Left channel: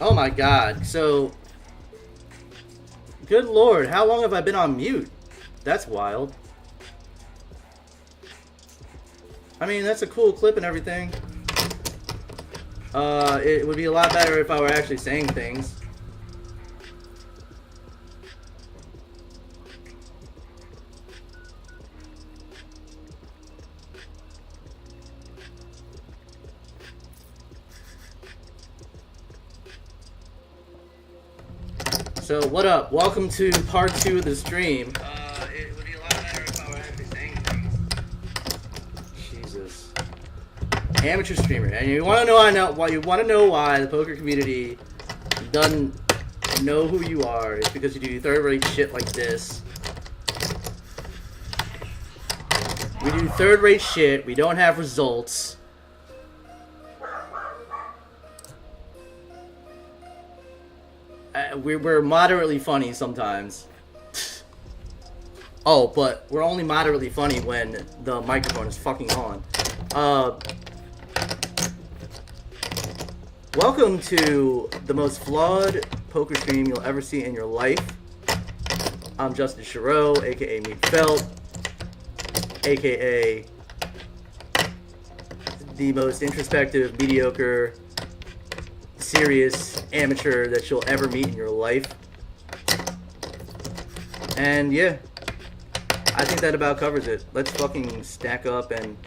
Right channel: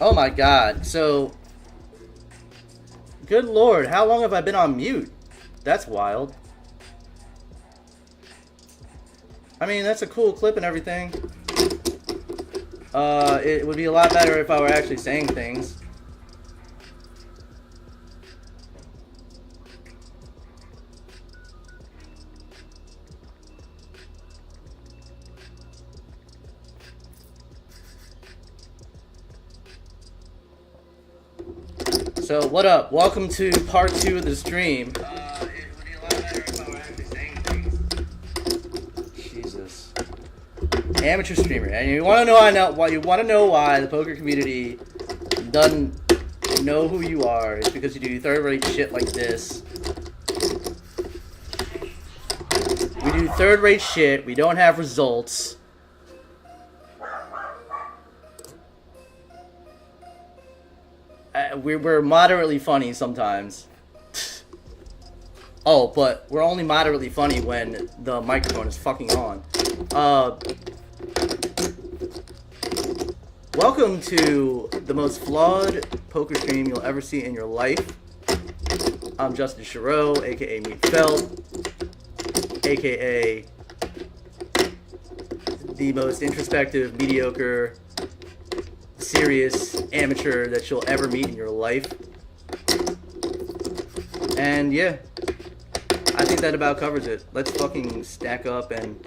Oh my god, so... Good lord, how long have I been on mute? That's wild. I mean, that's a cool clip and everything. It would be a lot better if I were actually saying things. So, what up? Welcome to part 2 of the stream. It would be a lot better if I were actually saying things. Jesus. Amateur streamer. And you want to know why the poker community doesn't know who you are. It's because you do third-rate shit like this. We do third-rate shit. We don't have results. We're moderately funny sometimes. Oh, but we're only moderately funny when the microphone is fucking on. Welcome to the most flawed poker stream you'll ever see in your life. I'm Justin Chiro, aka Meat Felt, aka the most introspective, mediocre, serious amateur that you'll ever meet in your life. And yeah, I think that about covers it. Let's fucking stack up and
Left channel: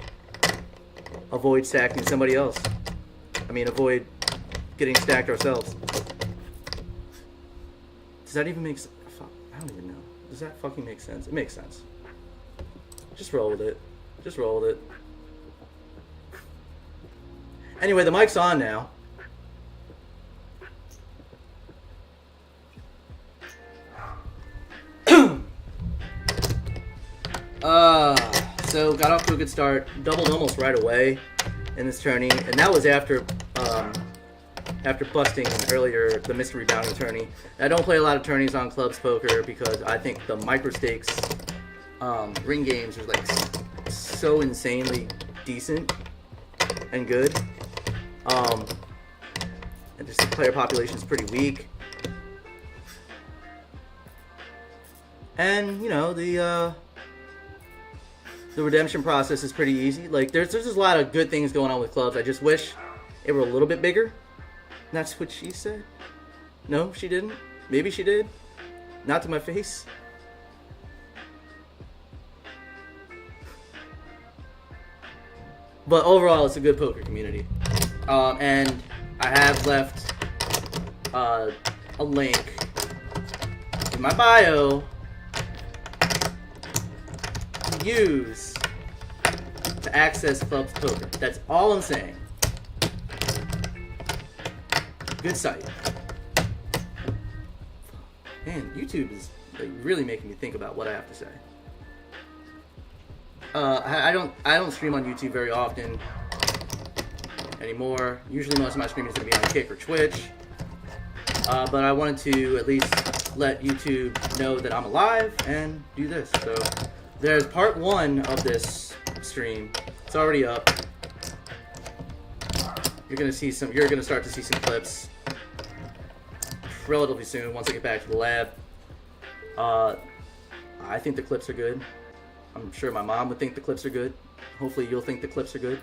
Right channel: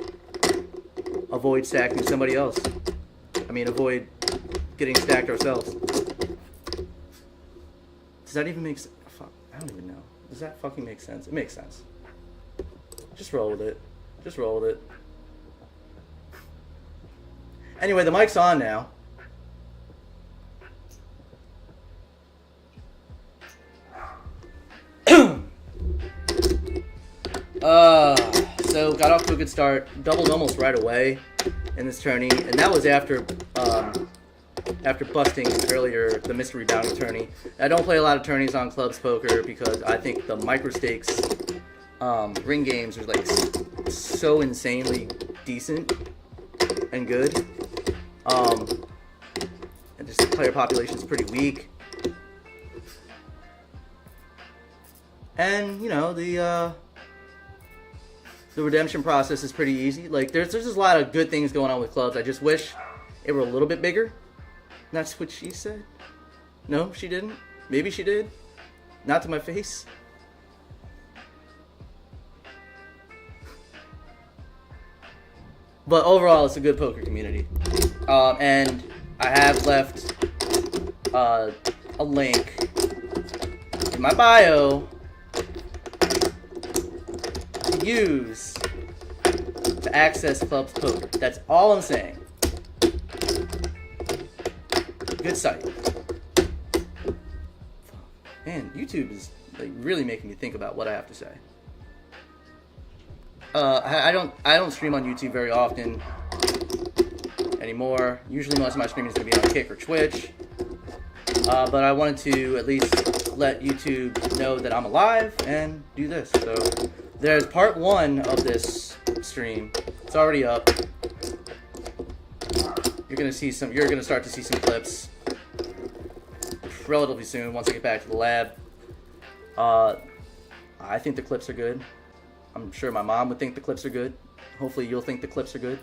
avoid stacking somebody else. I mean, avoid getting stacked ourselves. Does that even make sense? Fuck, I don't even know. Does that fucking make sense? It makes sense. Just roll with it. Just roll with it. Anyway, the mic's on now. So got off to a good start, doubled almost right away in this tourney, and that was after busting earlier the mystery bounty tourney. I don't play a lot of tourneys on clubs poker because I think the micro stakes ring games are like so insanely decent and good, and just the player population is pretty weak, and you know the redemption process is pretty easy. Like, there's just a lot of good things going on with clubs. I just wish it were a little bit bigger. That's what she said. No, she didn't. Maybe she did. Not to my face. But overall, it's a good poker community. And I have left a link in my bio to use to access Club's poker. That's all I'm saying. Good site. Man, YouTube is like really making me think about what I have to say. I don't stream on YouTube very often anymore. Usually most of my streaming is going to be on Kick or Twitch. But I wanted to at least let YouTube know that I'm alive and do this. So there's part 1 of this stream. It's already up. You're gonna start to see some clips relatively soon once I get back to the lab. I think the clips are good. I'm sure my mom would think the clips are good. Hopefully you'll think the clips are good.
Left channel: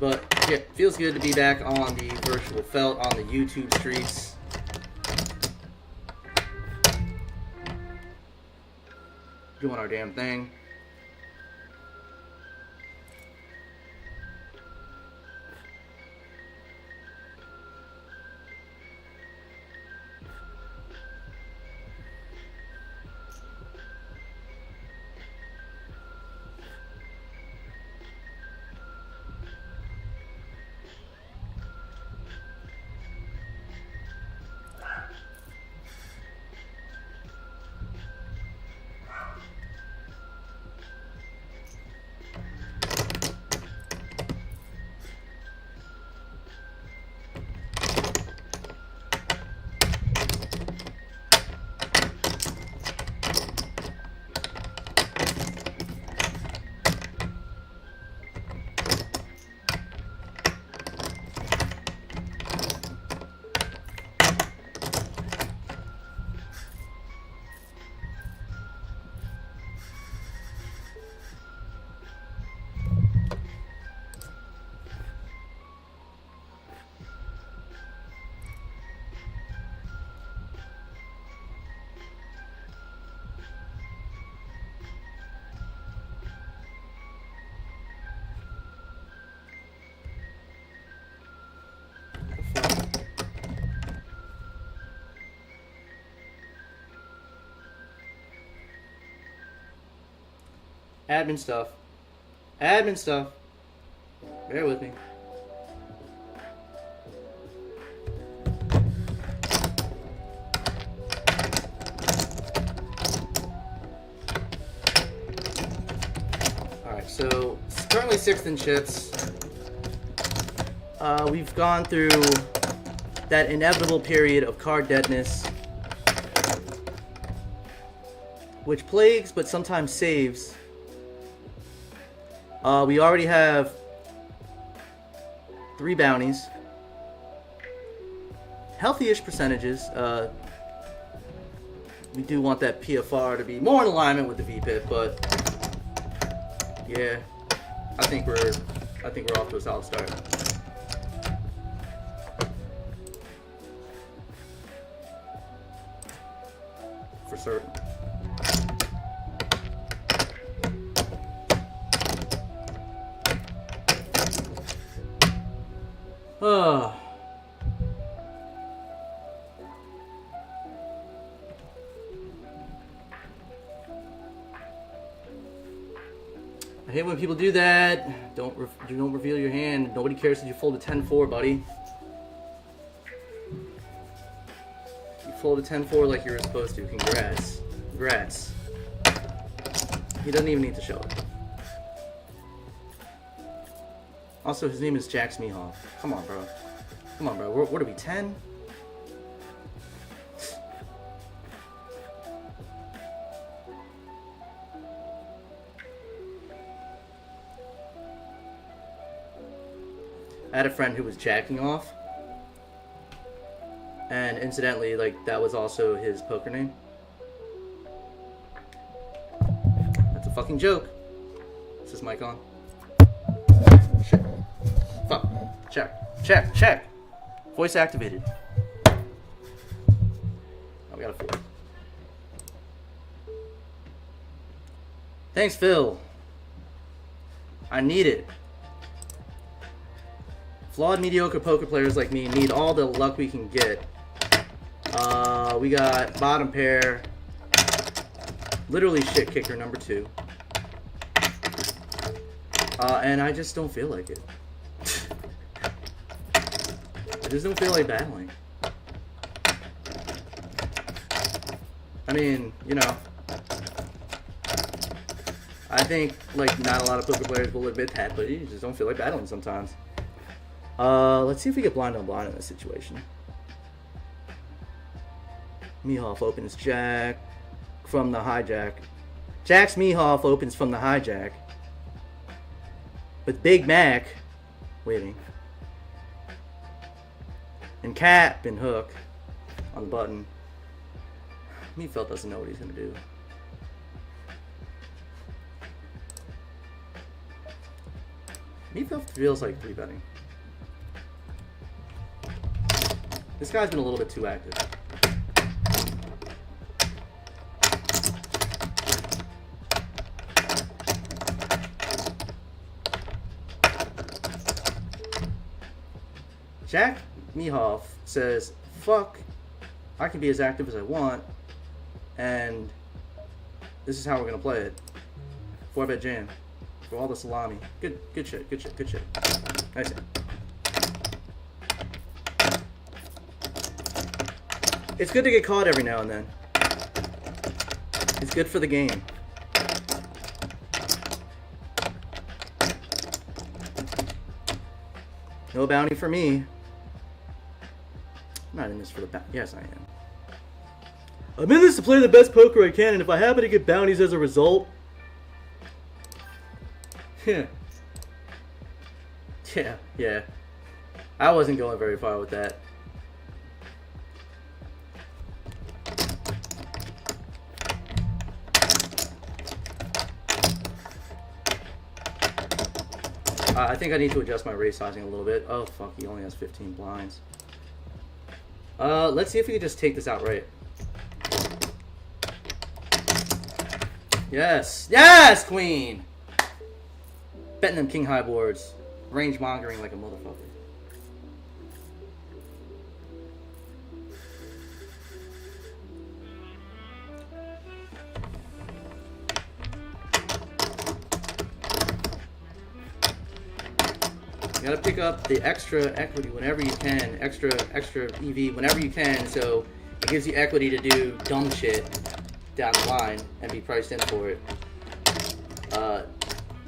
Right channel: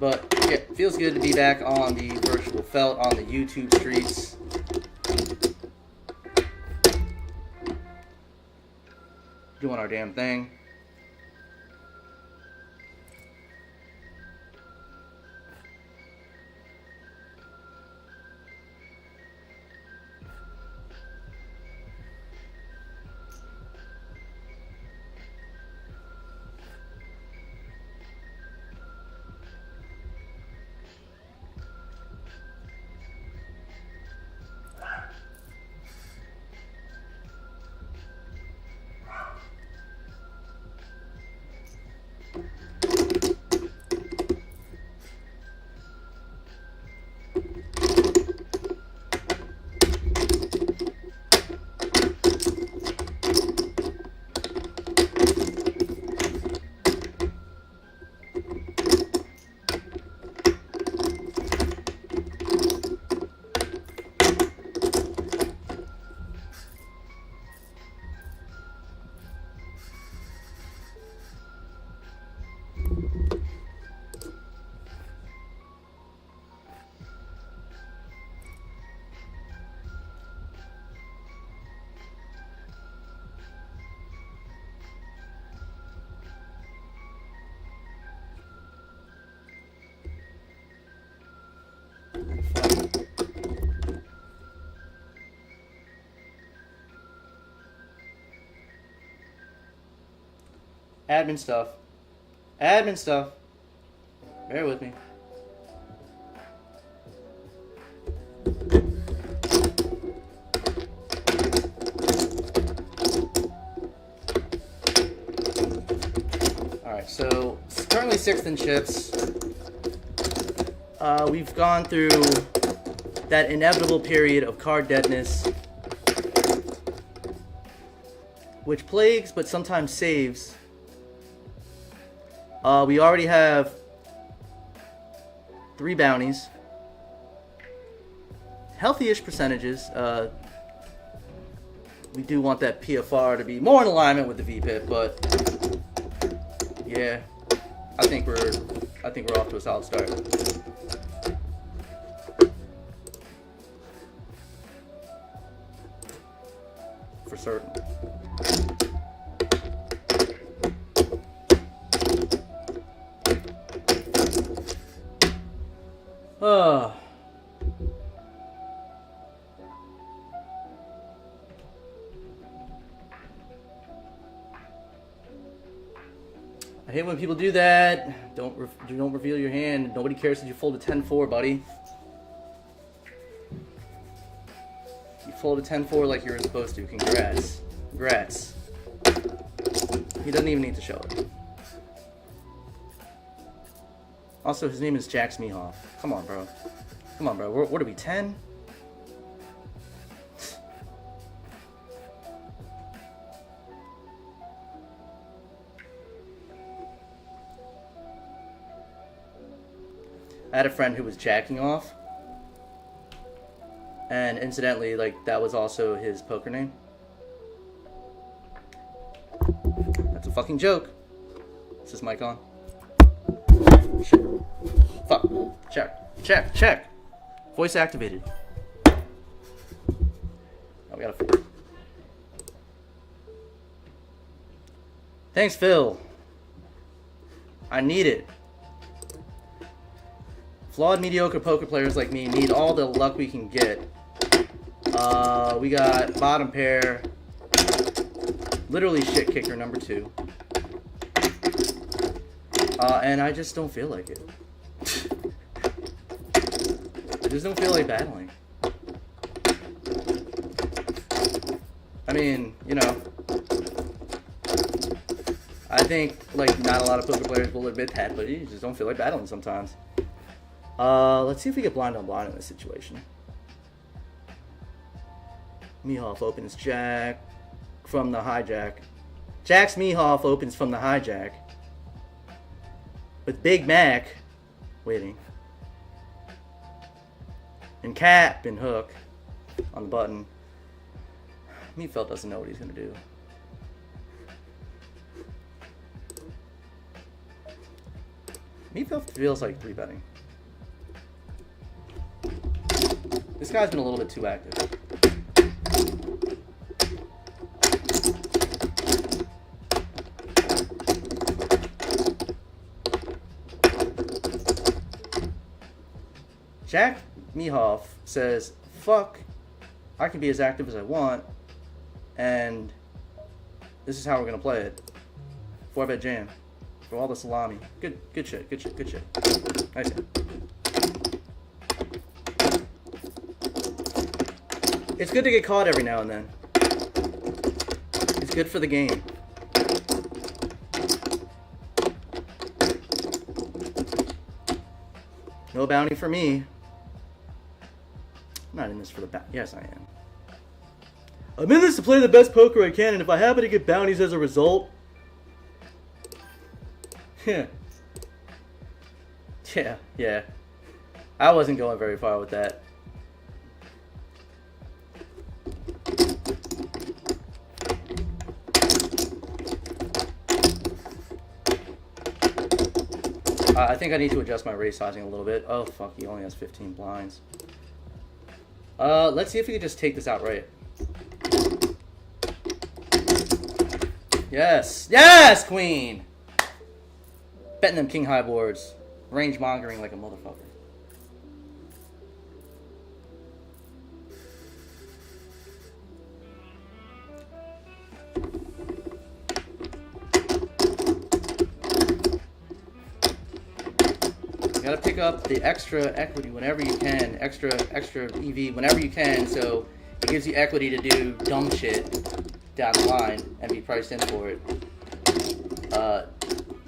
But yeah, it feels good to be back on the virtual felt on the YouTube streets. Doing our damn thing. Admin stuff. Admin stuff. Bear with me. Alright, so it's currently 6th in chips. We've gone through that inevitable period of card deadness, which plagues but sometimes saves. We already have 3 bounties. Healthy-ish percentages. We do want that PFR to be more in alignment with the VPIP, but yeah, I think we're off to a solid start. For certain. I hate when people do that. Don't reveal your hand. Nobody cares that you fold a 10-4, buddy. You fold a 10-4 like you're supposed to. Congrats. Congrats. He doesn't even need to show it. Also, his name is Jack Smehoff. Come on, bro. Come on, bro. What are we, 10? I had a friend who was jacking off. And incidentally, like, that was also his poker name. That's a fucking joke. Is this mic on? Shit. Fuck. Check. Voice activated. Oh, we got a 4. Thanks, Phil. I need it. Flawed, mediocre poker players like me need all the luck we can get. We got bottom pair. Literally shit kicker number 2. And I just don't feel like it. I just don't feel like battling. I mean, you know, I think, like, not a lot of poker players will admit that, but you just don't feel like battling sometimes. Let's see if we get blind on blind in this situation. Mehoff opens jack from the hijack. Jacks Mehoff opens from the hijack. With Big Mac waiting. And Cap and Hook on the button. Meatfeld doesn't know what he's going to do. Meatfeld feels like 3-betting. This guy's been a little bit too active. Jack Mehoff says, fuck, I can be as active as I want, and this is how we're going to play it. 4-bet jam. For all the salami. Good shit, good shit, good shit. Nice hit. It's good to get caught every now and then. It's good for the game. No bounty for me. I'm not in this for the bounty. Yes, I am. I'm in this to play the best poker I can, and if I happen to get bounties as a result... Yeah. I wasn't going very far with that. I think I need to adjust my raise sizing a little bit. Oh, fuck, he only has 15 blinds. Let's see if we can just take this outright. Yes! Yes, queen! Betting them king high boards. Range mongering like a motherfucker. You gotta pick up the extra equity whenever you can, extra EV whenever you can, so it gives you equity to do dumb shit down the line and be priced in for it.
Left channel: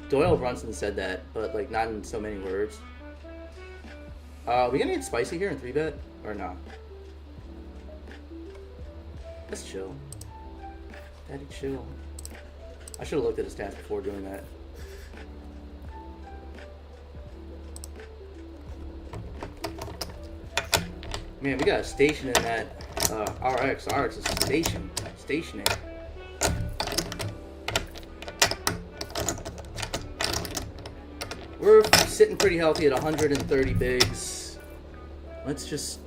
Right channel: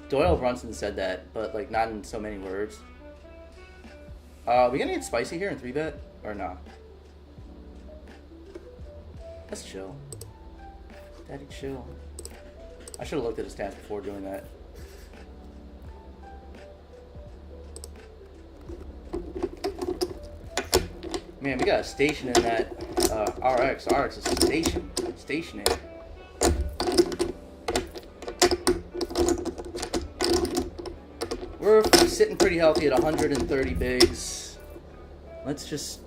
Doyle Brunson said that, but like not in so many words. We gonna get spicy here in 3-bet or not? Let's chill. Daddy, chill. I should have looked at his stats before doing that. Man, we got a station in that RX. RX is stationing. We're sitting pretty healthy at 130 bigs. Let's just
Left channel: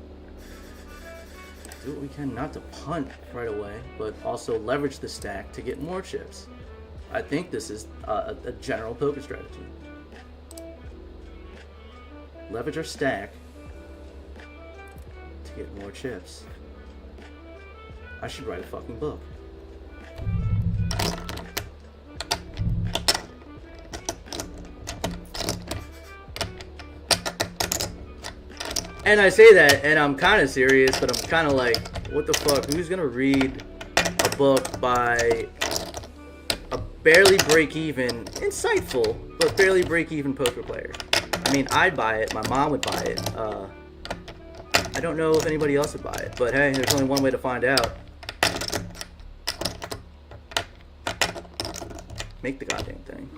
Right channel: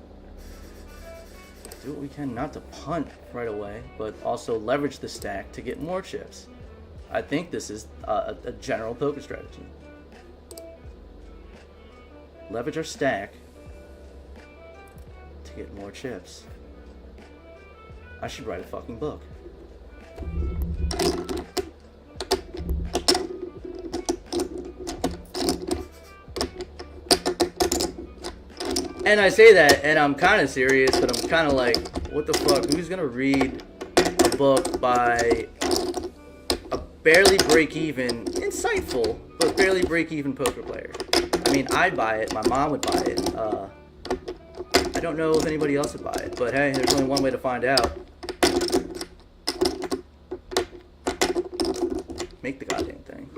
do what we can not to punt right away, but also leverage the stack to get more chips. I think this is a general poker strategy. Leverage our stack to get more chips. I should write a fucking book. And I say that, and I'm kind of serious, but I'm kind of like, what the fuck? Who's gonna read a book by a barely break-even, insightful, but barely break-even poker player? I mean, I'd buy it. My mom would buy it. I don't know if anybody else would buy it, but hey, there's only one way to find out. Make the goddamn thing.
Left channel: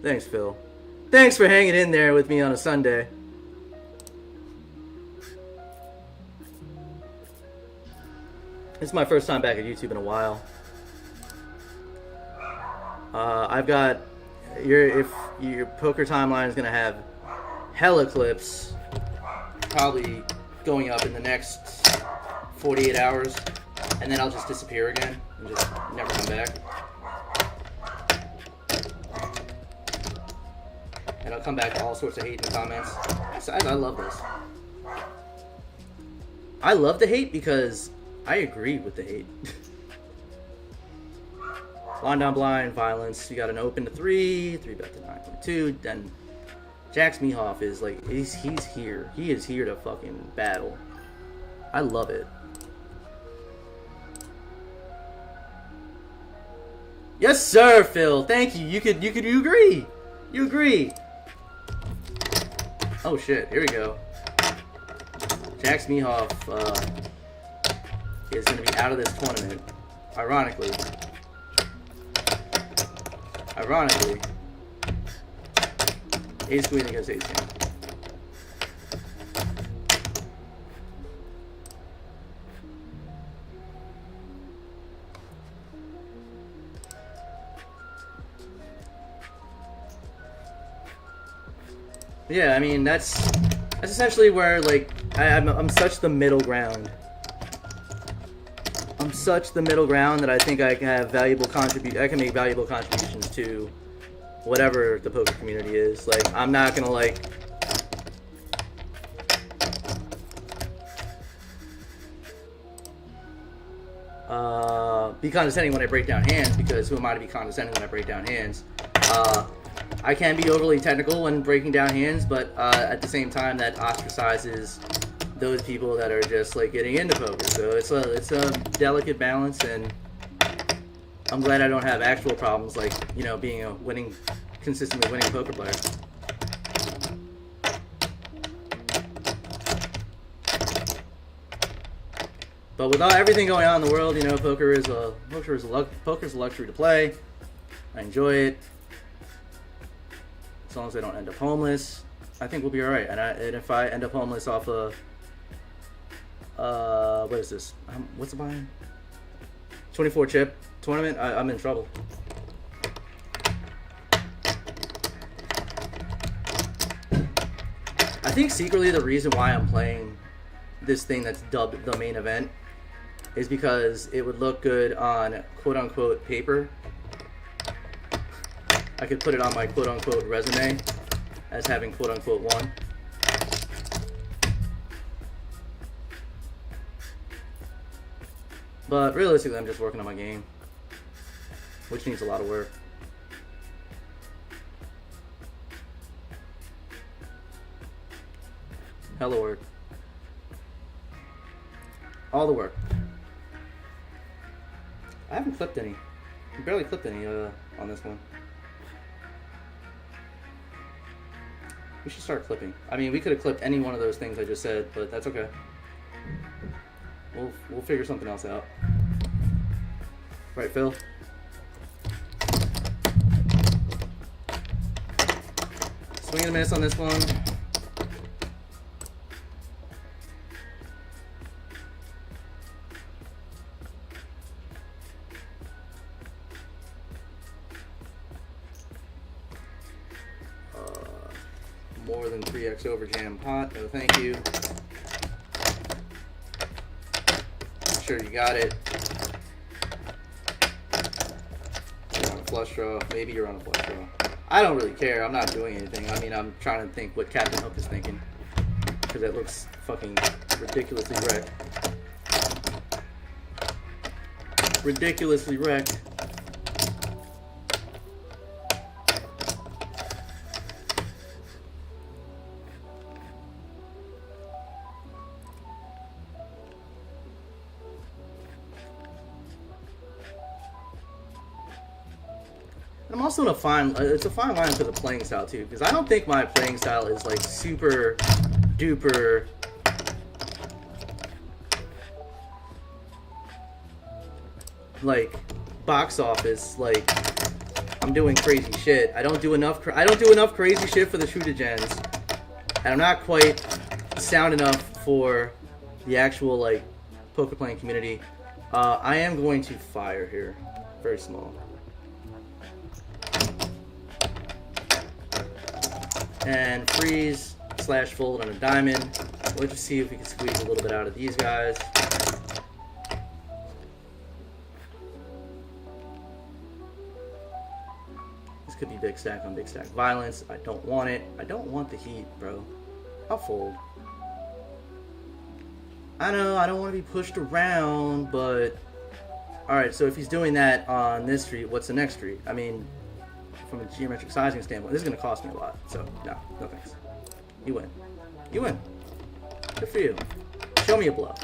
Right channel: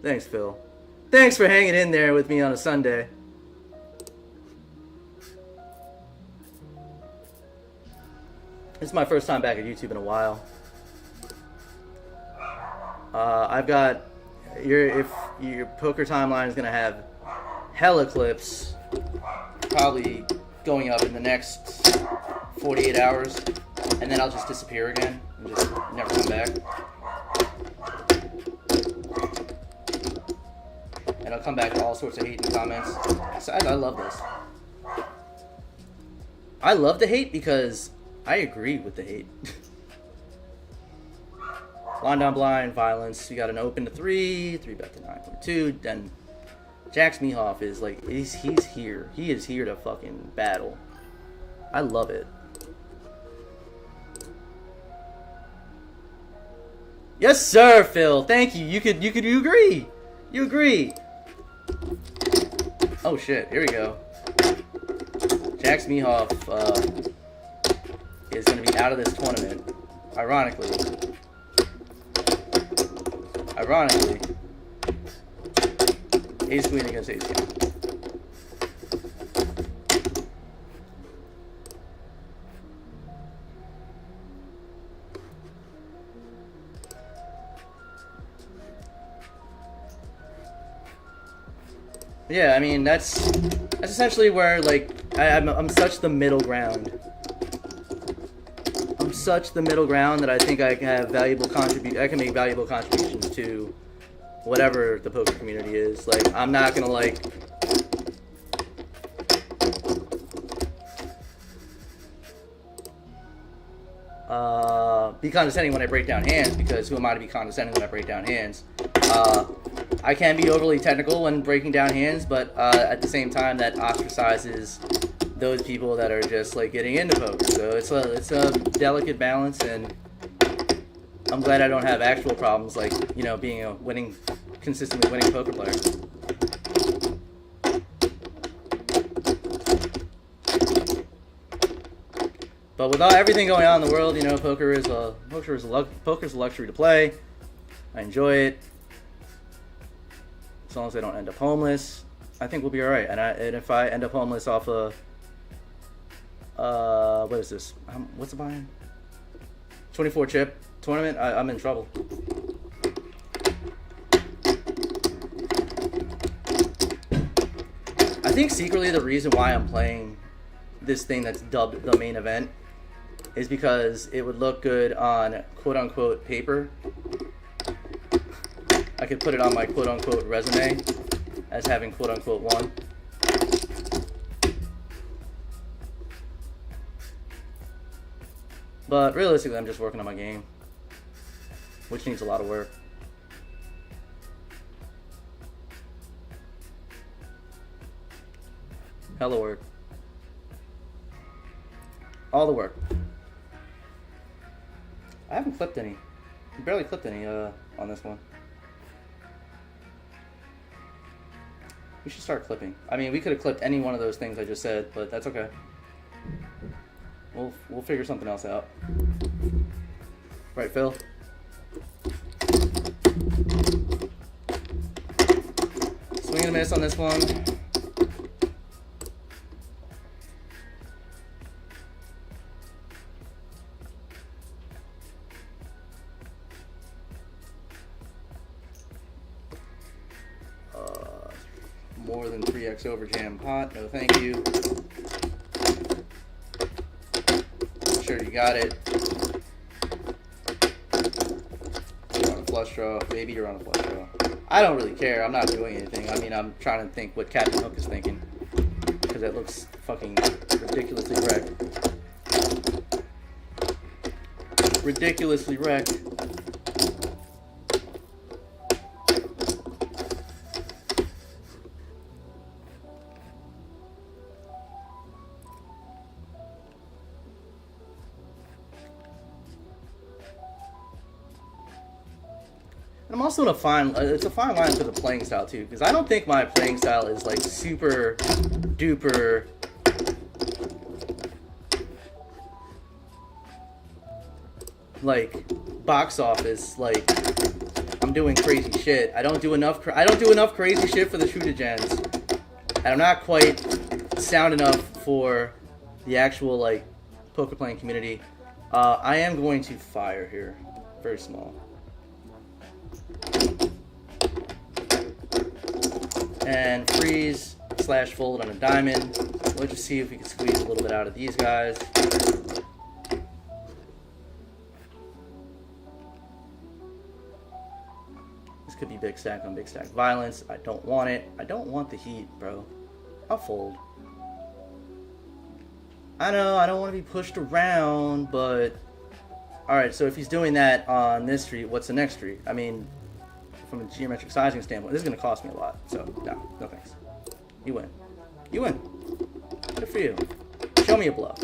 Thanks, Phil. Thanks for hanging in there with me on a Sunday. This is my first time back at YouTube in a while. I've got if your poker timeline is gonna have hella clips, probably going up in the next 48 hours, and then I'll just disappear again. and just never come back. And I'll come back to all sorts of hate in the comments. So I love this. I love the hate because I agree with the hate. Blind on blind, violence. You got an open to 3 bet to 9.2. Then Jax Mehoff is like, he's here. He is here to fucking battle. I love it. Yes, sir, Phil. Thank you. You agree. You agree. Oh shit, here we go. Jax Mehoff is going to be out of this tournament. Ironically, Ace Queen against Ace King. Yeah, I mean that's essentially where like I'm such the middle ground. I'm such the middle ground that I think I can have I can make valuable contributions to whatever the poker community is. Like I'm not gonna like be condescending when I break down hands, because who am I to be condescending when I break down hands? I can be overly technical when breaking down hands, but at the same time, that ostracizes those people that are just like getting into poker. So it's a delicate balance, and I'm glad I don't have actual problems like, you know, being a consistently winning poker player. But with everything going on in the world, you know, poker is a luxury to play. I enjoy it. As long as I don't end up homeless, I think we'll be all right. And if I end up homeless off a what is this? What's the buy-in? 24 chip tournament. I'm in trouble. I think secretly the reason why I'm playing this thing that's dubbed the main event is because it would look good on quote-unquote paper. I could put it on my quote-unquote resume as having quote-unquote won. But realistically, I'm just working on my game, which needs a lot of work. Hella work. All the work. I haven't clipped any. I barely clipped any on this one. We should start clipping. I mean, we could have clipped any one of those things I just said, but that's okay. We'll figure something else out. Right, Phil? Swing and a miss on this one. More than 3x over jam pot. No, thank you. Sure, you got it. You're on a flush draw. Maybe you're on a flush draw. I don't really care. I'm not doing anything. I mean, I'm trying to think what Captain Hook is thinking, because it looks fucking ridiculously wrecked. Ridiculously wrecked. I'm also in it's a fine line for the playing style too, because I don't think my playing style is like super duper like box office, like I'm doing crazy shit. I don't do enough crazy shit for the shooter gens, and I'm not quite sound enough for the actual like poker playing community. I am going to fire here, very small. And freeze / fold on a diamond. We'll just see if we can squeeze a little bit out of these guys. This could be big stack on big stack violence. I don't want it. I don't want the heat, bro. I'll fold. I know, I don't want to be pushed around, but... Alright, so if he's doing that on this street, what's the next street? I mean, from a geometric sizing standpoint, this is going to cost me a lot. So, no thanks. You win. You win. Good for you. Show me a bluff.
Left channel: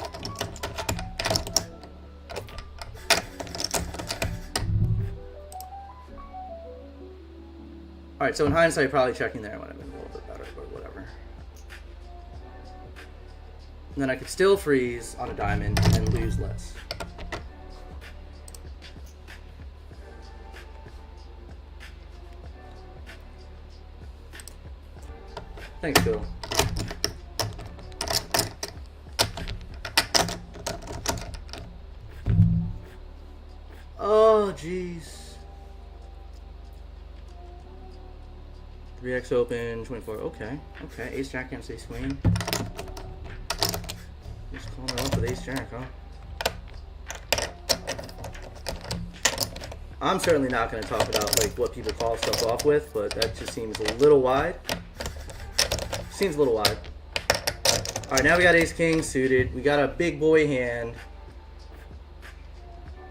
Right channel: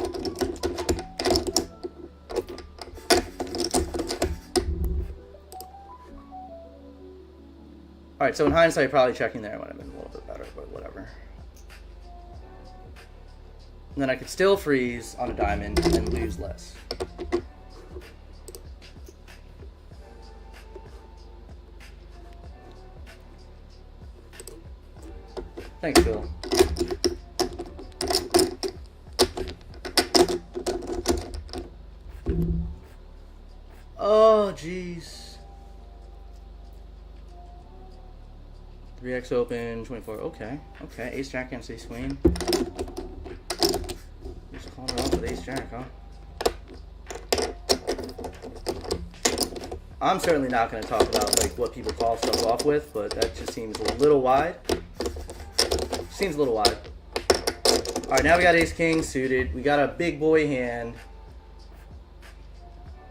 Alright, so in hindsight, probably checking there would have been a little bit better, but whatever. And then I could still freeze on a diamond and lose less. Thanks, Bill. Oh, jeez. 3x open, 24. Okay. Ace jack against ace queen. Just calling it off with ace jack, huh? I'm certainly not going to talk about like what people call stuff off with, but that just seems a little wide. Seems a little wide. Alright, now we got ace king suited. We got a big boy hand.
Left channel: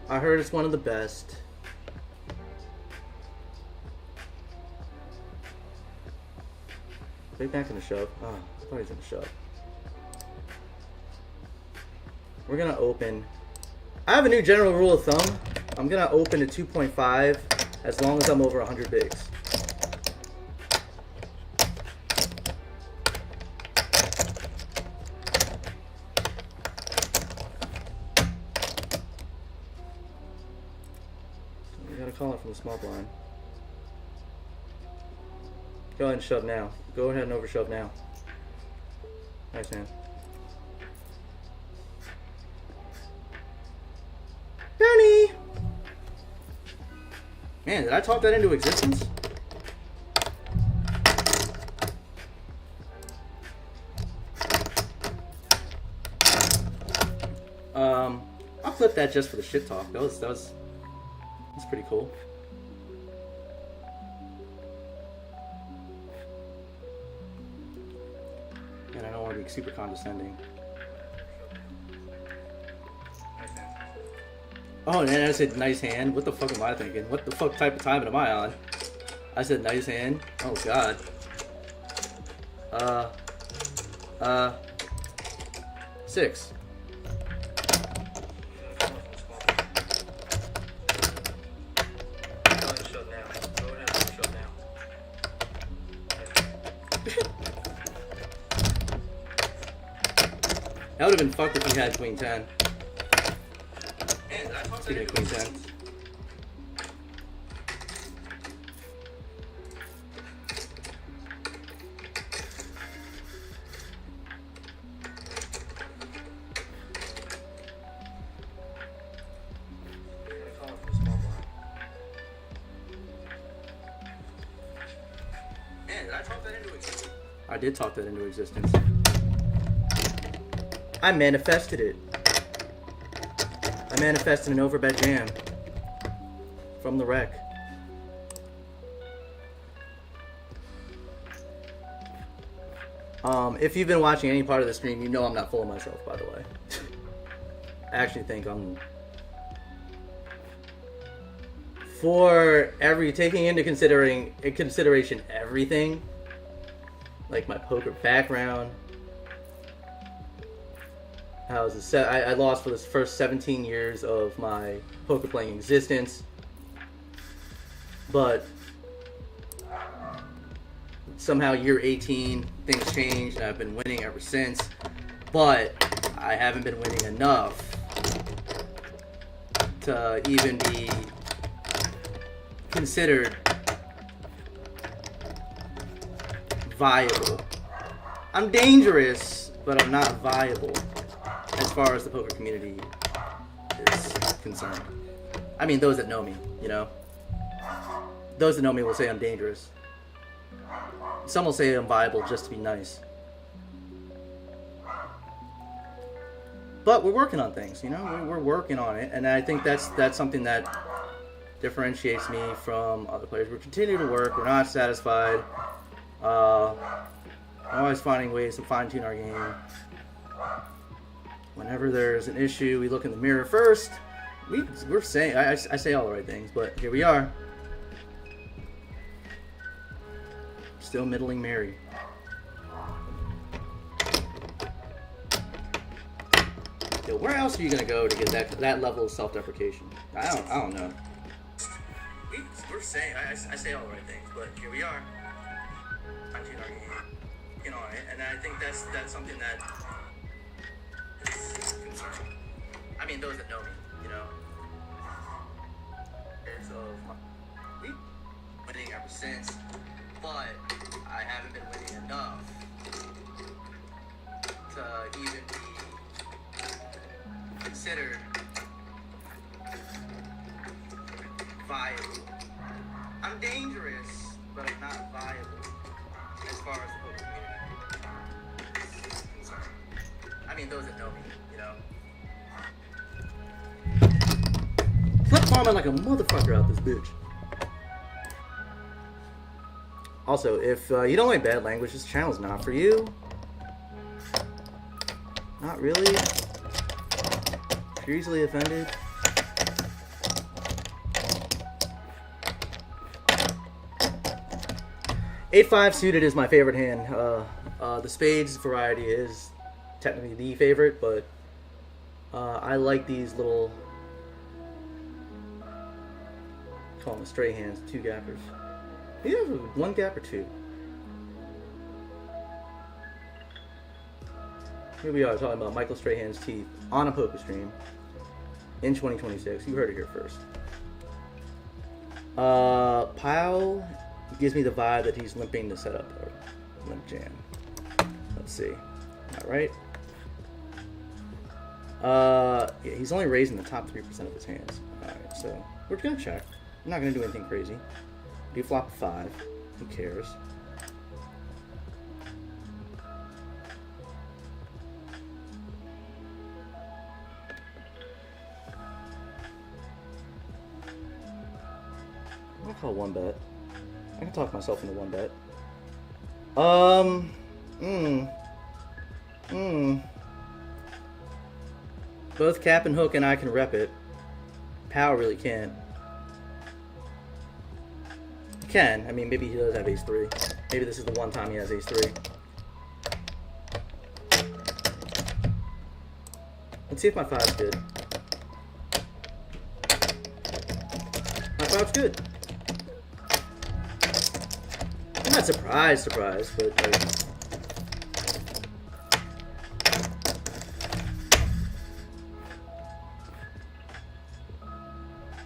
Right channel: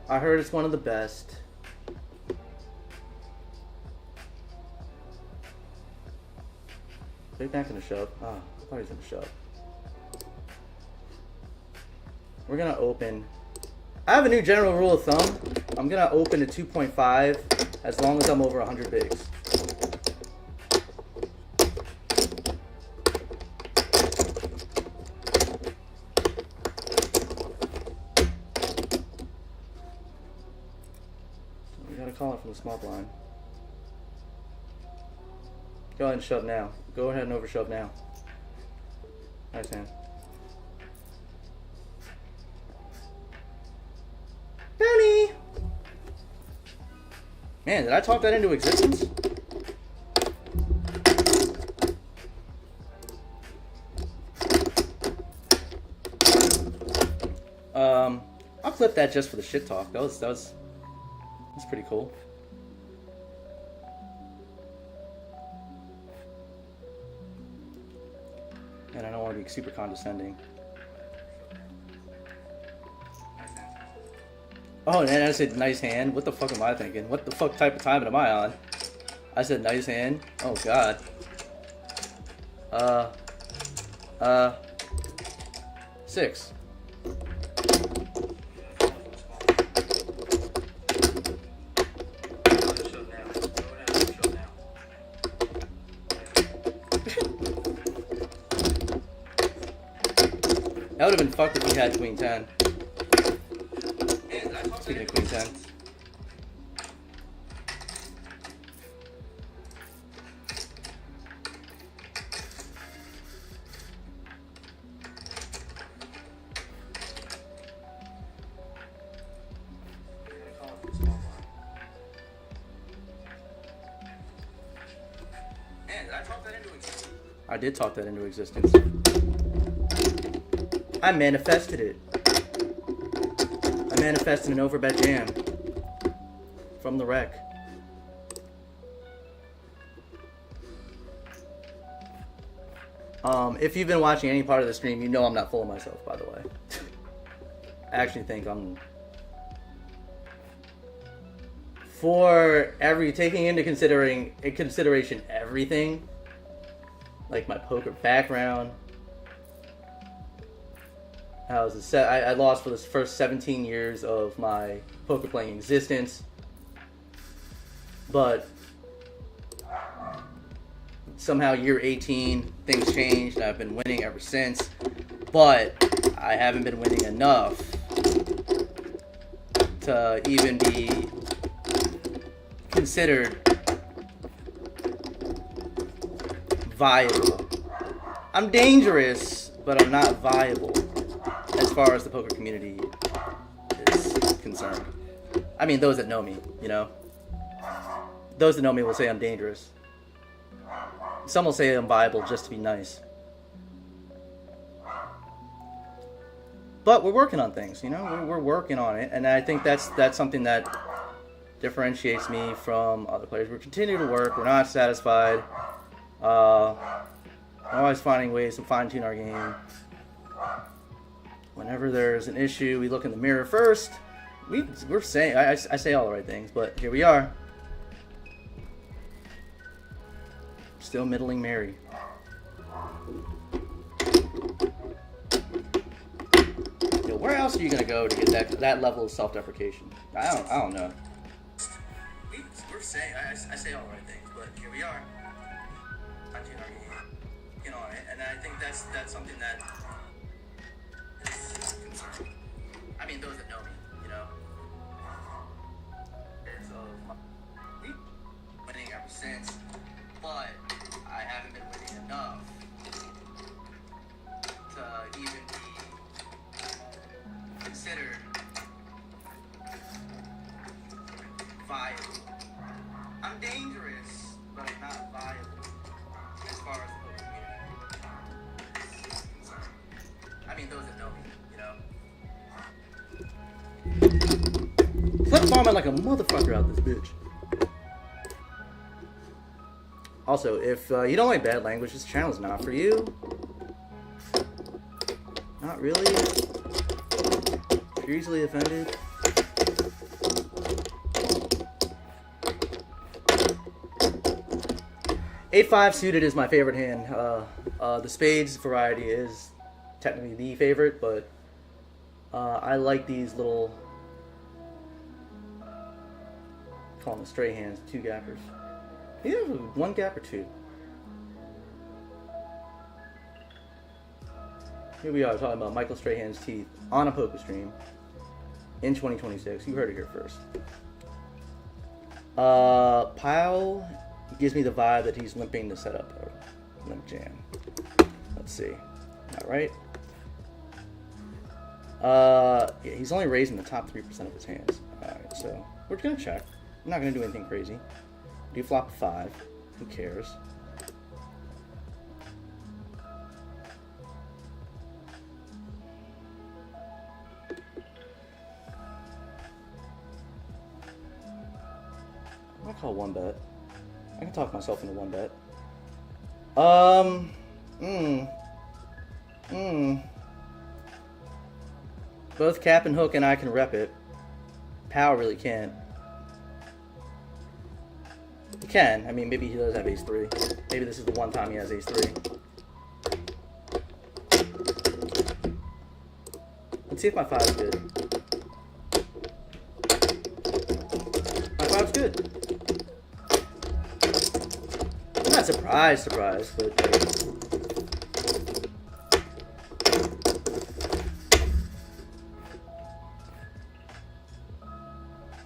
I heard it's one of the best. Big back in the shove. Oh, I thought he was in the shove. We're gonna open. I have a new general rule of thumb. I'm gonna open to 2.5 as long as I'm over 100 bigs. We gotta call it from the small blind. Go ahead and shove now. Go ahead and over shove now. Nice hand. Bounty! Man, did I talk that into existence? I'll clip that just for the shit talk. That was pretty cool. And I don't want to be super condescending. Oh, and I said nice hand. What the fuck am I thinking? What the fuck type of timing am I on? I said nice hand. Oh god. 6. That would have been fucked if he had queen 10. Speaking of queen 10. I did talk that into existence. I manifested it. I manifested an overbet jam from the wreck. If you've been watching any part of the stream, you know I'm not full of myself, by the way. I actually think I'm... For taking into consideration everything, like my poker background, I lost for the first 17 years of my poker playing existence, but somehow year 18 things changed and I've been winning ever since, but I haven't been winning enough to even be considered viable. I'm dangerous, but I'm not viable as far as the poker community is concerned. I mean, those that know me, you know? Those that know me will say I'm dangerous. Some will say I'm viable just to be nice. But we're working on things, you know? We're working on it, and I think that's something that differentiates me from other players. We continue to work. We're not satisfied. We're always finding ways to fine-tune our game. Whenever there's an issue, we look in the mirror first. We're saying, I say all the right things, but here we are. Still middling Mary. Yo, where else are you gonna go to get that level of self-deprecation? I don't know. We're saying, I say all the right things, but here we are. Fine-tune our game. You know, and I think that's something that is concerning. I mean, those that know me, you know. So, we've been winning ever since, but I haven't been winning enough to even be considered viable. I'm dangerous, but I'm not viable as far as the poker community is concerned. I mean, those that know me, you know. Flip farming like a motherfucker out this bitch. Also, if you don't like bad language, this channel's not for you. Not really. If you're easily offended. Eight-5 suited is my favorite hand. The spades variety is technically the favorite, but I like these little, call them straight hands, two gappers. Either one gap or two. Here we are talking about Michael Strahan's teeth on a poker stream in 2026. You heard it here first. Pyle gives me the vibe that he's limping to set up a limp jam. Let's see. All right. Yeah, he's only raising the top 3% of his hands. All right, so we're gonna check. I'm not gonna do anything crazy. Do flop a 5. Who cares? I'm gonna call one bet. I can talk myself into one bet. Both Cap and Hook and I can rep it. Pow really can't. He can. I mean, maybe he does have ace-3. Maybe this is the one time he has ace-3. Let's see if my 5's good. My 5's good. I'm not surprised, but like,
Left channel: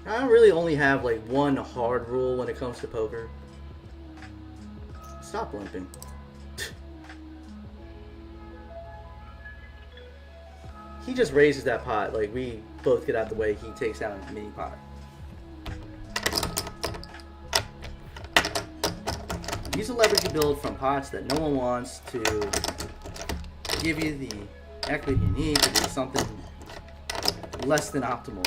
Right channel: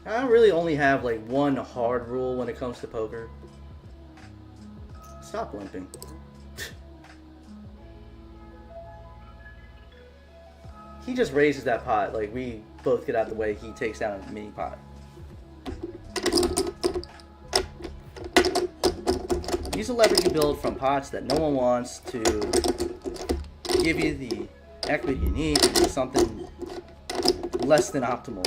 I really only have like one hard rule when it comes to poker. Stop limping. He just raises that pot, like we both get out of the way, he takes down a mini pot. Use the leverage you build from pots that no one wants to give you the equity you need to do something less than optimal.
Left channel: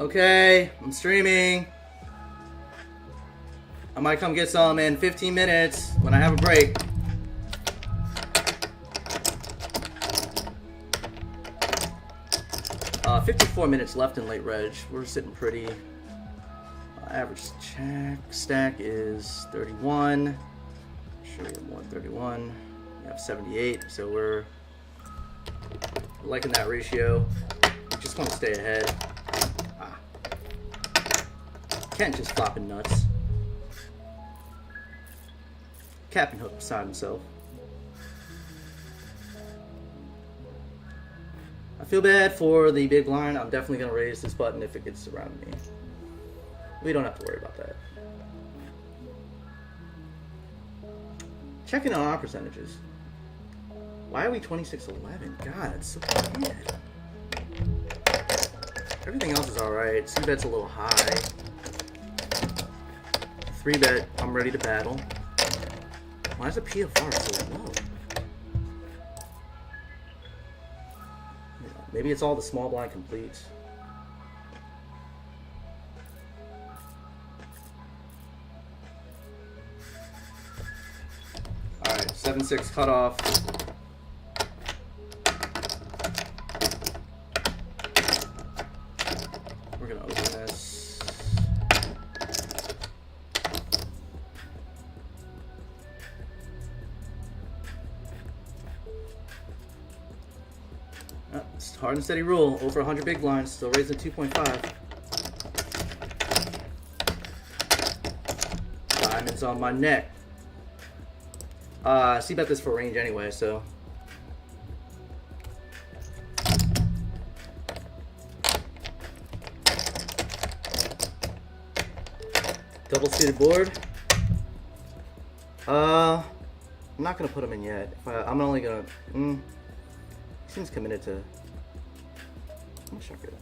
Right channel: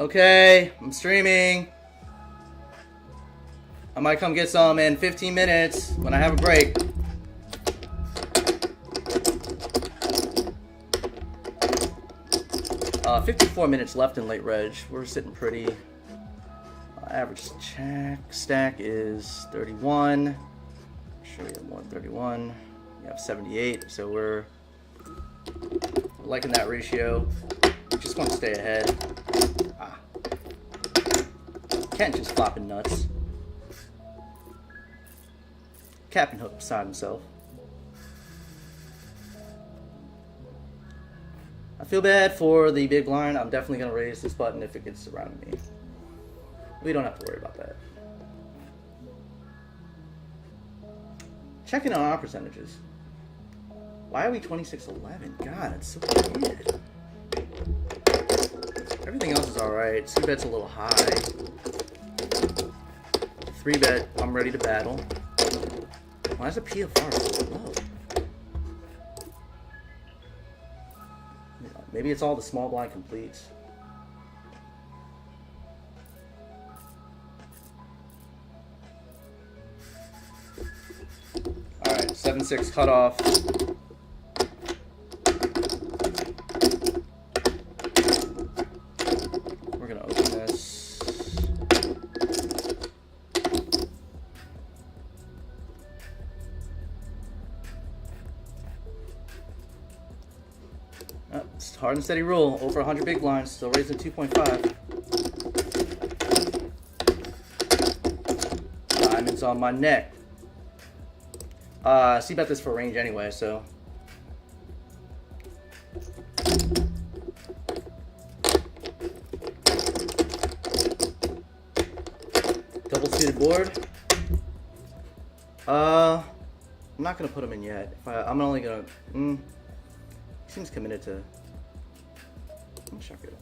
Okay, I'm streaming. I might come get some in 15 minutes when I have a break. Uh, 54 minutes left in late reg. We're sitting pretty. Average check stack is 31. Sure, we have more than 31. We have 78, so we're liking that ratio. We just want to stay ahead. Kent just flopping nuts. Captain Hook beside himself. I feel bad for the big blind. I'm definitely going to raise this button if it gets around me. We don't have to worry about that. Checking on our percentages. Why are we 26-11? God, it's so bad. Everything else is alright. C-bet's a little high. 3-bet, I'm ready to battle. Why is the PFR so low? Maybe it's all the small blind completes. Alright, 7-6 cutoff. We're gonna open this. It's hard and steady rule. Over 100 big blinds, still raising 2.5. Diamonds on my neck. C-bet this for range anyway, so. Double suited board. I'm not gonna put him in yet. I'm only gonna. He seems committed to. I'm gonna check it.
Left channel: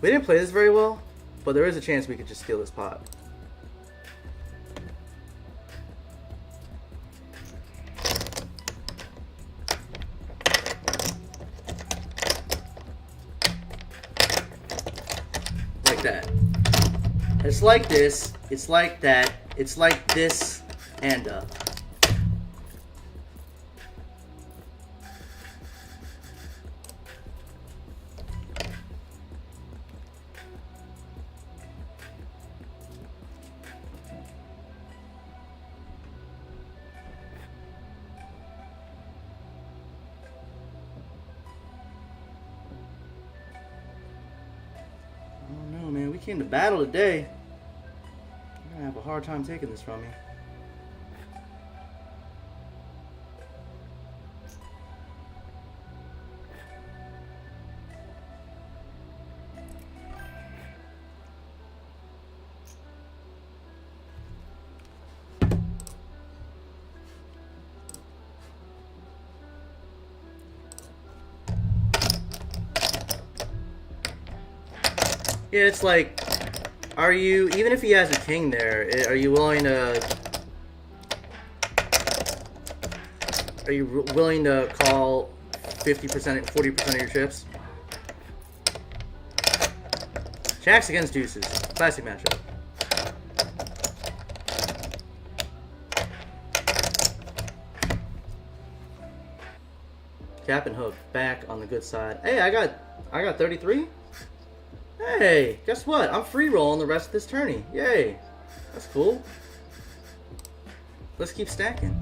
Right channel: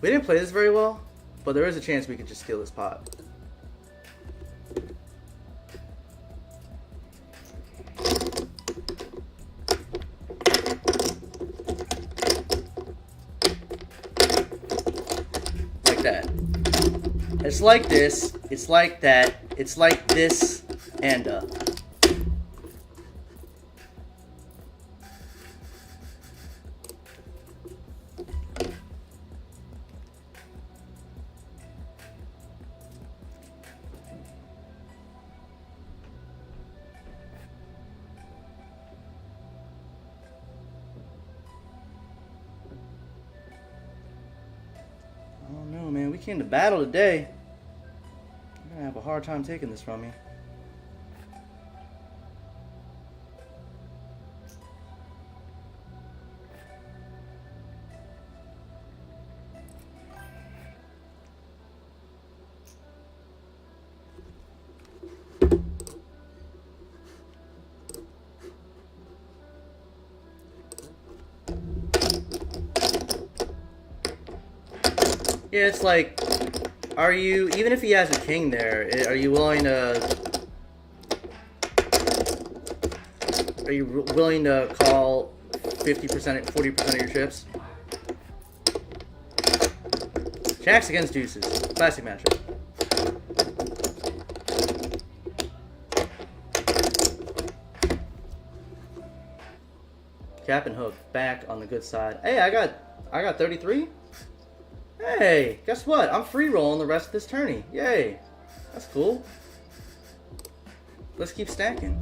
We didn't play this very well, but there is a chance we could just steal this pot. Like that. It's like this, it's like that, it's like this, and oh no, man, we came to battle today. You're gonna have a hard time taking this from me. Yeah, it's like, are you, even if he has a king there, are you willing to call 50%, 40% of your chips? Jacks against deuces. Classic matchup. Cap and hook back on the good side. Hey, I got 33. Hey, guess what? I'm free rolling the rest of this tourney. Yay. That's cool. Let's keep stacking.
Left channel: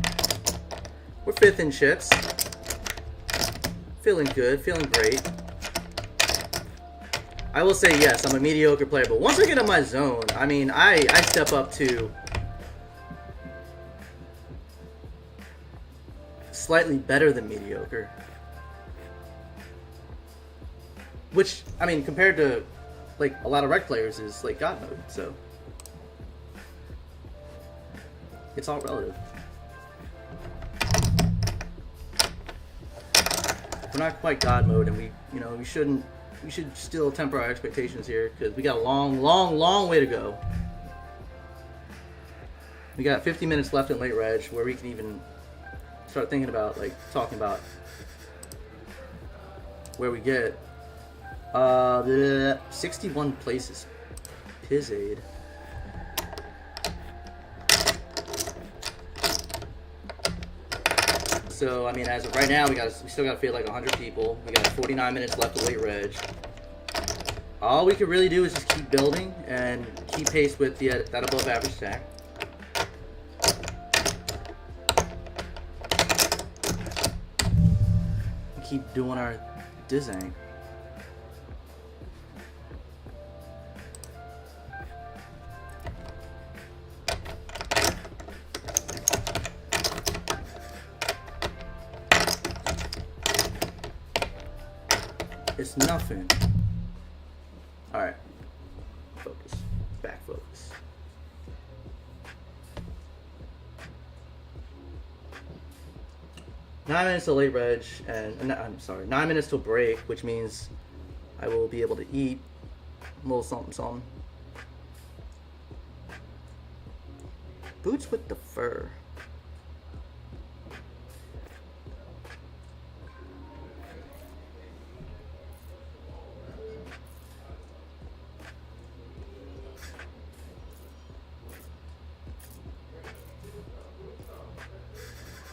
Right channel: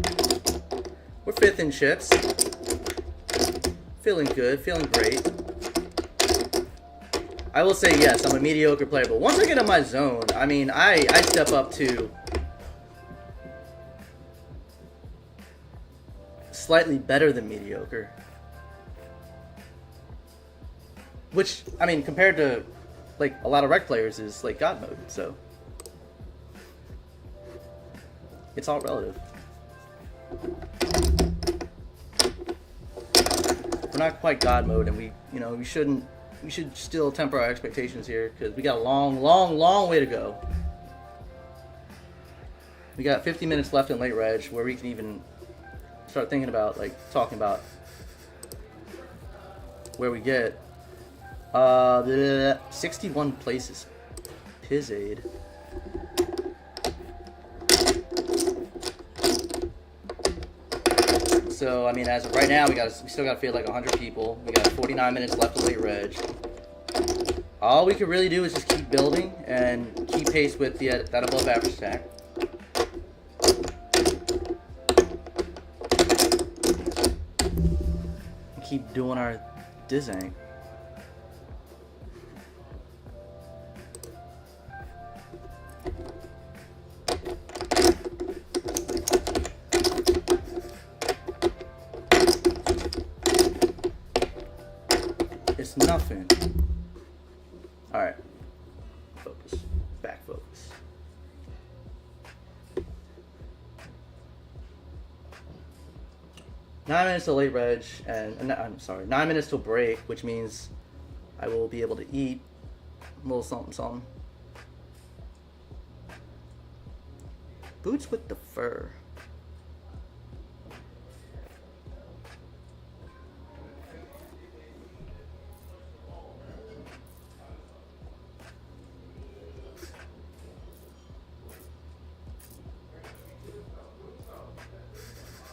We're 5th in chips. Feeling good, feeling great. I will say yes, I'm a mediocre player, but once I get in my zone, I mean, I step up to slightly better than mediocre. Which, I mean, compared to like a lot of rec players is like God mode, so it's all relative. We're not quite God mode, and we should still temper our expectations here because we got a long way to go. We got 50 minutes left in late reg where we can even start thinking about like talking about where we get 61 places. Pizzade. So I mean, as of right now, we still got to feel like 100 people. We got 49 minutes left of late reg. All we could really do is just keep building and keep pace with that above average stack. Keep doing our dizzang. It's nothing. Alright. Focus. Back focus. 9 minutes till late reg, and I'm sorry, 9 minutes till break, which means I will be able to eat a little something, something. Boots with the fur.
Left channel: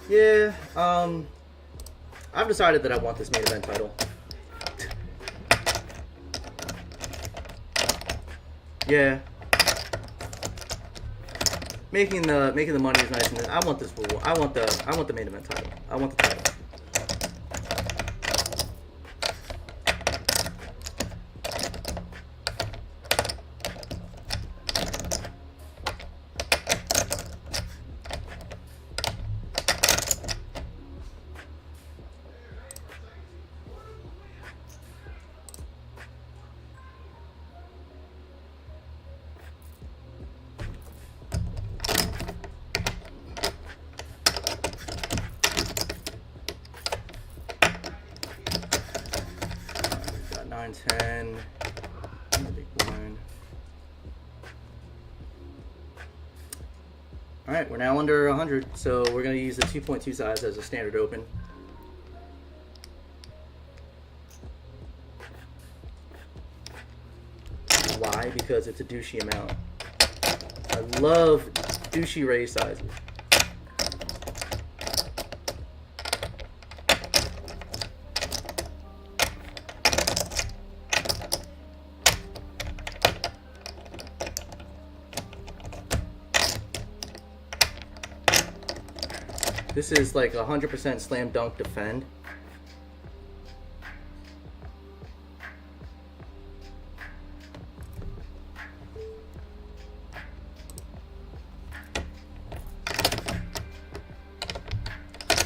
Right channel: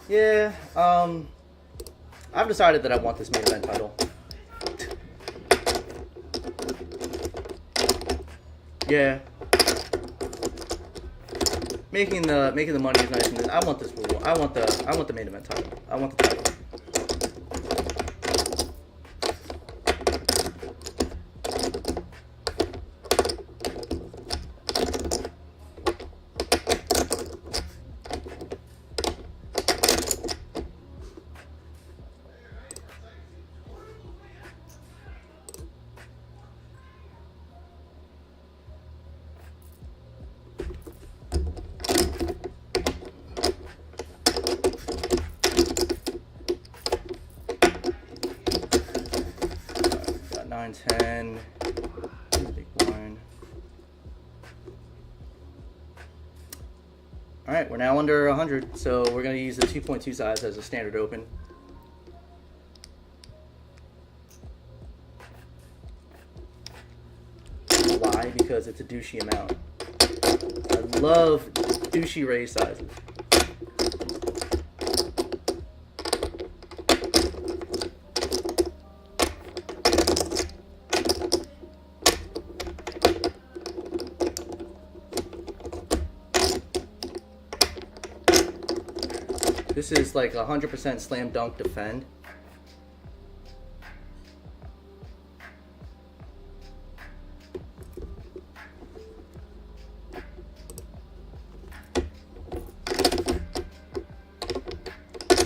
Yeah, I've decided that I want this main event title. Yeah. Making the money is nice, and I want this rule. I want the main event title. I want the title. Got 9, 10. Big blind. All right, we're now under 100, so we're going to use the 2.2 size as a standard open. Why? Because it's a douchey amount. I love douchey raise sizes. This is like 100% slam dunk defend.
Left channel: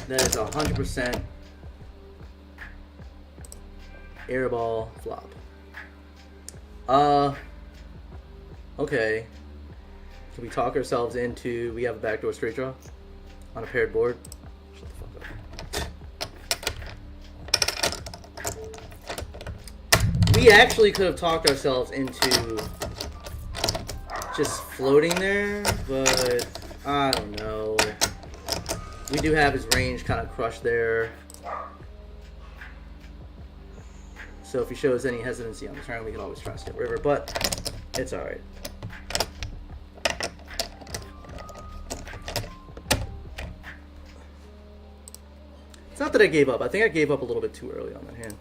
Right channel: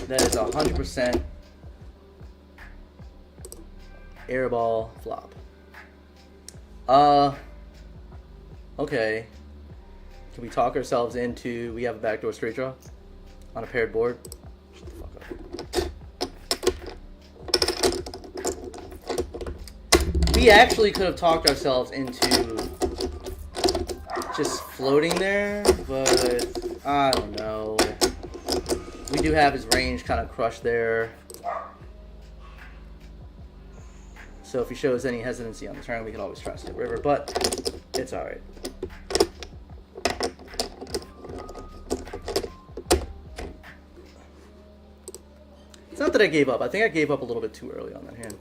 That is 100% air ball flop. Okay. Can we talk ourselves into we have a backdoor straight draw on a paired board? Shut the fuck up. We actually could have talked ourselves into just floating there, but I don't know. We do have his range kind of crushed there. So if he shows any hesitancy on the turn, we can always try to skip river, but it's alright. It's not that I gave up. I think I gave up a little bit too early on that hand.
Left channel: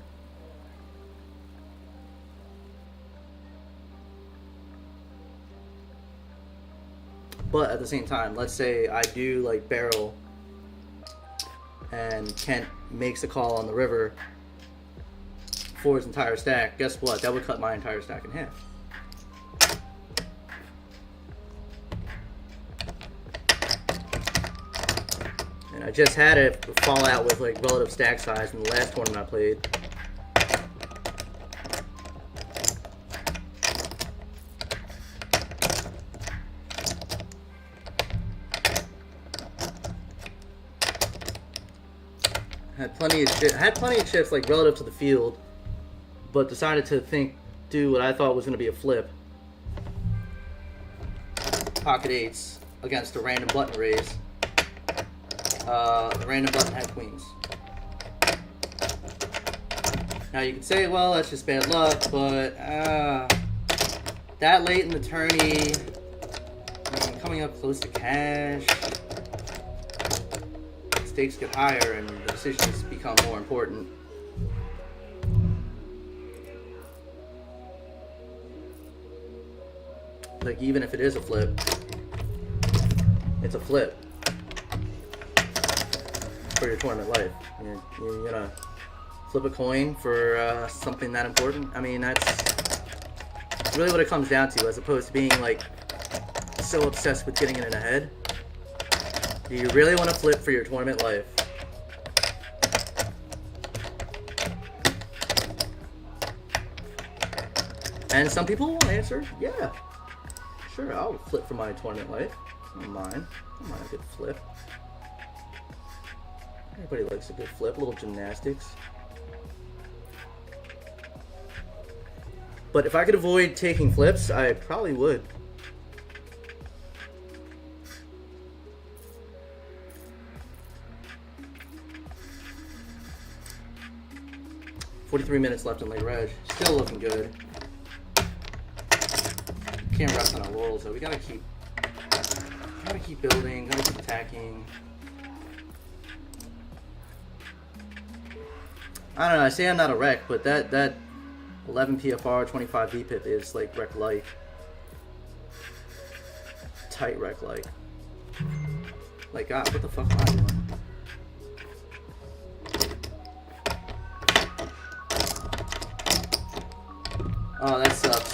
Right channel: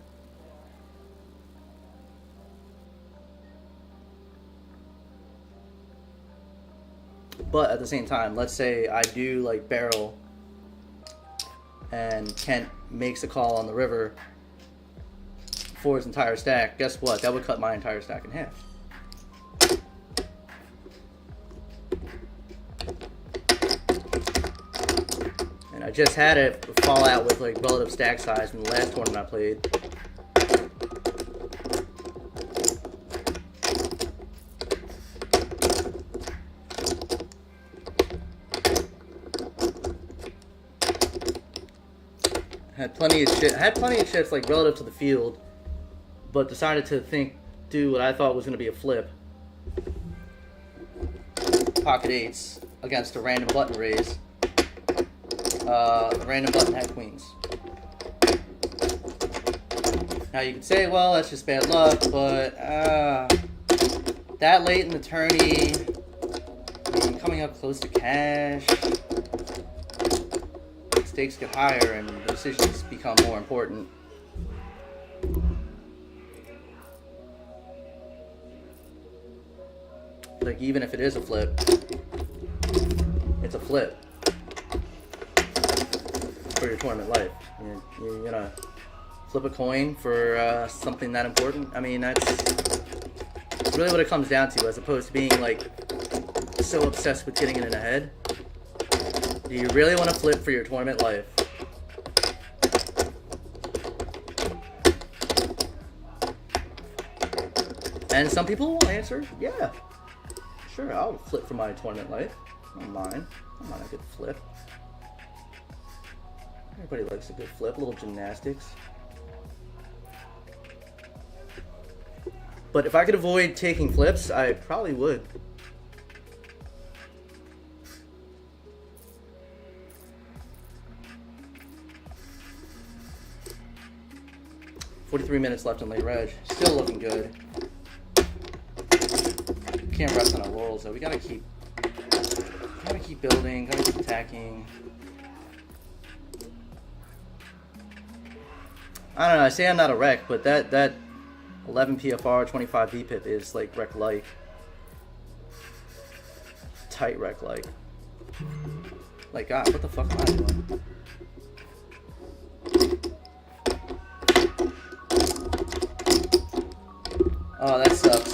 But at the same time, let's say I do like barrel and Kent makes a call on the river for his entire stack. Guess what? That would cut my entire stack in half. And I just had it fall out with like relative stack size in the last tournament I played. Had plenty of chips like relative to the field, but decided to do what I thought was going to be a flip. Pocket eights against a random button raise. The random button had queens. Now you could say, well, that's just bad luck, but that late in the tourney, I mean, coming up close to cash, stakes get higher and the decisions become more important. Like, even if it is a flip, it's a flip for your tournament life. You're gonna flip a coin for something that important. I mean, that's really what it comes down to, as opposed to being like so obsessed with getting it in the head. Do you really want to flip for your tournament life? And some people will answer, yeah, sure, I'll flip for my tournament life. I don't mind. I don't mind a good flip. Everybody likes a good flip, a little gymnastics. But if I could avoid taking flips, I probably would. "43 minutes left in late reg. Still looking good. Can't rest on our laurels though. We gotta keep building, gotta keep attacking. I don't know, I say I'm not a wreck, but that 11 PFR, 25 VPIP is like wreck-like. Tight wreck-like. Like, God, what the fuck am I doing? Oh, that sucks.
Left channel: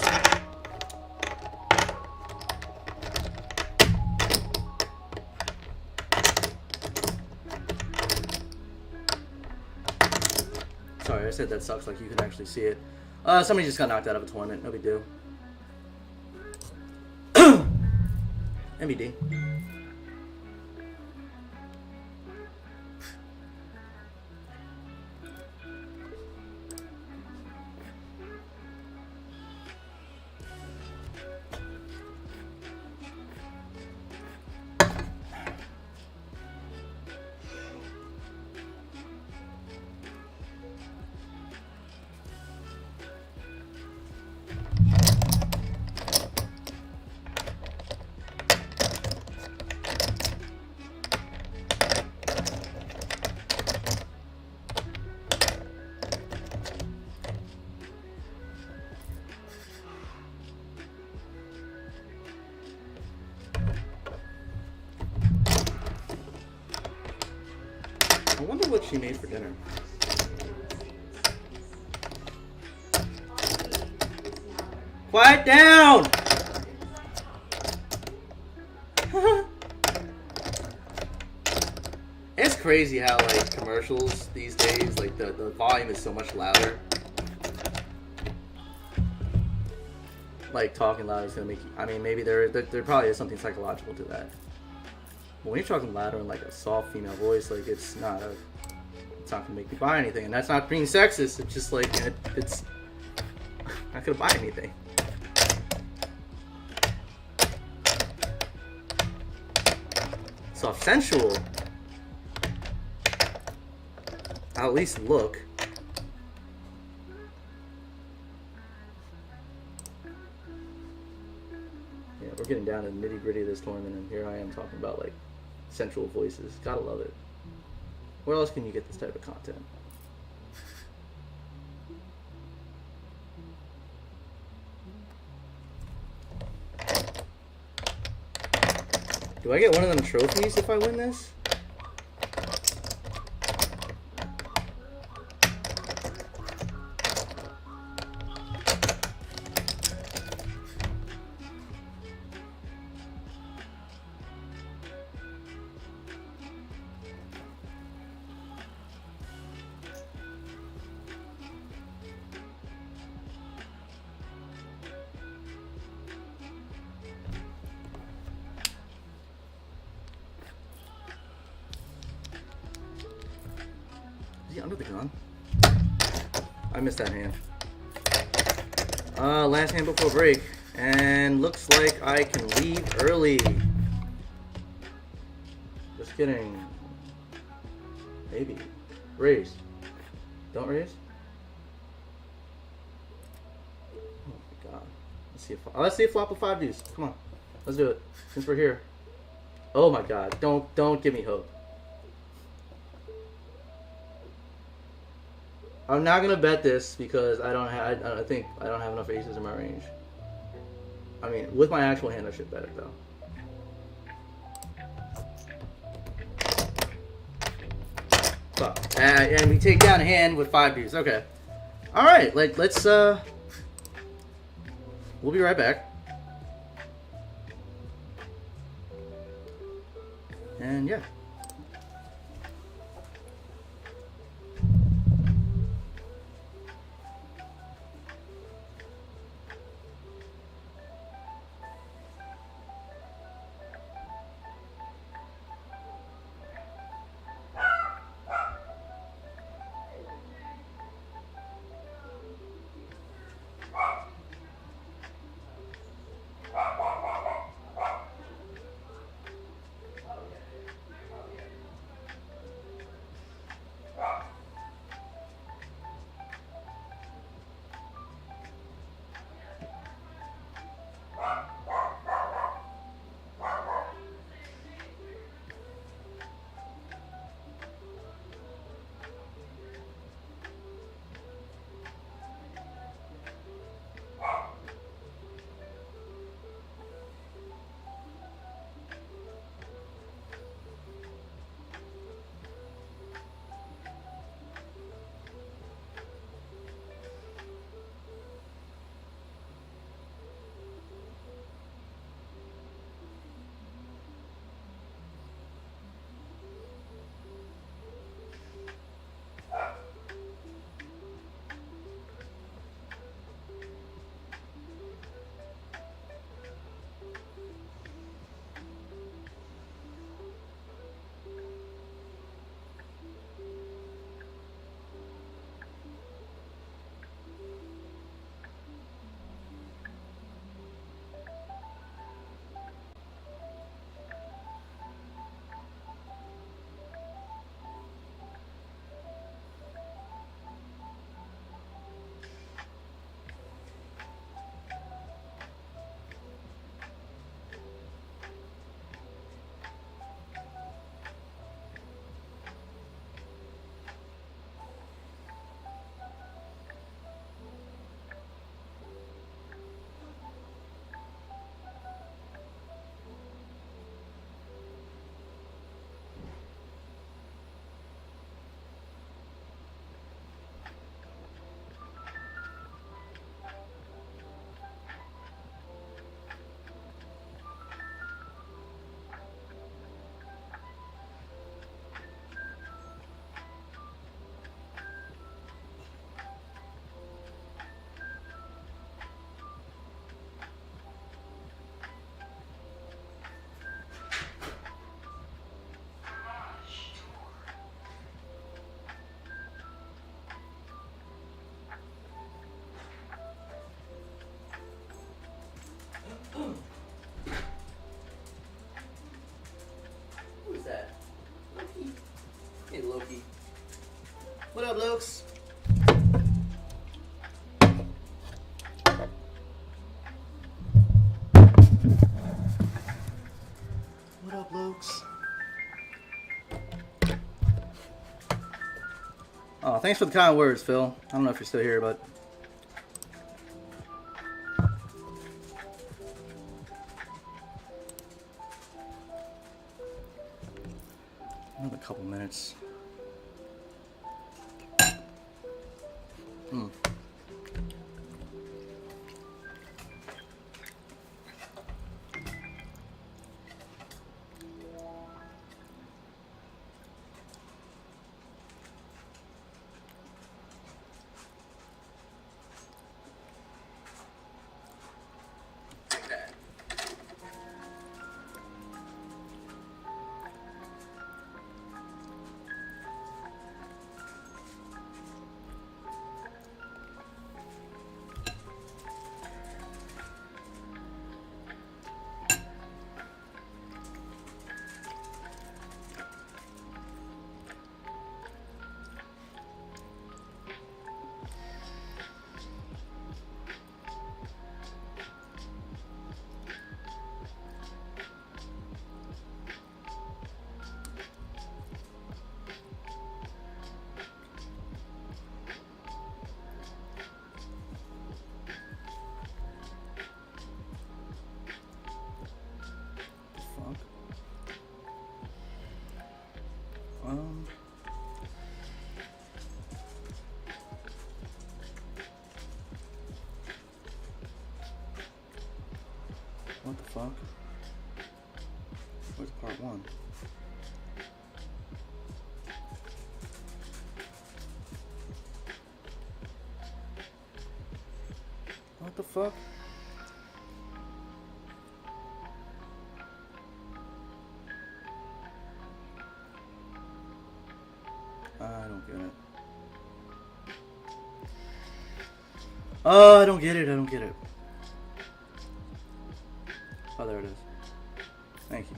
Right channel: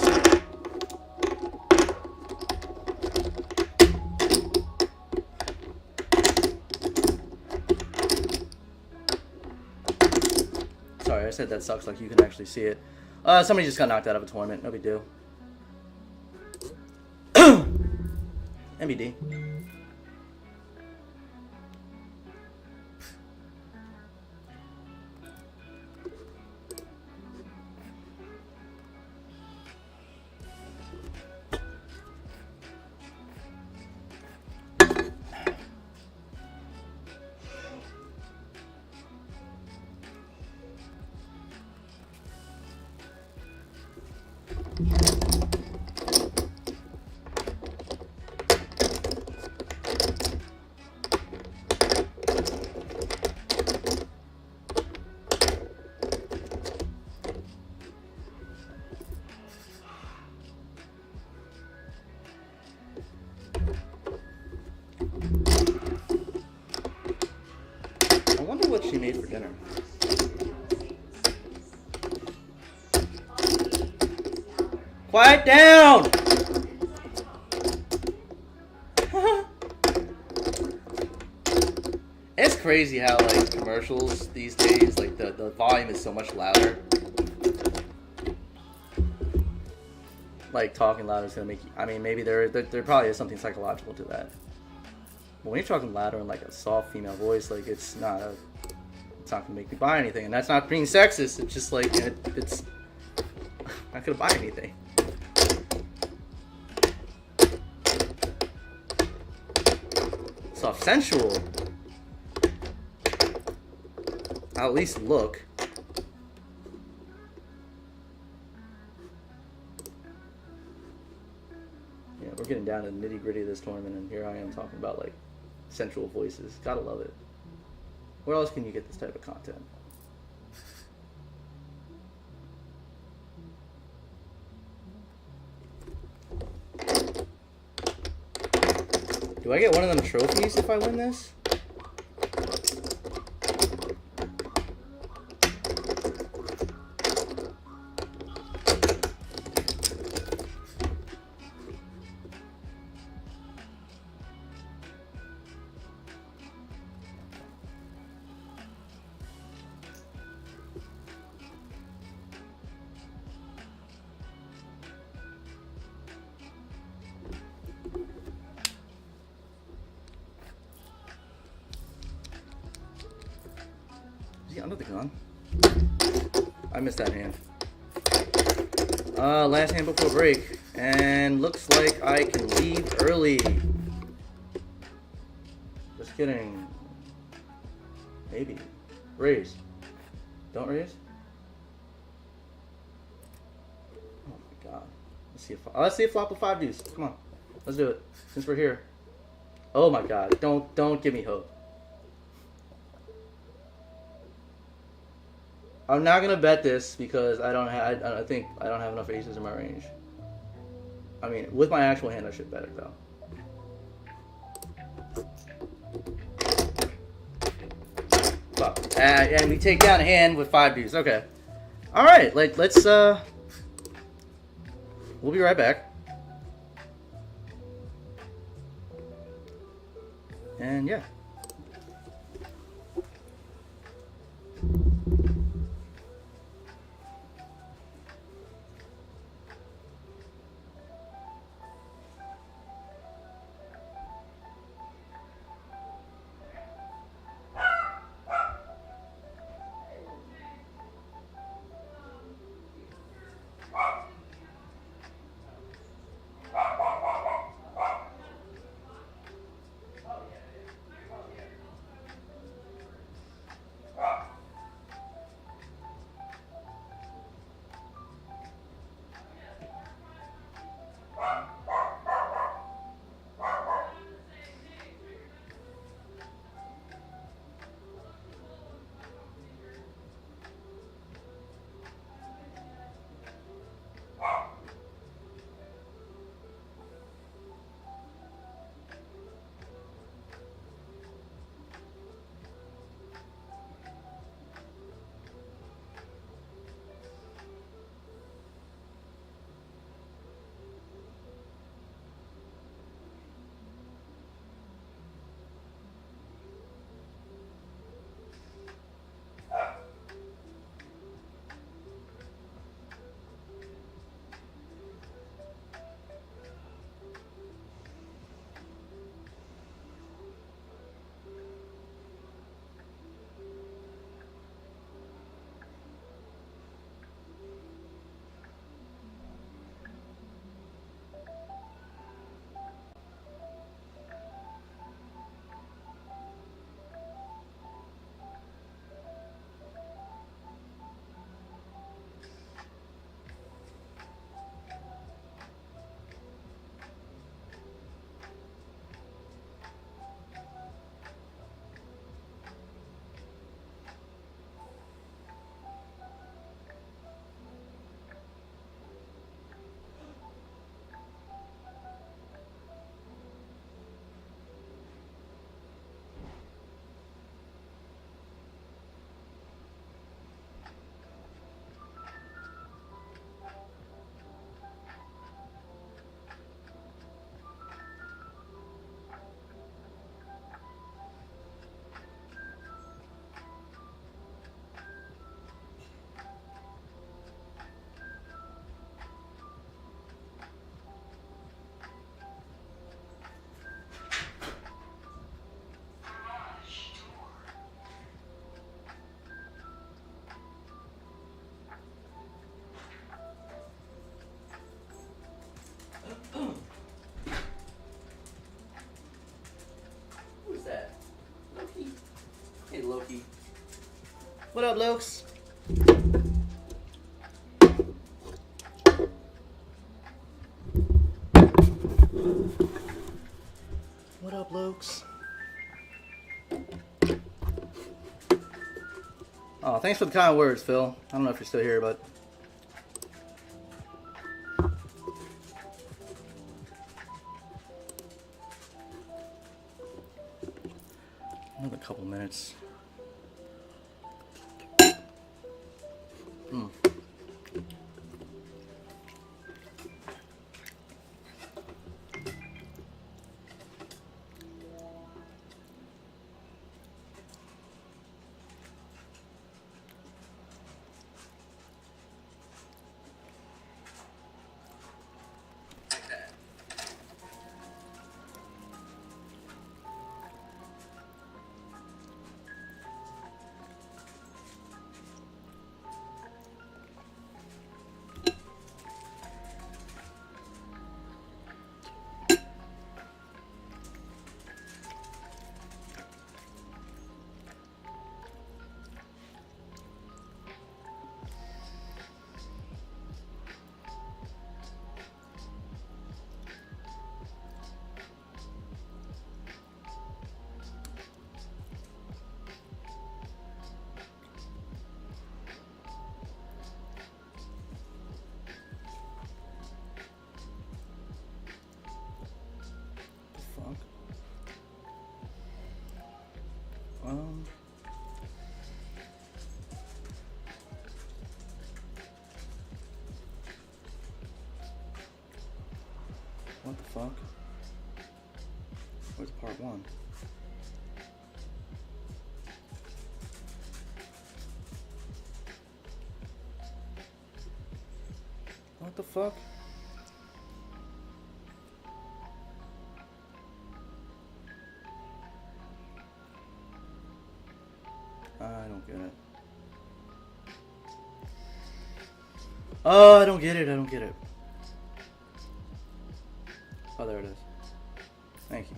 Sorry, I said that sucks like you can actually see it. Somebody just got knocked out of a tournament. No big deal. MBD. I wonder what she made for dinner. Quiet down! It's crazy how like commercials these days, like the volume is so much louder. Like talking loud is gonna make you, I mean, maybe there probably is something psychological to that. But when you're talking louder in like a soft female voice, like it's not gonna make me buy anything, and that's not being sexist. It's just like it's not gonna buy anything. Soft sensual. I'll at least look. Yeah, we're getting down to the nitty gritty of this tournament, and here I am talking about like sensual voices. Gotta love it. Where else can you get this type of content? Do I get one of them trophies if I win this? Yeah, under the gun. I missed that hand. Last hand before break. And looks like I can leave early. Just kidding. Maybe. Raise. Don't raise? Oh my god. Let's see a flop of 5 deuce. Come on. Let's do it. Since we're here. Oh my god. Don't give me hope. I'm not gonna bet this because I think I don't have enough aces in my range. I mean, with my actual hand, I should bet it though. Fuck. And we take down a hand with 5 deuce. Okay. All right. Let's. We'll be right back. And yeah. What up, Lokes? What up, Lokes? Oh, thanks for the kind words, Phil. I don't know if you're still here, but... Another couple minutes. What the fuck? Where's part one? What the fuck? I don't get it. Oh, I don't get it. I don't get it. Oh, there it is. Thank you.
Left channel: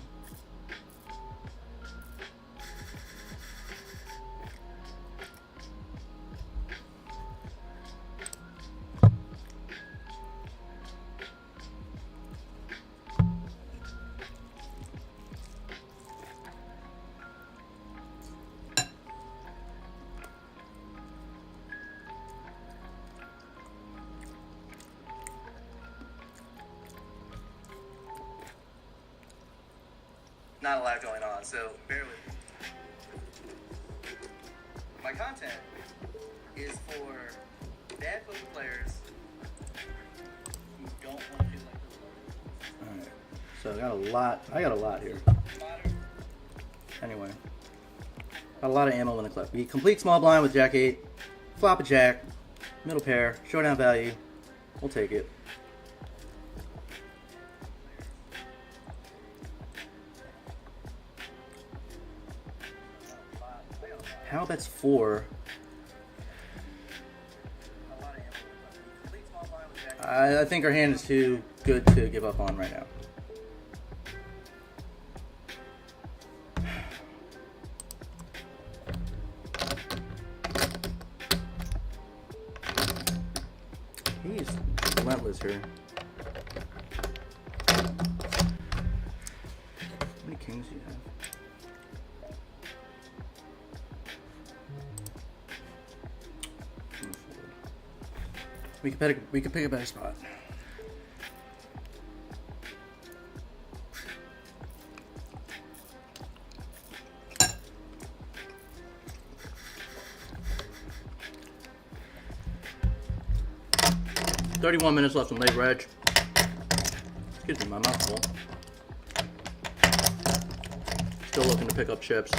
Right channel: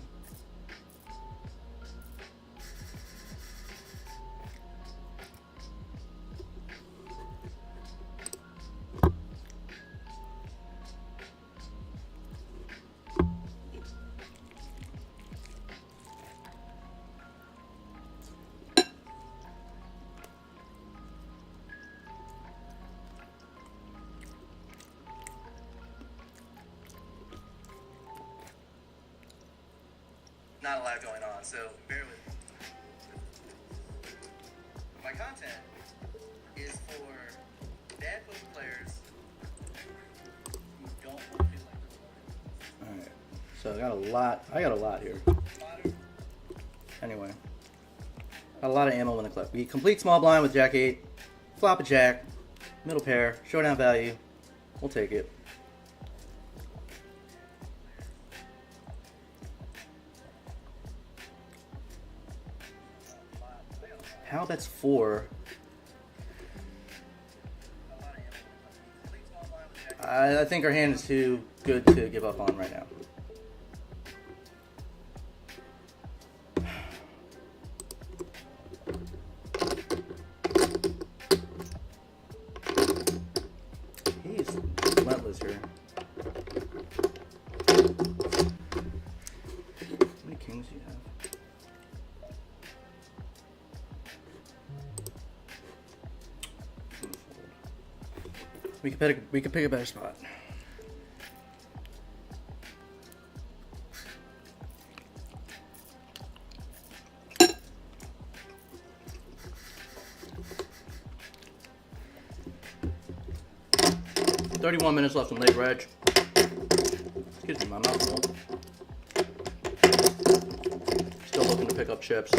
Not a lot going on, so bear with me. My content is for bad poker players who don't want to feel like they're loaded. Alright, so I got a lot here. Anyway, got a lot of ammo in the clip. We complete small blind with Jack 8, flop a Jack, middle pair, showdown value. We'll take it. How that's 4. I think our hand is too good to give up on right now. He's relentless here. How many kings do you have? We could pick a better spot. $31 minutes left in late reg. Excuse me, my mouth's full. Still looking to pick up chips.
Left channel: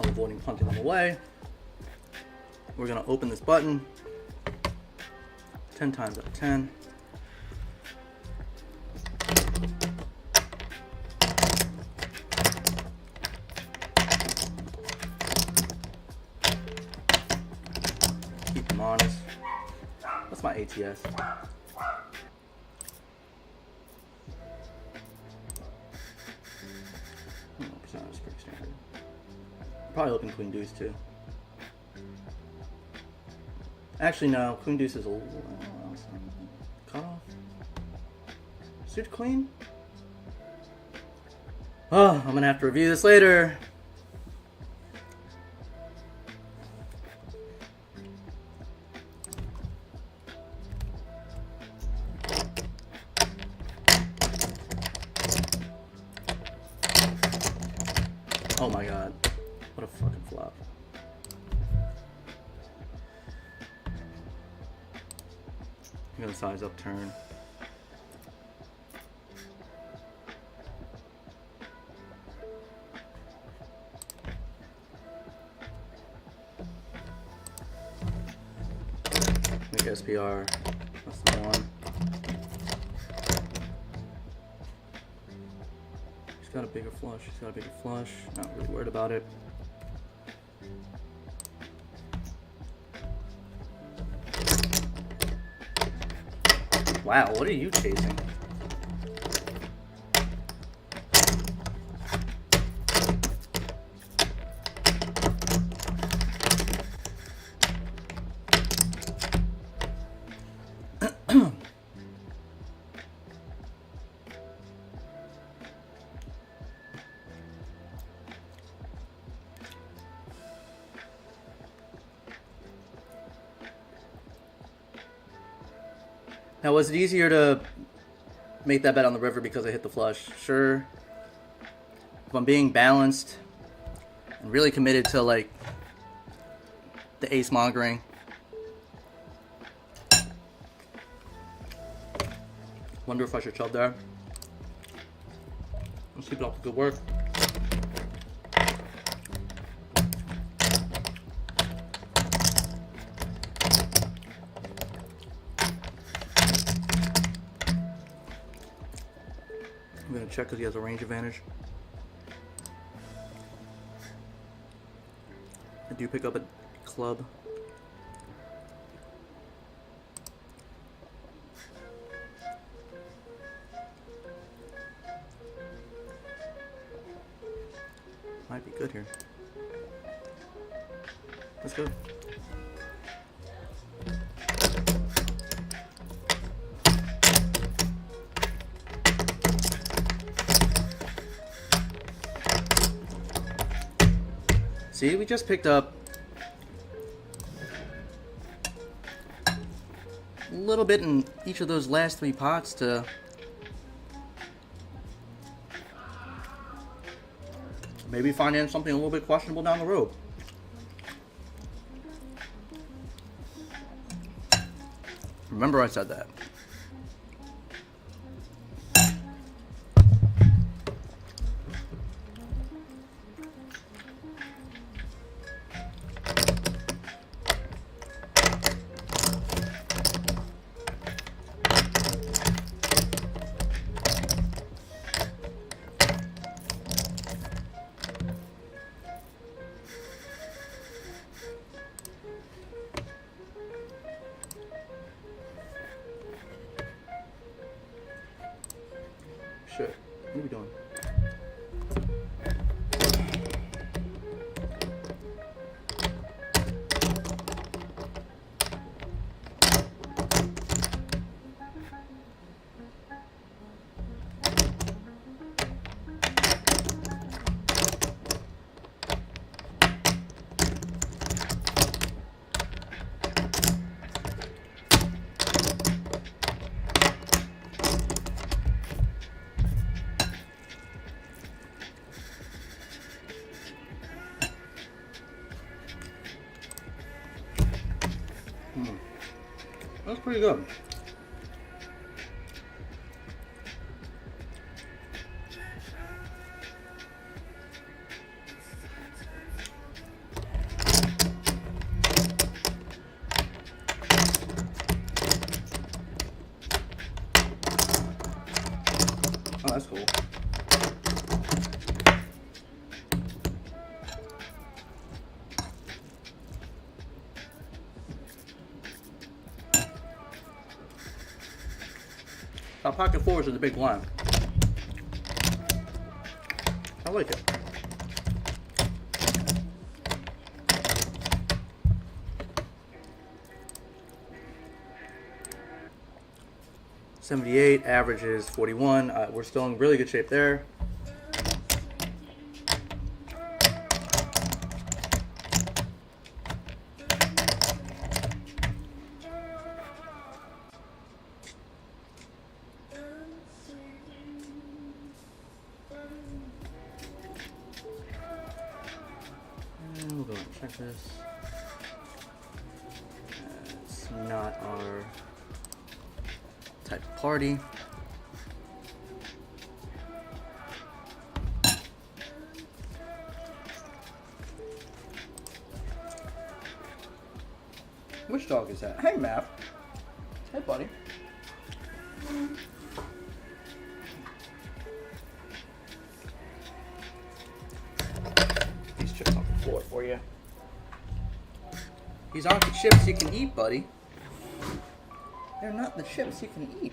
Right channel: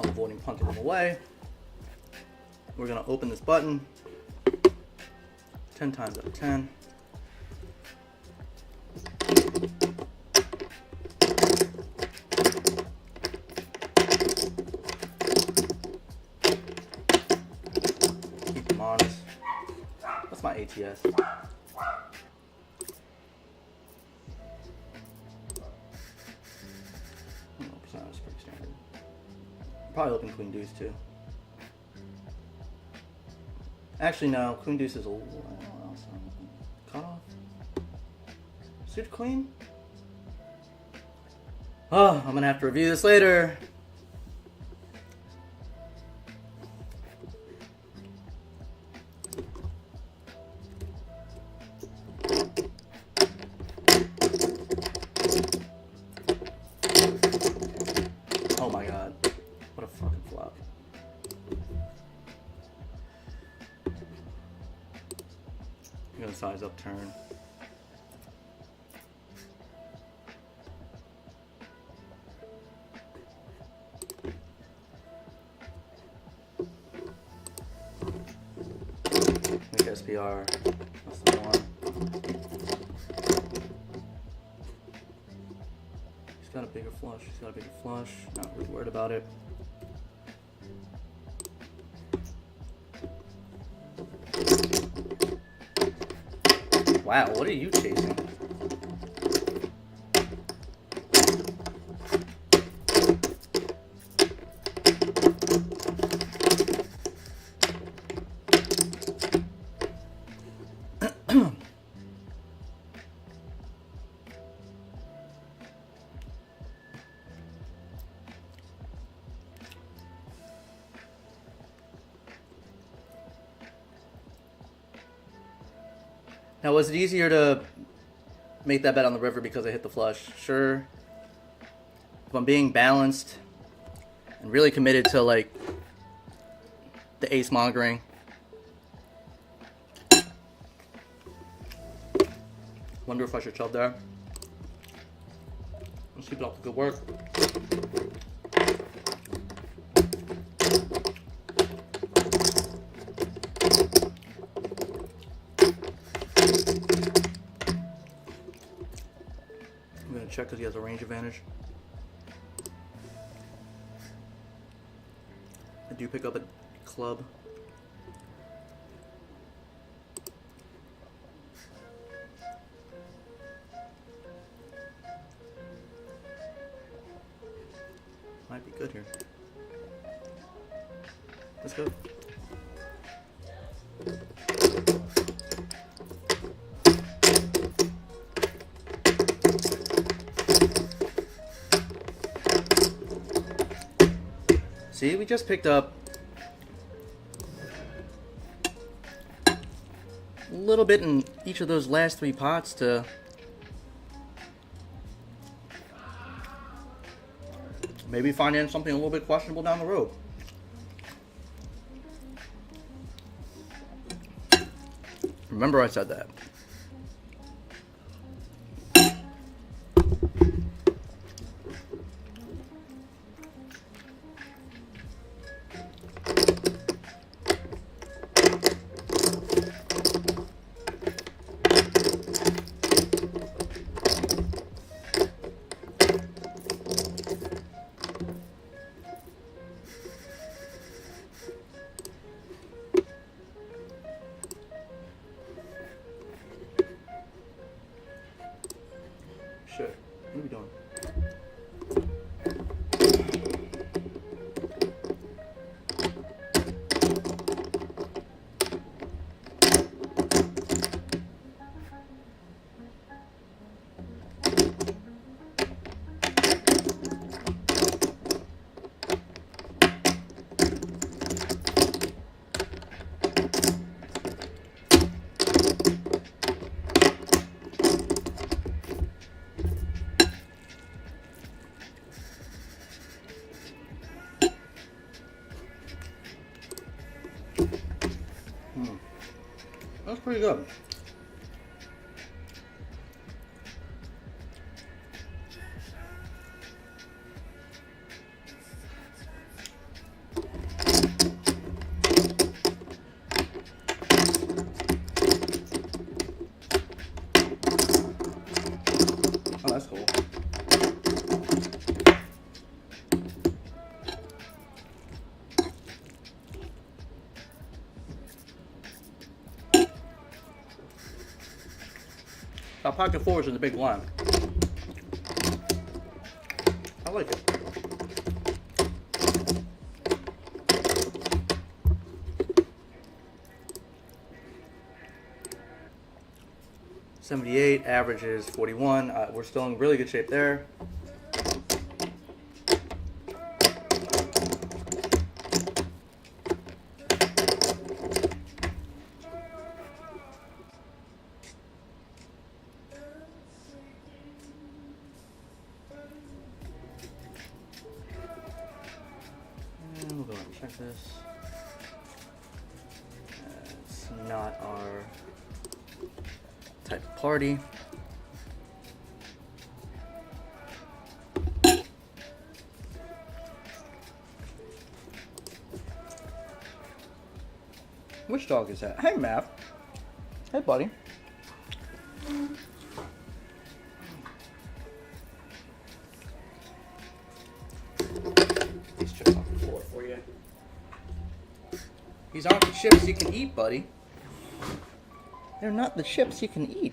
Avoiding punting them away. We're going to open this button 10 times out of 10. Keep them honest. What's my ATS? 100%. probably open queen deuce too. Actually, no. Queen deuce is a little cut off. Suit queen. Oh, I'm gonna have to review this later. Oh my god. What a fucking flop. I'm gonna size up turn. Make SPR less than 1. He's got a bigger flush. He's got a bigger flush. Not really worried about it. Wow, what are you chasing? Now, was it easier to make that bet on the river because I hit the flush? Sure. If I'm being balanced and really committed to, like, the ace mongering, wonder if I should shove there. Let's keep it up to good work. I'm going to check because he has a range advantage. I do pick up a club. Might be good here. Let's go. See, we just picked up a little bit in each of those last 3 pots to maybe finance something a little bit questionable down the road. Remember I said that. Shit, what are we doing? That's pretty good. Oh, that's cool. Our pocket fours is a big line. I like it. 78, average is 41. We're still in really good shape there. And we'll go ahead and check this. It's not our type of party. Which dog is that? Hey, Matt. Hey, buddy. These chips off the floor for you. These aren't the chips you can eat, buddy. They're not the chips you can eat.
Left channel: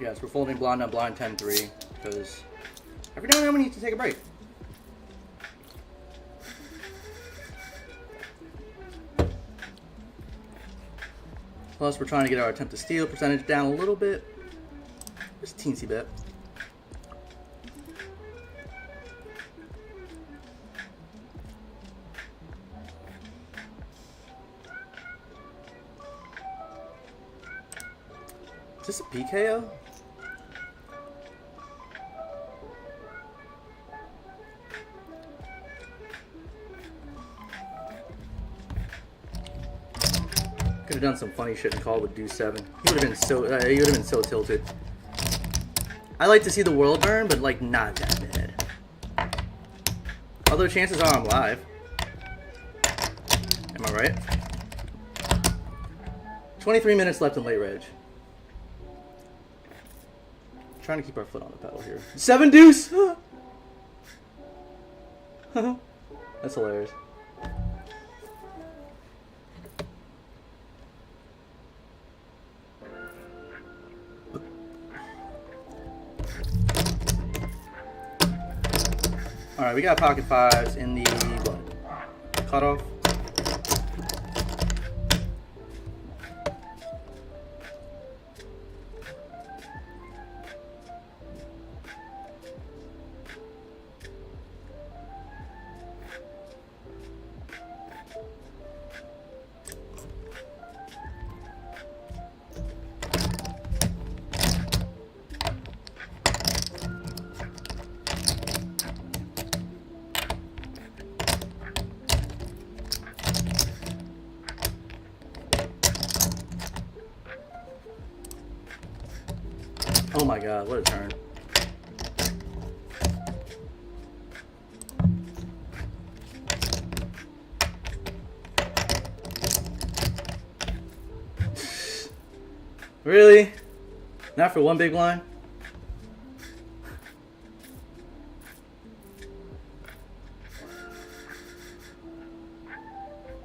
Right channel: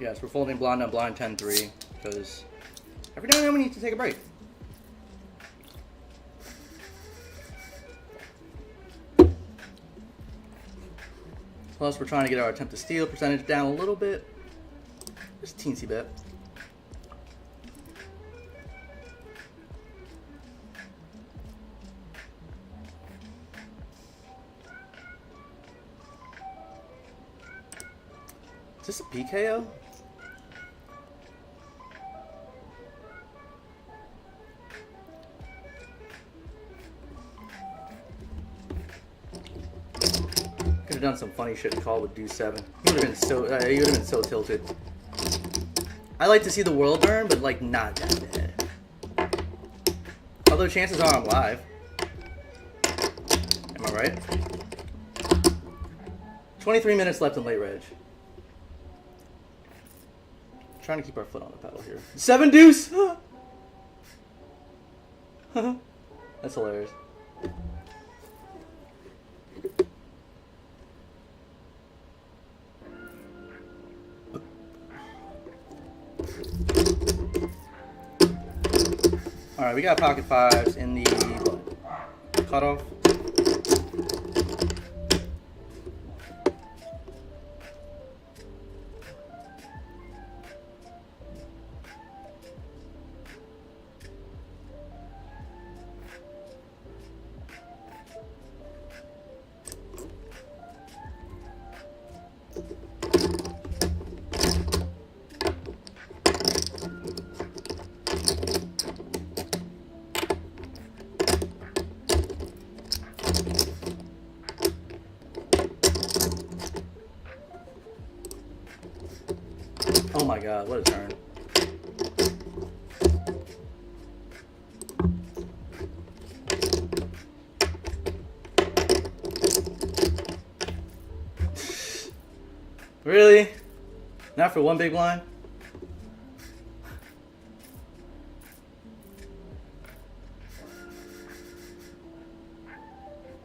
Yes, we're folding blind on blind 10-3 because every now and then we need to take a break. Plus, we're trying to get our attempt to steal percentage down a little bit. Just a teensy bit. Is this a PKO? Could have done some funny shit and called with deuce 7. He would have been so tilted. I like to see the world burn, but like not that bad. Although chances are I'm live. Am I right? 23 minutes left in late reg. Trying to keep our foot on the pedal here. 7 deuce! That's hilarious. Alright, we got pocket fives in the what? Cutoff. Oh my god, what a turn. Really? Not for one big blind?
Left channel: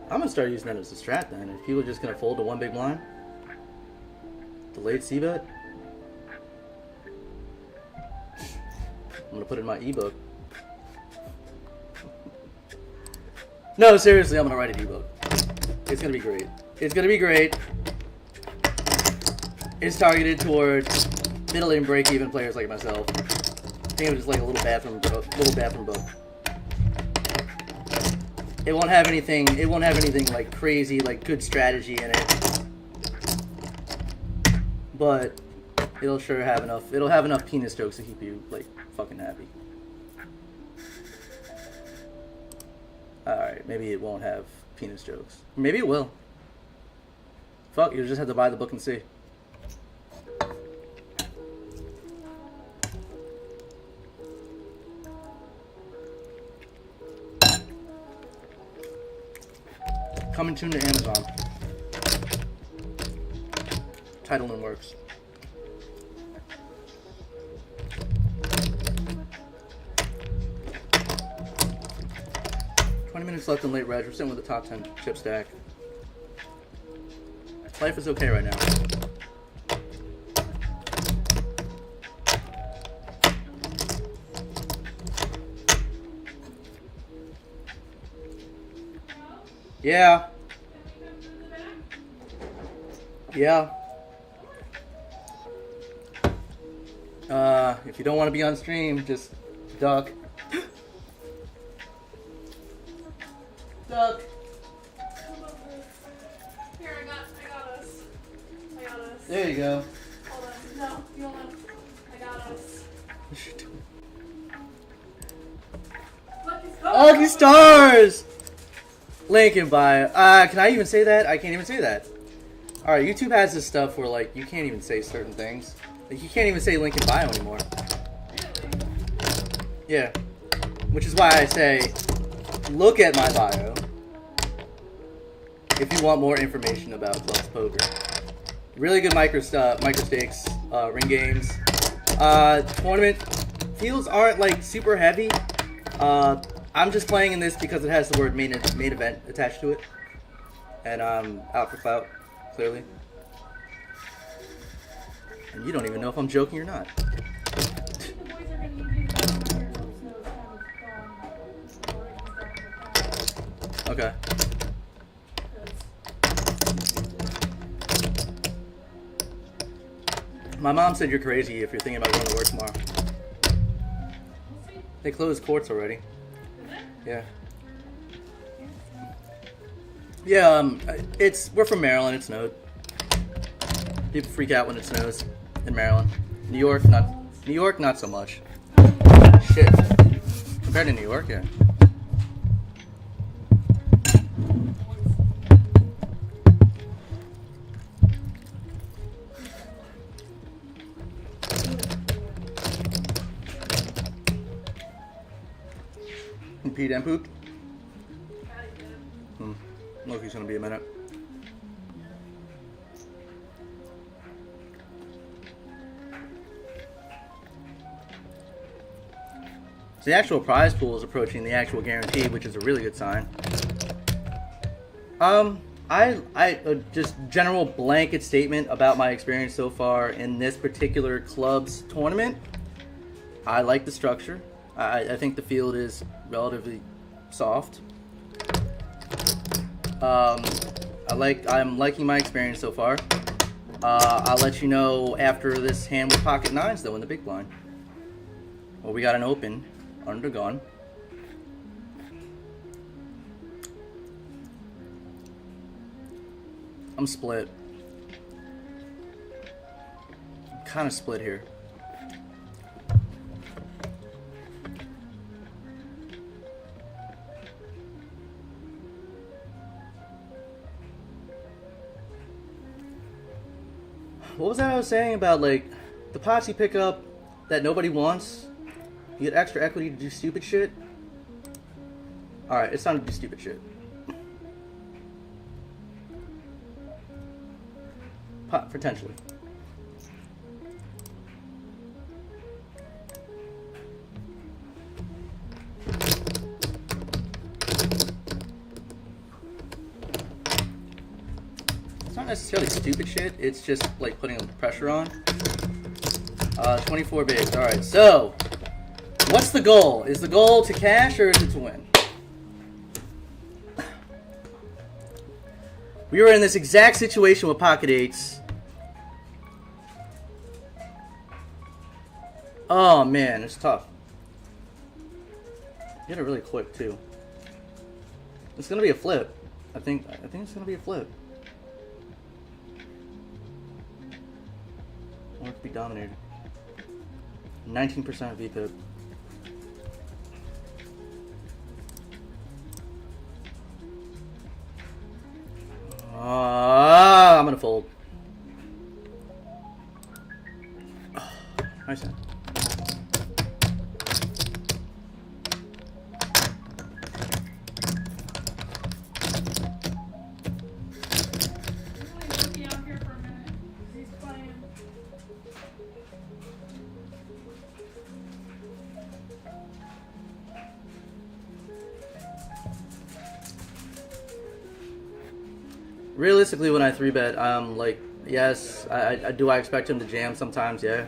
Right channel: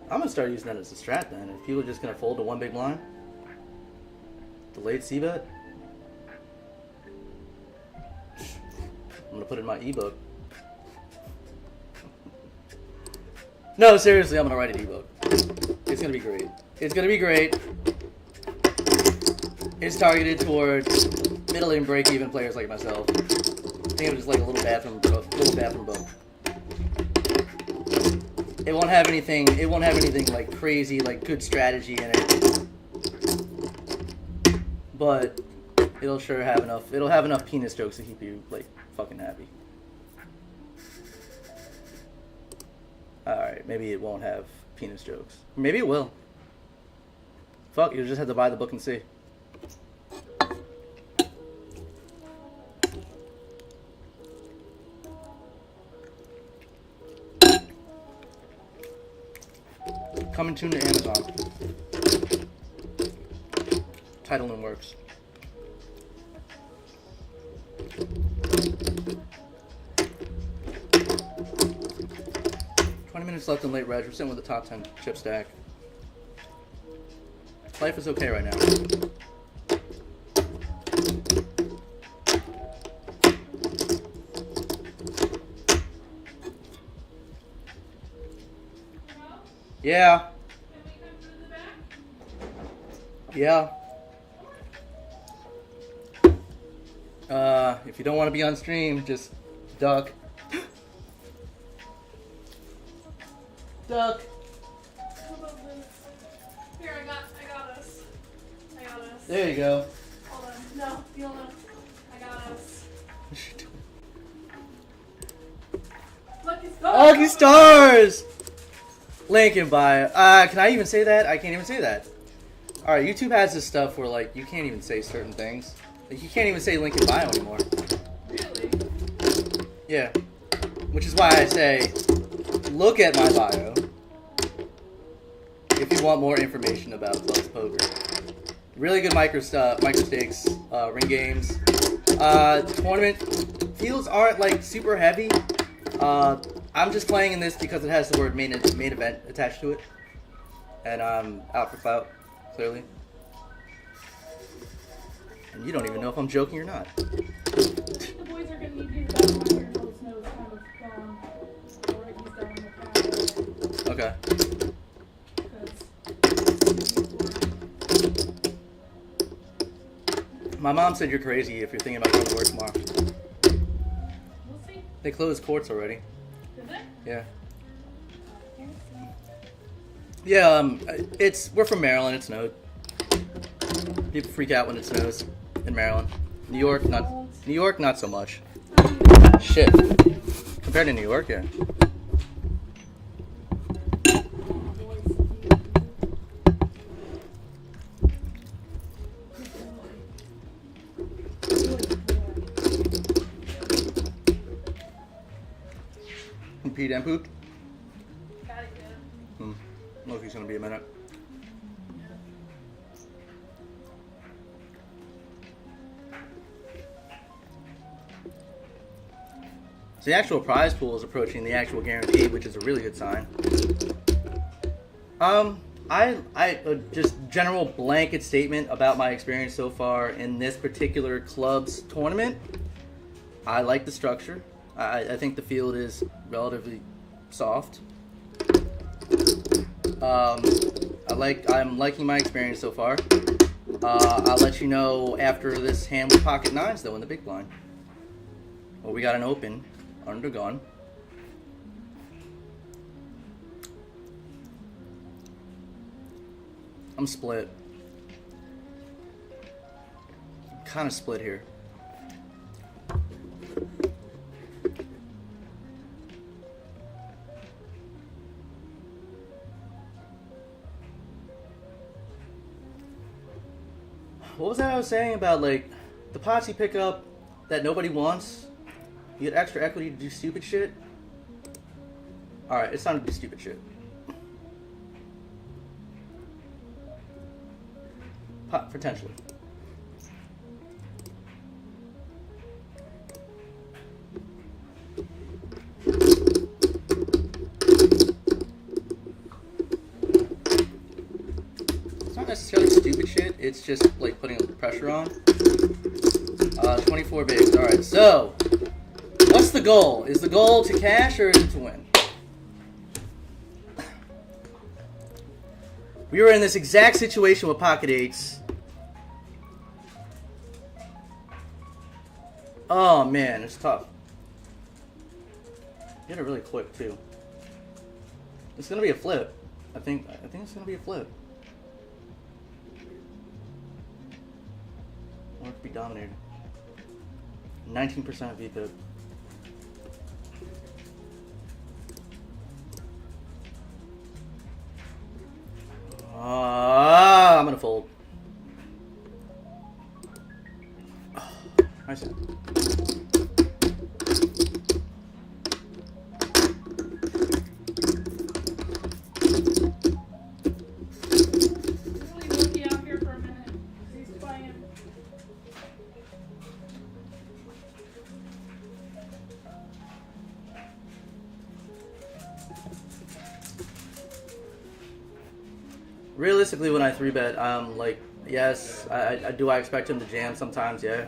I'm gonna start using that as a strat then. If people are just gonna fold to one big blind. Delayed C-bet. I'm gonna put it in my ebook. No, seriously, I'm gonna write an ebook. It's gonna be great. It's gonna be great. It's targeted towards middle and break-even players like myself. Think of it as like a little bathroom book. It won't have anything. It won't have anything like crazy, like good strategy in it. But it'll sure have enough. It'll have enough penis jokes to keep you like fucking happy. Alright, maybe it won't have penis jokes. Maybe it will. Fuck, you just have to buy the book and see. Coming soon to Amazon. Title and works. 20 minutes left in late reg. We're sitting with the top 10 chip stack. Life is okay right now. Yeah. Yeah. If you don't want to be on stream, just duck. Duck. Here, I got us. I got us. There you go. Hold on. No, you don't know. I got us. Lucky stars. Lucky stars! Link in bio. Can I even say that? I can't even say that. Alright, YouTube has this stuff where, like, you can't even say certain things. Like, you can't even say link in bio anymore. Really? Yeah. Which is why I say, look at my bio if you want more information about Clubs Poker. Really good micro-stakes, ring games. Tournament fields aren't, like, super heavy. I'm just playing in this because it has the word main event attached to it. And I'm out for clout, clearly. And you don't even know if I'm joking or not. I think the boys are going to need you to go on your nose kind of Okay. My mom said you're crazy if you're thinking about going to work tomorrow. We'll see. They closed courts already. Is it? Yeah. Yeah, we're from Maryland, it snowed. People freak out when it snows in Maryland. New York, not so much. Shit. Compared to New York, yeah. You peed and pooped? Loki's gonna be a minute. So the actual prize pool is approaching the actual guarantee, which is a really good sign. Just general blanket statement about my experience so far in this particular club's tournament. I like the structure. I think the field is relatively soft. I'm liking my experience so far. I'll let you know after this hand with pocket nines though in the big blind. Well, we got an open under gun. I'm split. Kind of split here. What was that I was saying about, like, the pots you pick up that nobody wants? You get extra equity to do stupid shit? Alright, it's time to do stupid shit. Potentially. It's not necessarily stupid shit, it's just like putting pressure on. 24 bigs. Alright, so what's the goal? Is the goal to cash or is it to win? We were in this exact situation with pocket eights. Oh man, it's tough. Get it really quick too. It's gonna be a flip. I think it's gonna be a flip. Or it could be dominated. 19% VPIP. I'm gonna fold. Oh, nice hand. Realistically, when I 3-bet, like, yes, I expect him to jam sometimes, yeah.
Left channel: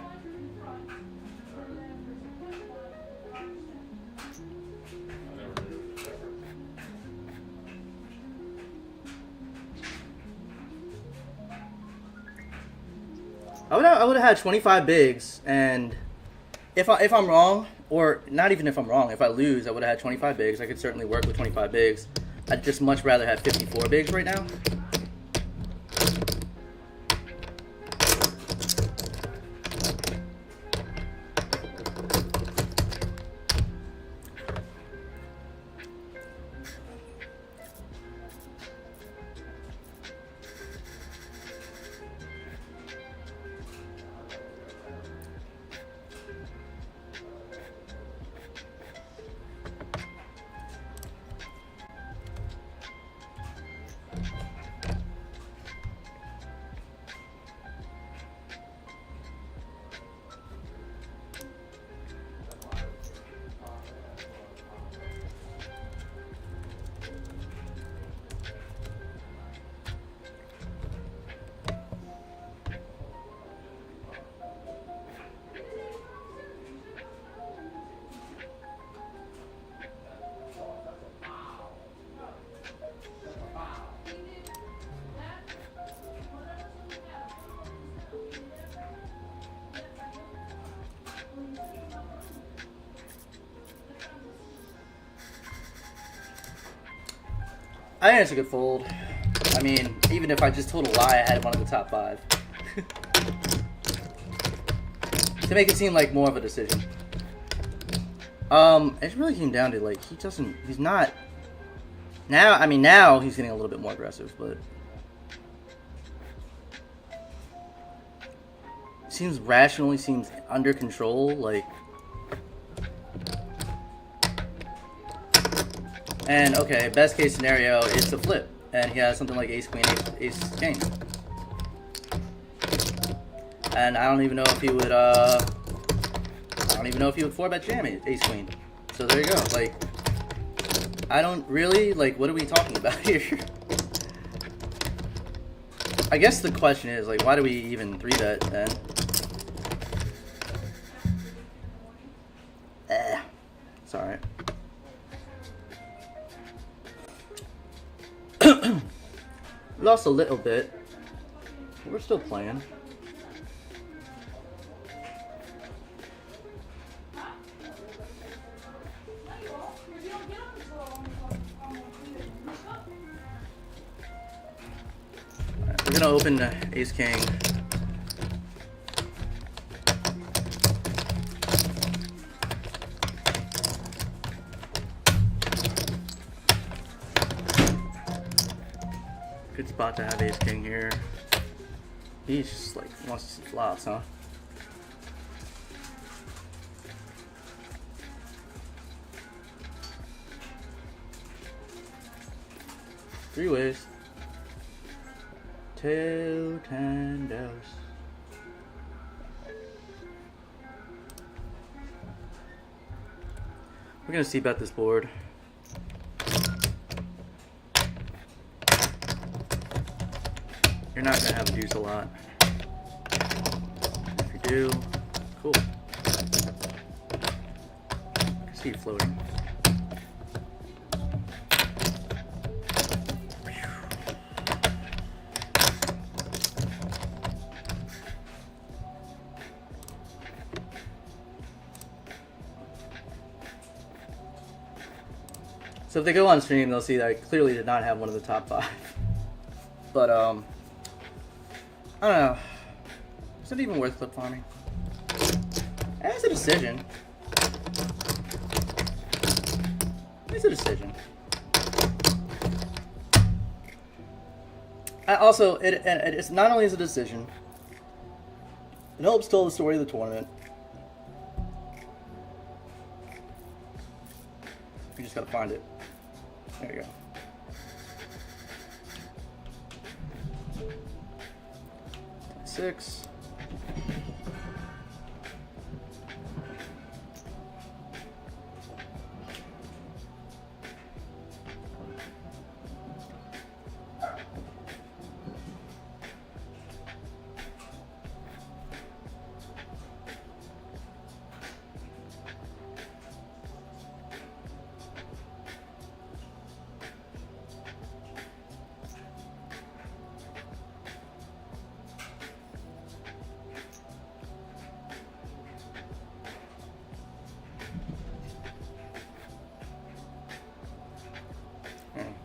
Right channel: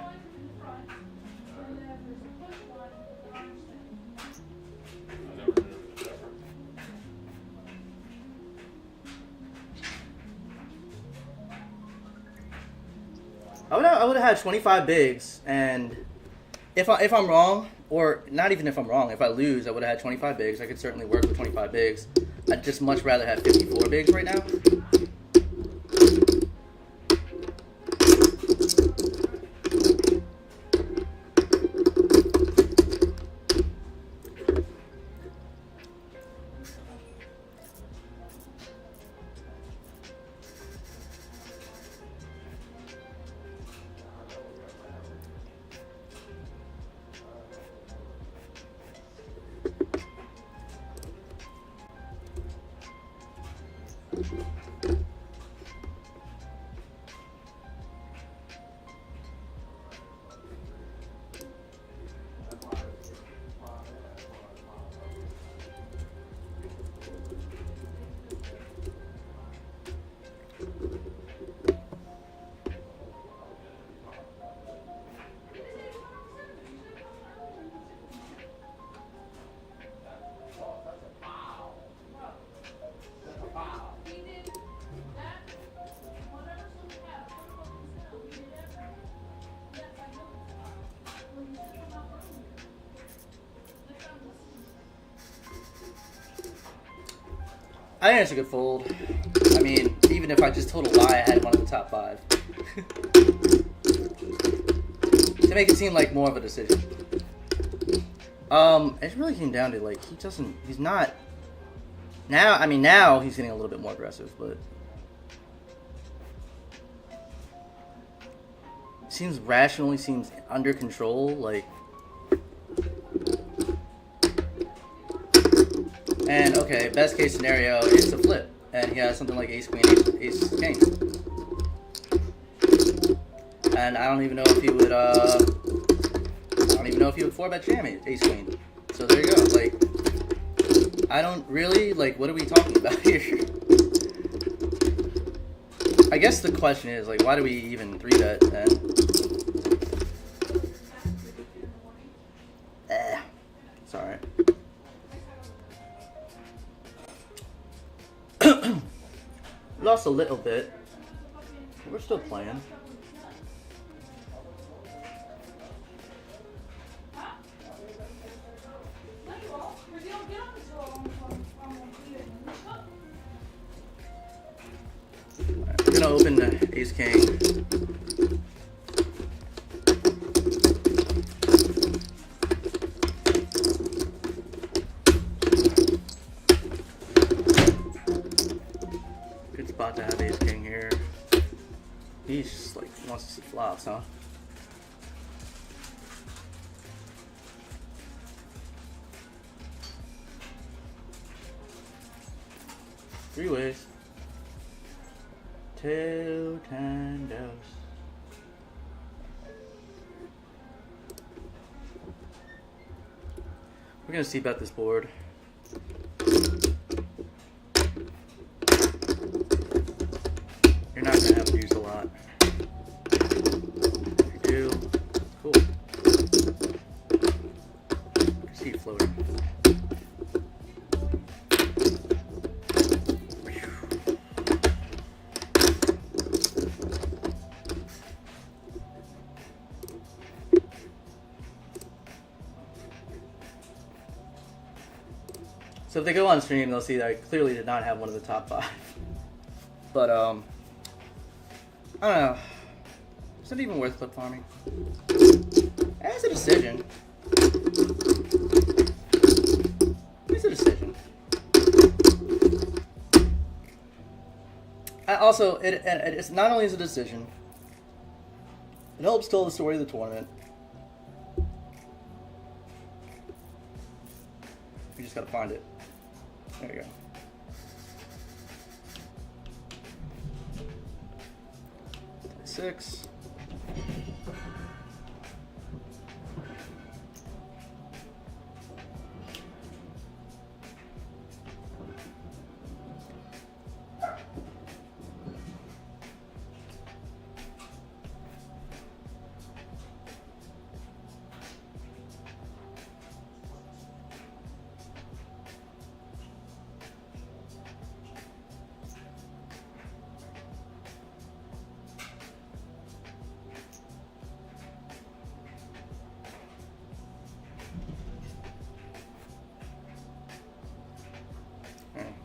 I would have had 25 bigs, and if I'm wrong, or not even if I'm wrong, if I lose, I would have had 25 bigs. I could certainly work with 25 bigs. I'd just much rather have 54 bigs right now. I think it's a good fold. I mean, even if I just told a lie, I had one of the top 5. To make it seem like more of a decision. It really came down to, like, he's not... Now, I mean, now he's getting a little bit more aggressive, but... Seems rational, he seems under control, like... And, okay, best case scenario is to flip. And he has something like ace, queen, ace, king. And I don't even know if he would, 4-bet jam ace, queen. So there you go. Like, I don't really, like, what are we talking about here? I guess the question is, like, why do we even 3-bet then? It's alright. Lost a little bit. We're still playing. Right, we're gonna open the ace king. Good spot to have ace king here. He's just like wants to see flops, huh? Three ways. Two tandos. We're gonna c-bet this board. You're not gonna have to use a lot. If you do, cool. I see you floating. So if they go on stream, they'll see that I clearly did not have one of the top 5. But, I don't know. Is it even worth clip farming? It's a decision. It's a decision. Also, it's not only is a decision, it helps tell the story of the tournament. You just gotta find it. There you go. Six.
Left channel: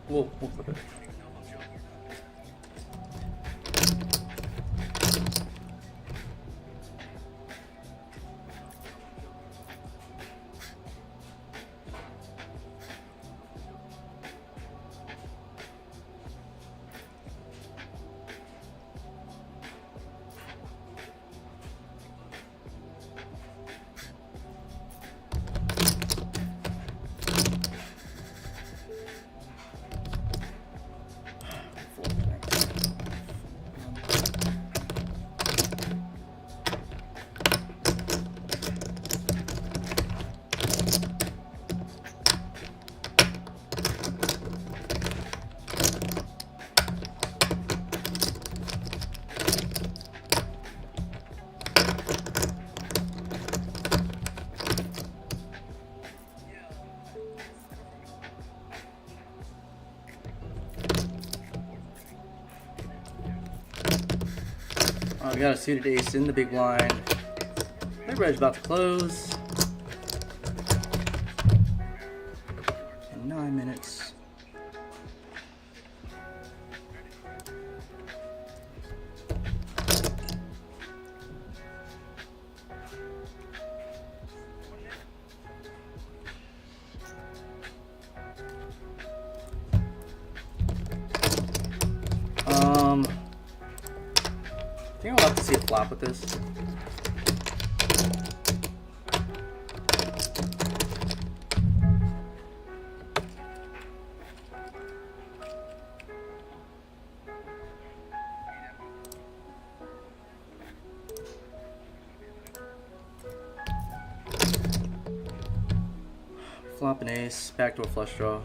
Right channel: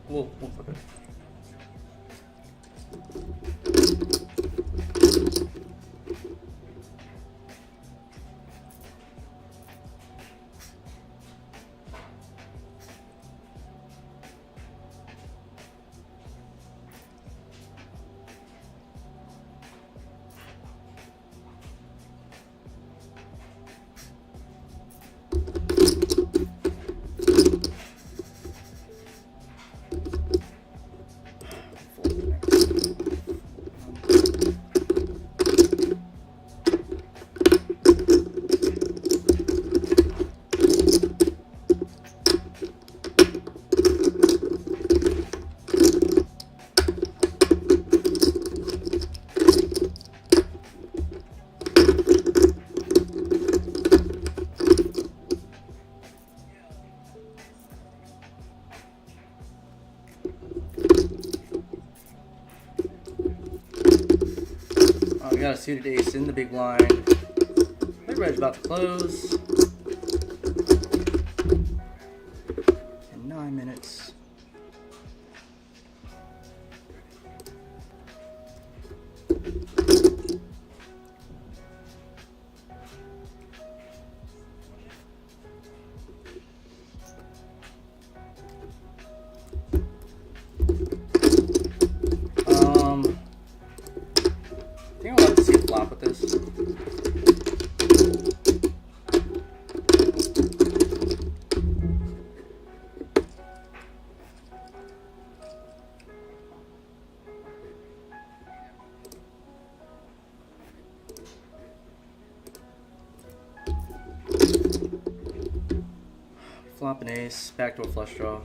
We'll put it. We got a suited ace in the big blind. Everybody's about to close. In 9 minutes. I think I'll have to see a flop with this. Flop an ace, backdoor flush draw.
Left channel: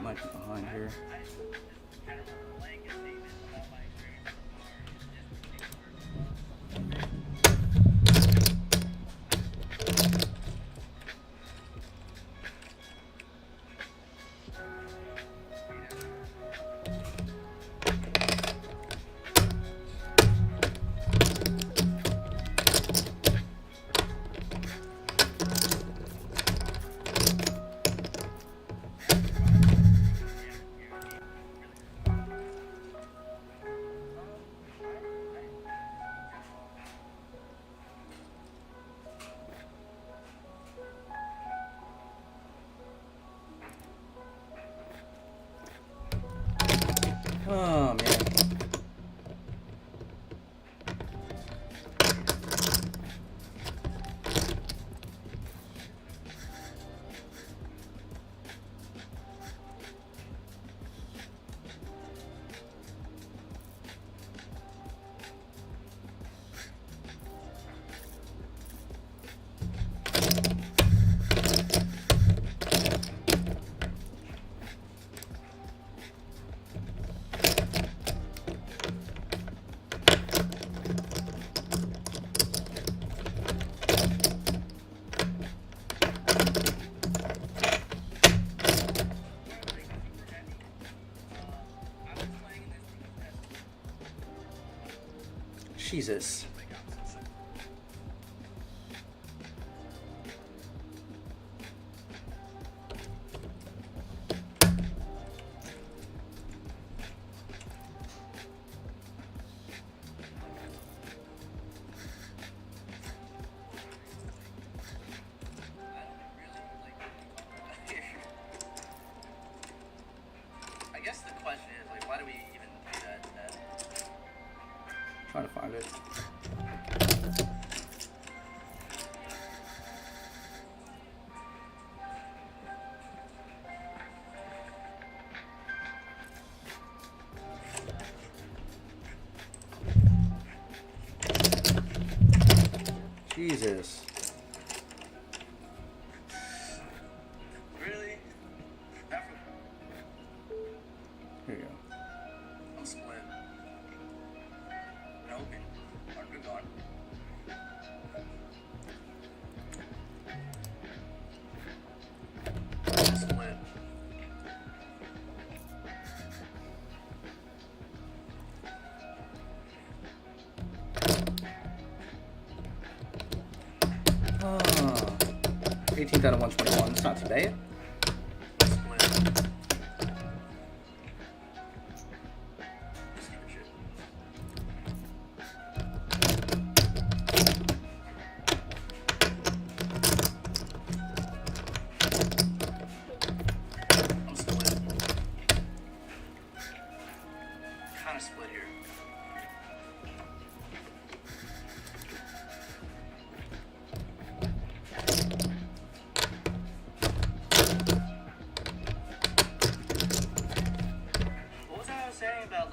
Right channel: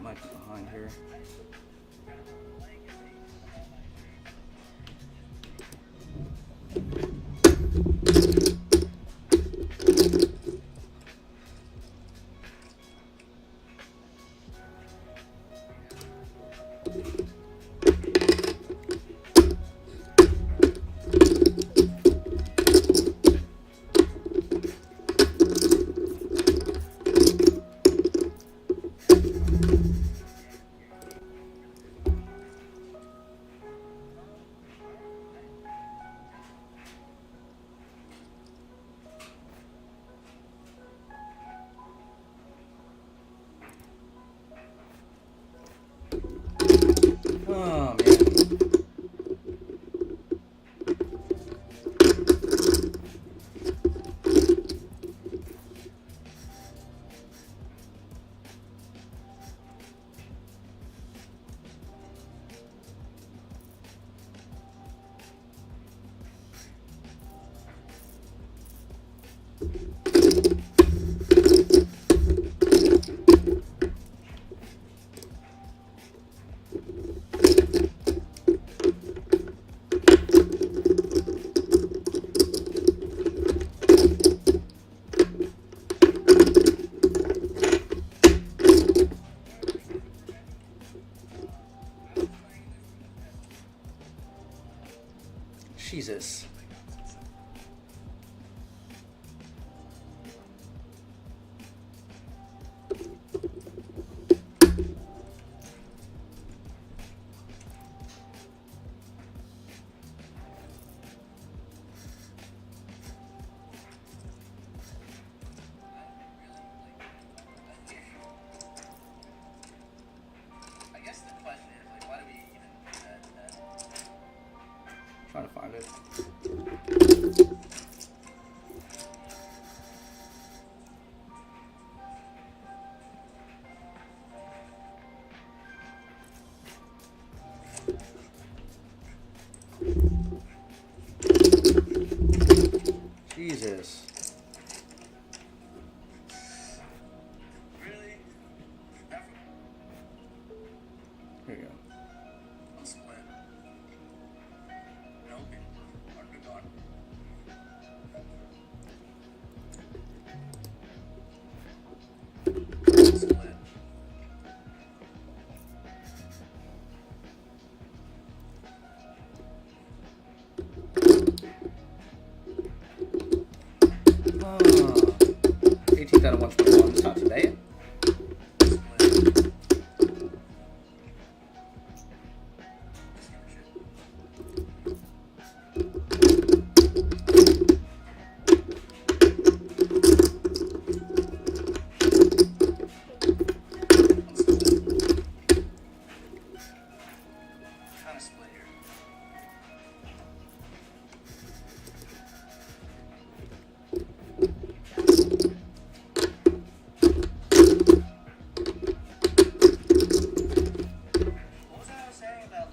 Might be behind here. Oh, man. Jesus. I guess the question is, like, why do we even do that? Trying to find it. Jesus. Really? Here you go. I'm split. No open. Hard gone. Split. 18th out of 121. That's not too bad.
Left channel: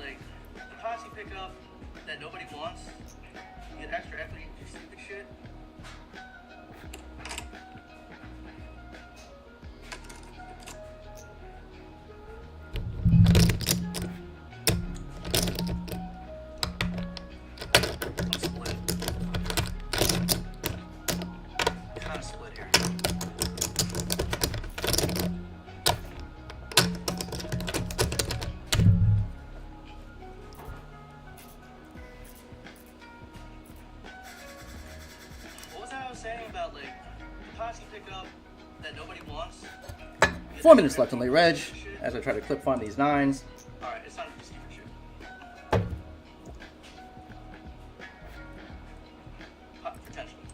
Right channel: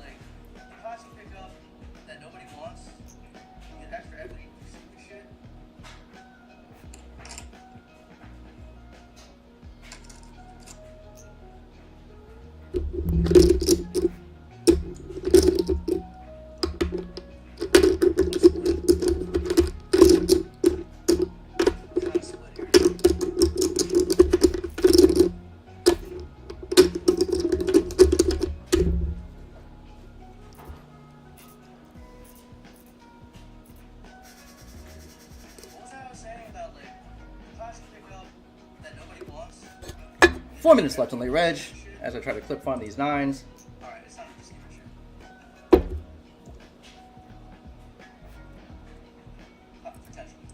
Like, the posse pickup that nobody wants. 4 minutes left on late reg as I try to clip farm these 9s. Alright, it's not a secret shit. Potentially.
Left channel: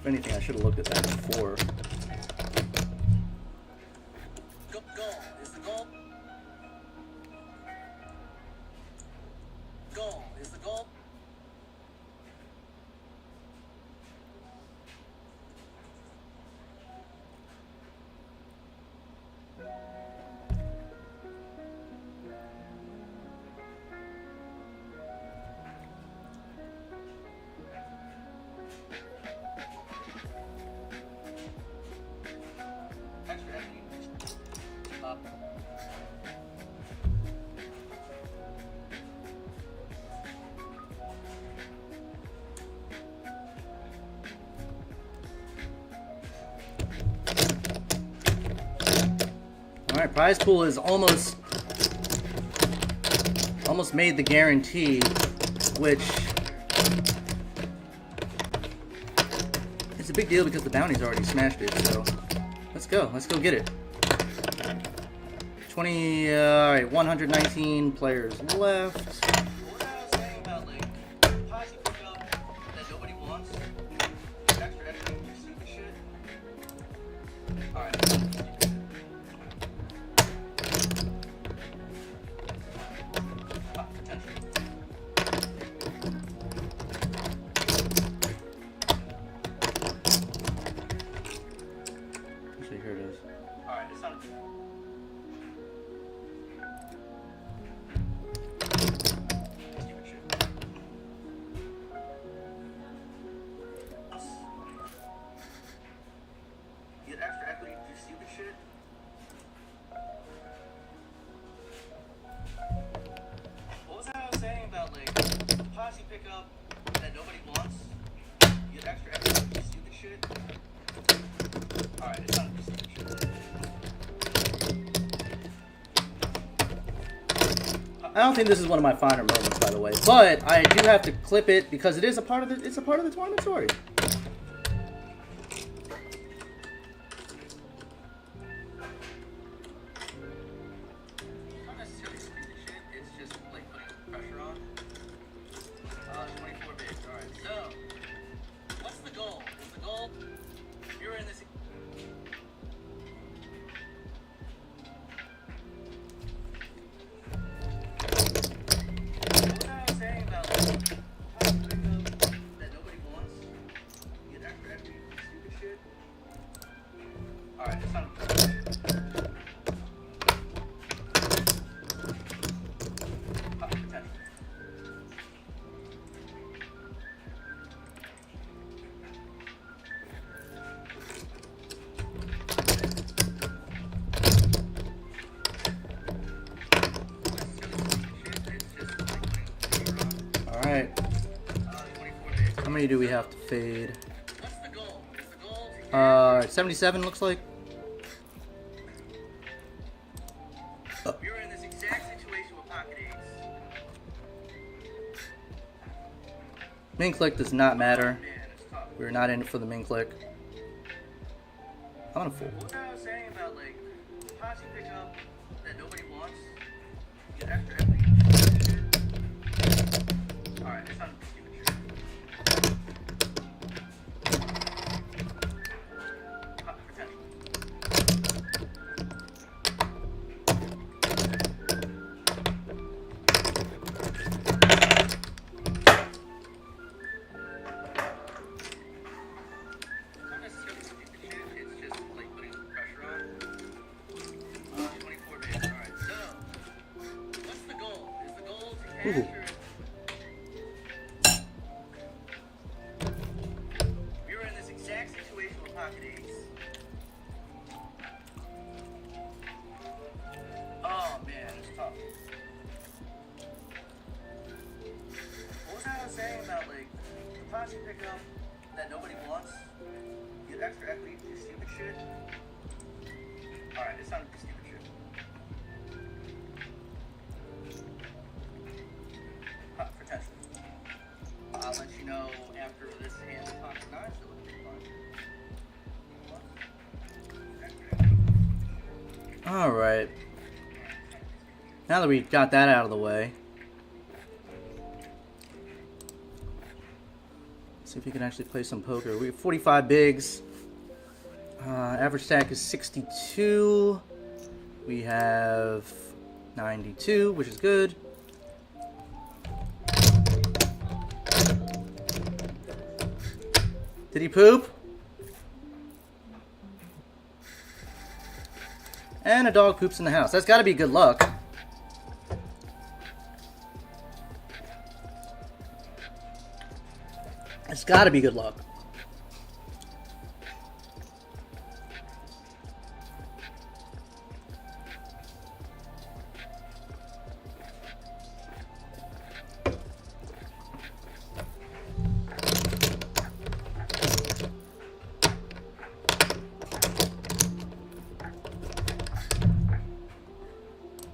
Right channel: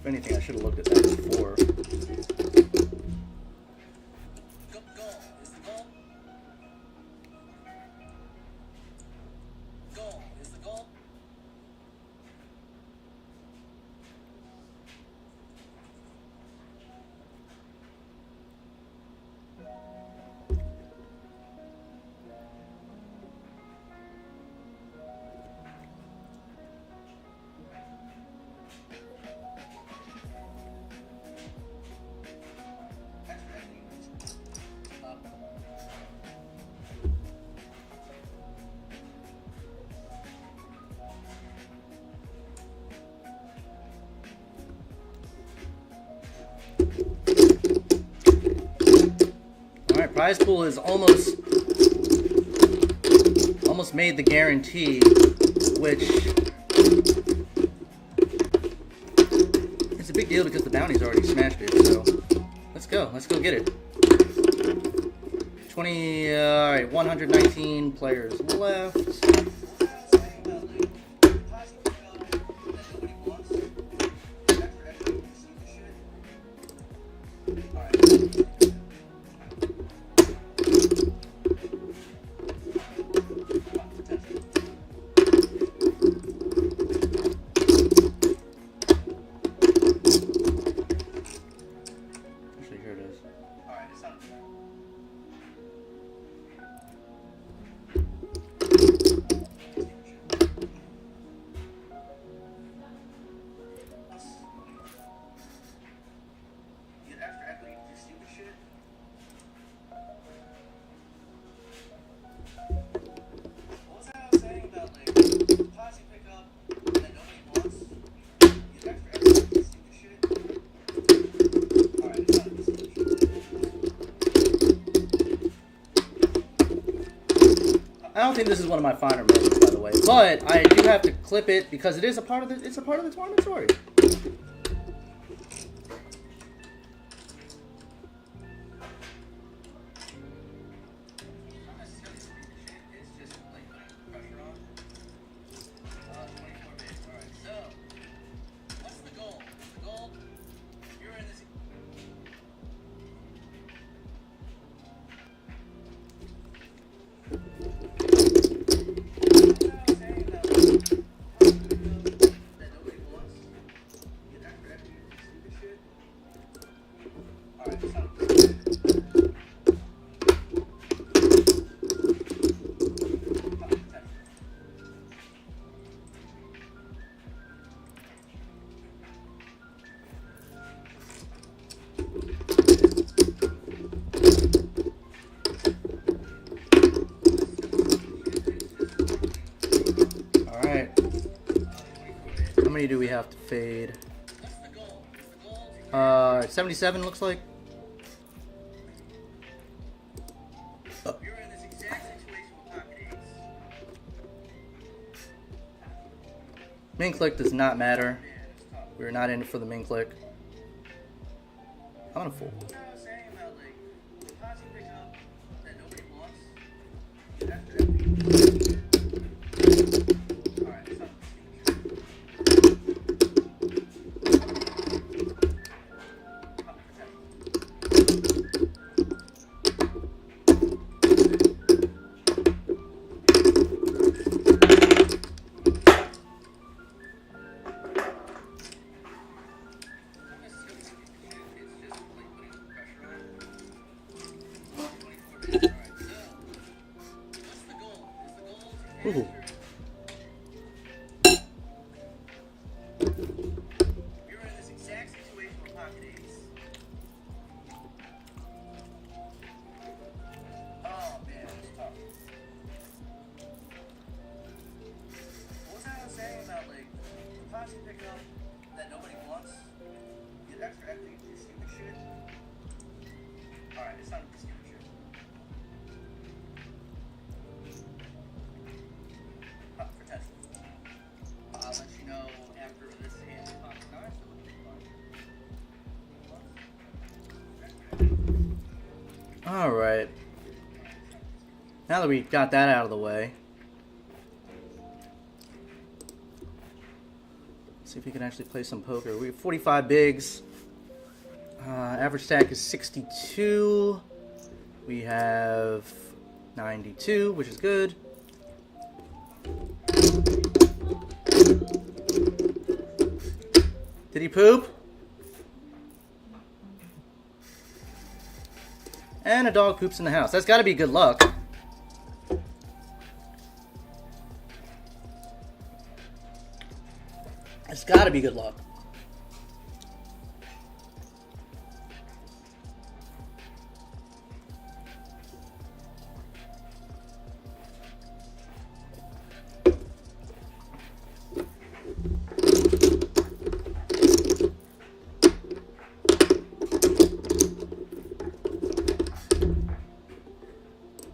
If anything, I should have looked at that before. Goal. Is the goal? Goal. Is the goal? Alright, prize pool is almost made the guarantee, which is a big deal because the bounty's already smashed it, so let's go get it. 20, alright, 119 players left. I don't think this is one of my finer moments, by the way, but I do have to clip it because it is a part of the tournament story. Not necessarily stupid shit, it's just like putting pressure on. 24 bids, alright, so what's the goal? Is the goal you're in this Alright. How many do we have to fade? 77 looks like. You're in this exact situation with pocket eights. Main click does not matter. Man, it's tough. We're not in it for the main click. I'm gonna fold. What was I saying about like posse pickup that nobody wants? Get after equity. Alright, it's not stupid shit. Ooh. We were in this exact situation with pocket ace. Oh man, it's tough. What was I saying about like the posse pickup that nobody wants? Get extra equity for stupid shit. Alright, it's not stupid shit. Potential. I'll let you know after this hand pocket nines that would be fun. Alright. Now that we got that out of the way, let's see if we can actually play some poker. We have 45 bigs. Average stack is 62. We have 92, which is good. Did he poop? And a dog poops in the house. That's got to be good luck. It's got to be good luck.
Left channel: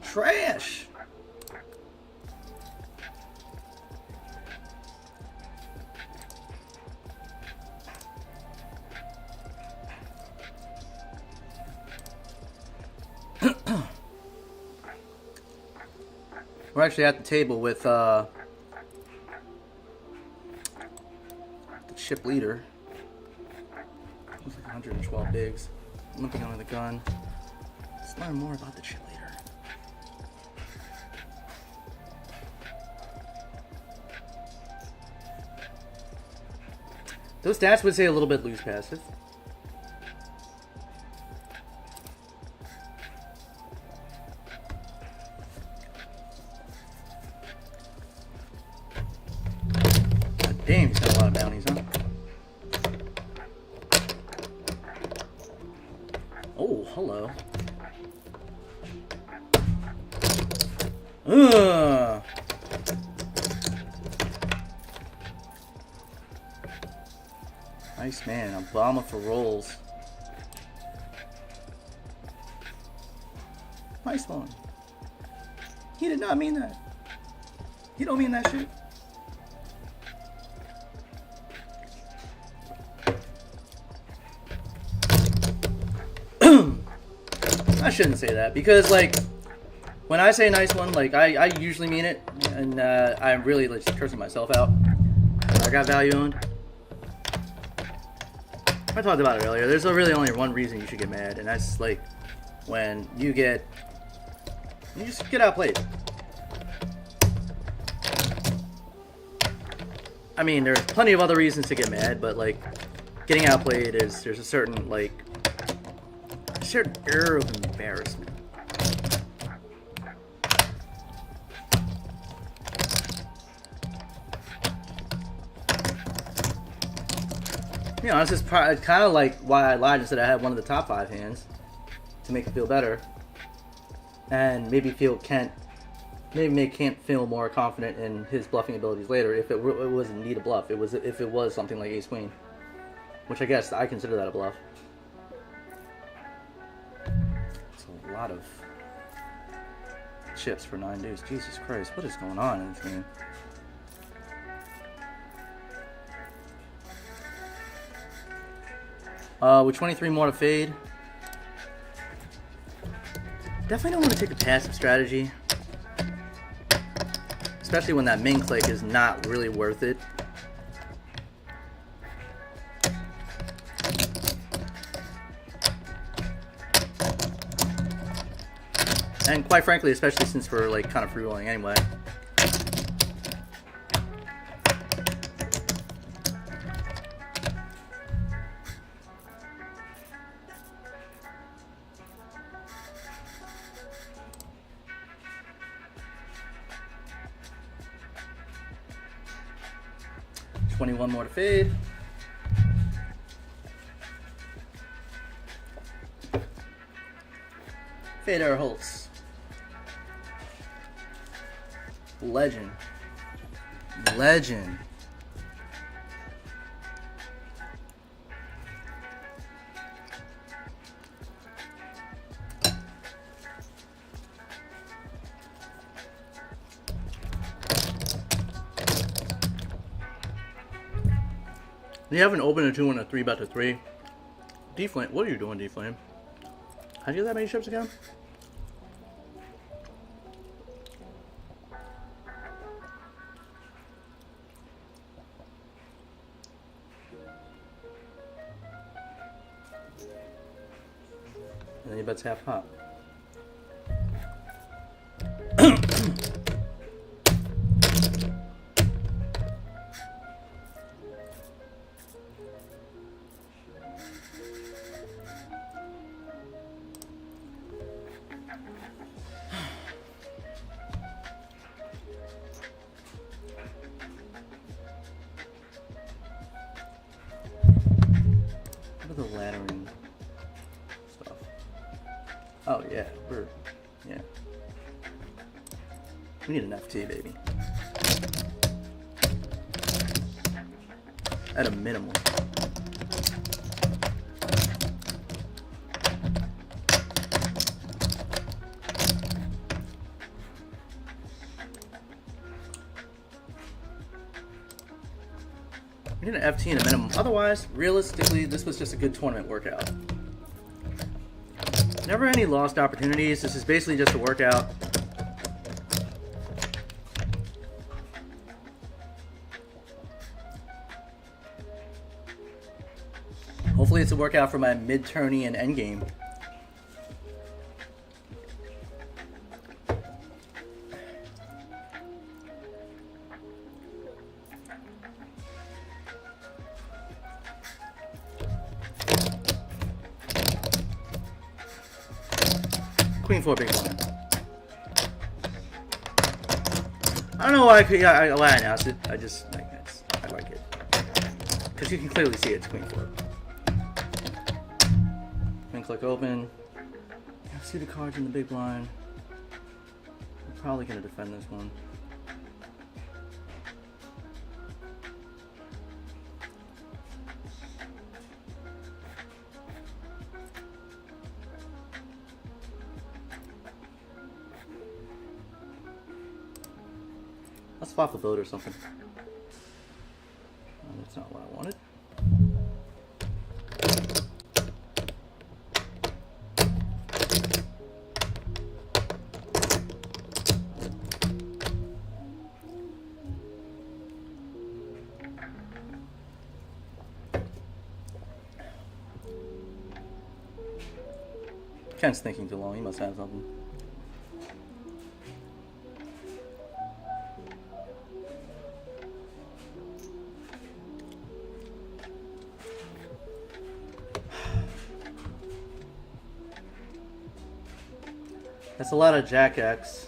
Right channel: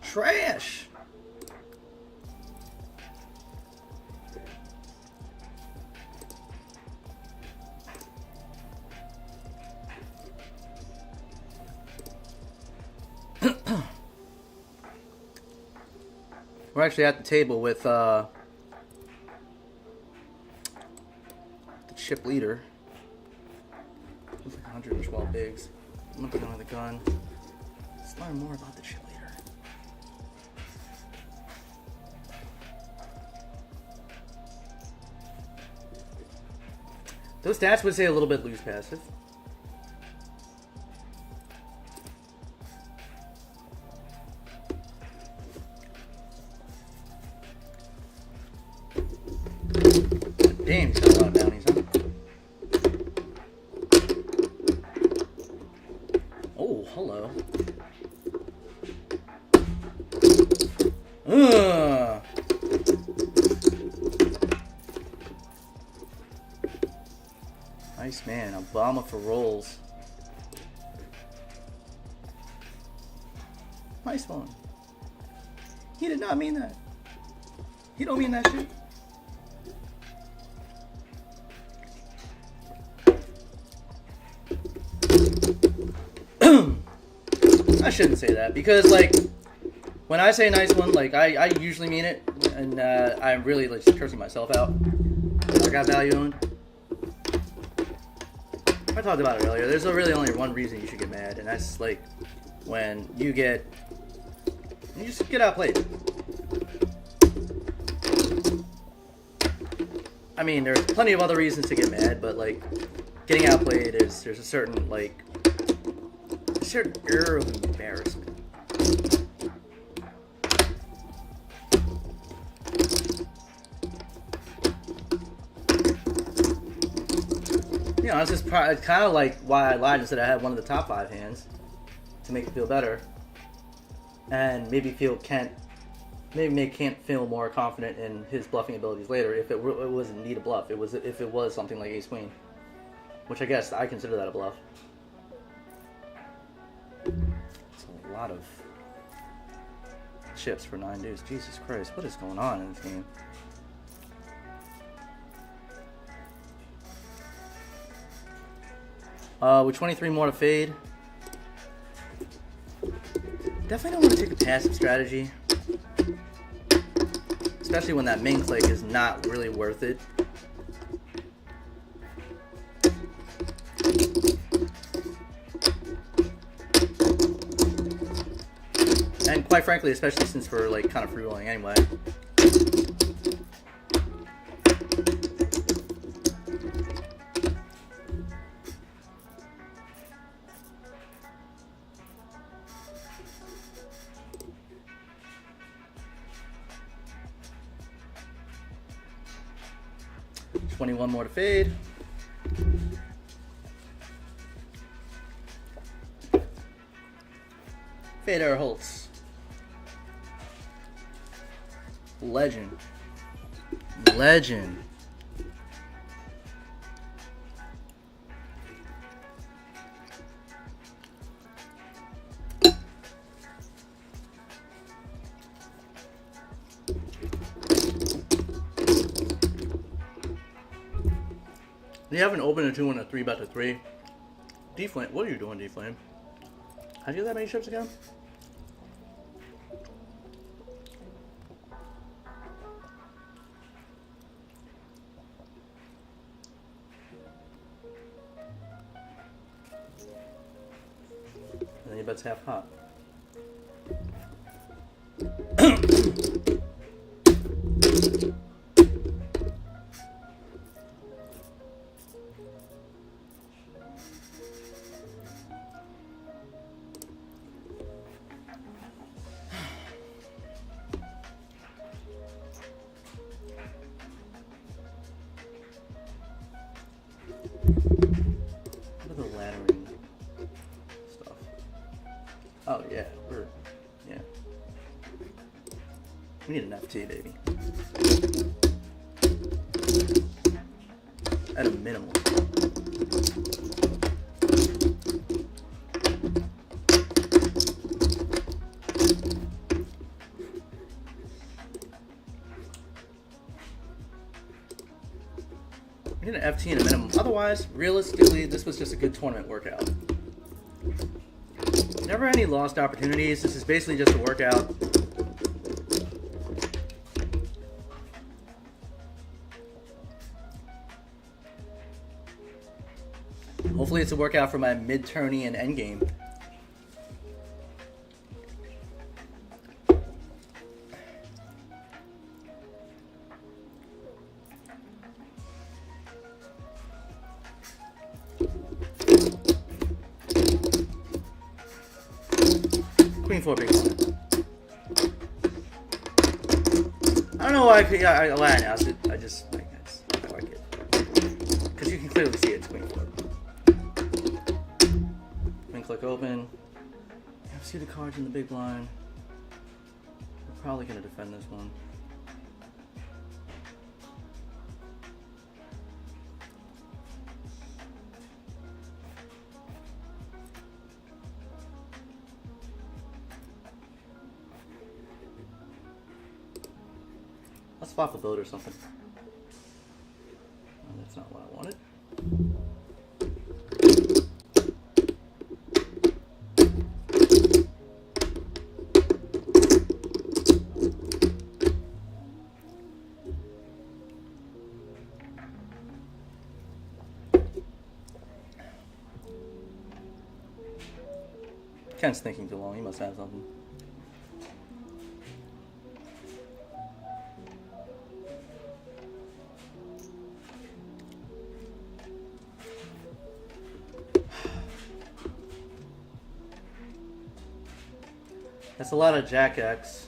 Trash. We're actually at the table with the chip leader. Looks like 112 bigs. I'm looking under the gun. Let's learn more about the chip leader. Those stats would say a little bit loose passive. God damn, he's got a lot of bounties, huh? Oh, hello. Ugh. Nice man, Obama for rolls. Nice one. He did not mean that. He don't mean that shit. I shouldn't say that because like when I say nice one, like I usually mean it, and I'm really like cursing myself out. I got value owned. I talked about it earlier. There's really only one reason you should get mad, and that's like when you just get outplayed. I mean, there's plenty of other reasons to get mad, but like getting outplayed there's a certain like a certain air of embarrassment. You know, it's just kind of like why I lied and said I had one of the top 5 hands to make it feel better, and maybe make Kent feel more confident in his bluffing abilities later. If it wasn't need a bluff, if it was something like Ace Queen, which I guess I consider that a bluff. It's a lot of chips for 9 dudes. Jesus Christ, what is going on in this game? With 23 more to fade. Definitely don't want to take a passive strategy. Especially when that main click is not really worth it. And quite frankly, especially since we're like kind of free rolling anyway. $21 more to fade. Fade our Holtz. Legend. Legend. You have an open a 2 and a 3 bet to 3. D-Flame, what are you doing, D-Flame? How'd you get that many chips again? And then you bet's half hot. The laddering stuff. Oh yeah, we need an FT, baby. At a minimum. We need an FT and a minimum. Otherwise, realistically, this was just a good tournament workout. Never any lost opportunities. This is basically just a workout. Hopefully it's a workout for my mid-tourney and endgame. Queen 4 big blind. I don't know why I announced it. I like it. Because you can clearly see it's Queen 4. Queen click open. See the cards in the big blind. We're probably going to defend this one. Let's swap a boat or something. Oh, that's not what I wanted. Ken's thinking too long. He must have something. That's a lot of Jack X.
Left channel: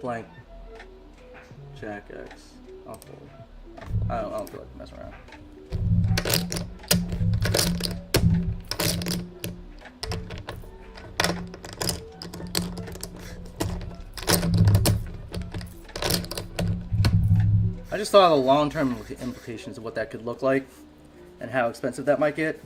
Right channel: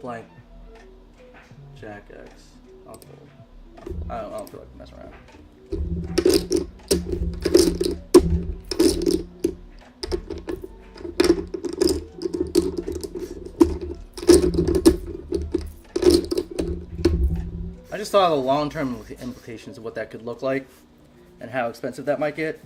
Blank. Jack X. I'll fold. I don't feel like messing around. I just thought of the long-term implications of what that could look like and how expensive that might get.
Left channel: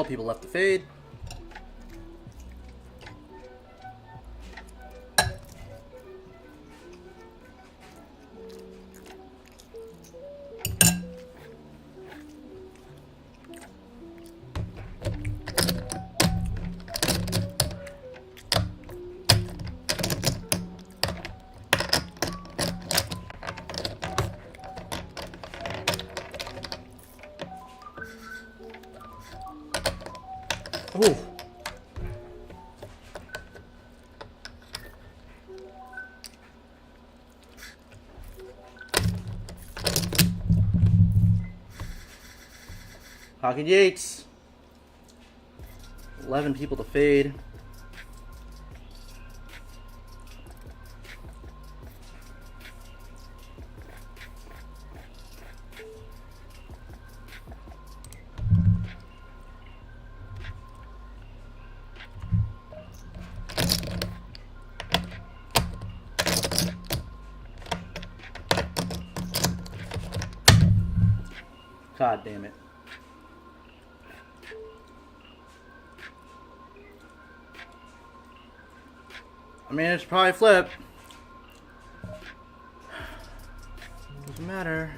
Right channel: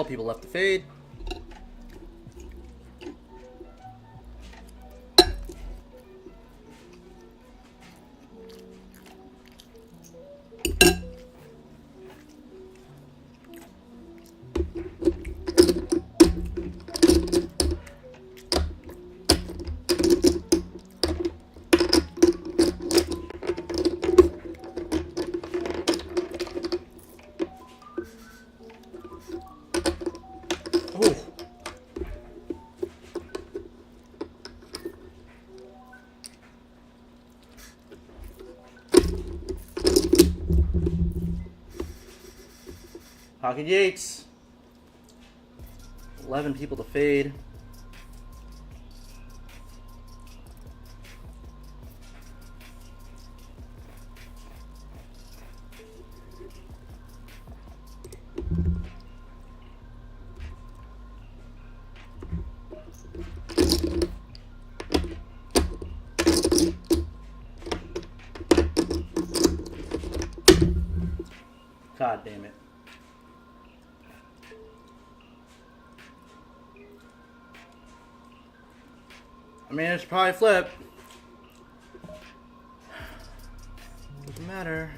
12 people left to fade. Ooh. Hockey Yates. 11 people to fade. God damn it. I mean, it's probably flip. Doesn't matter.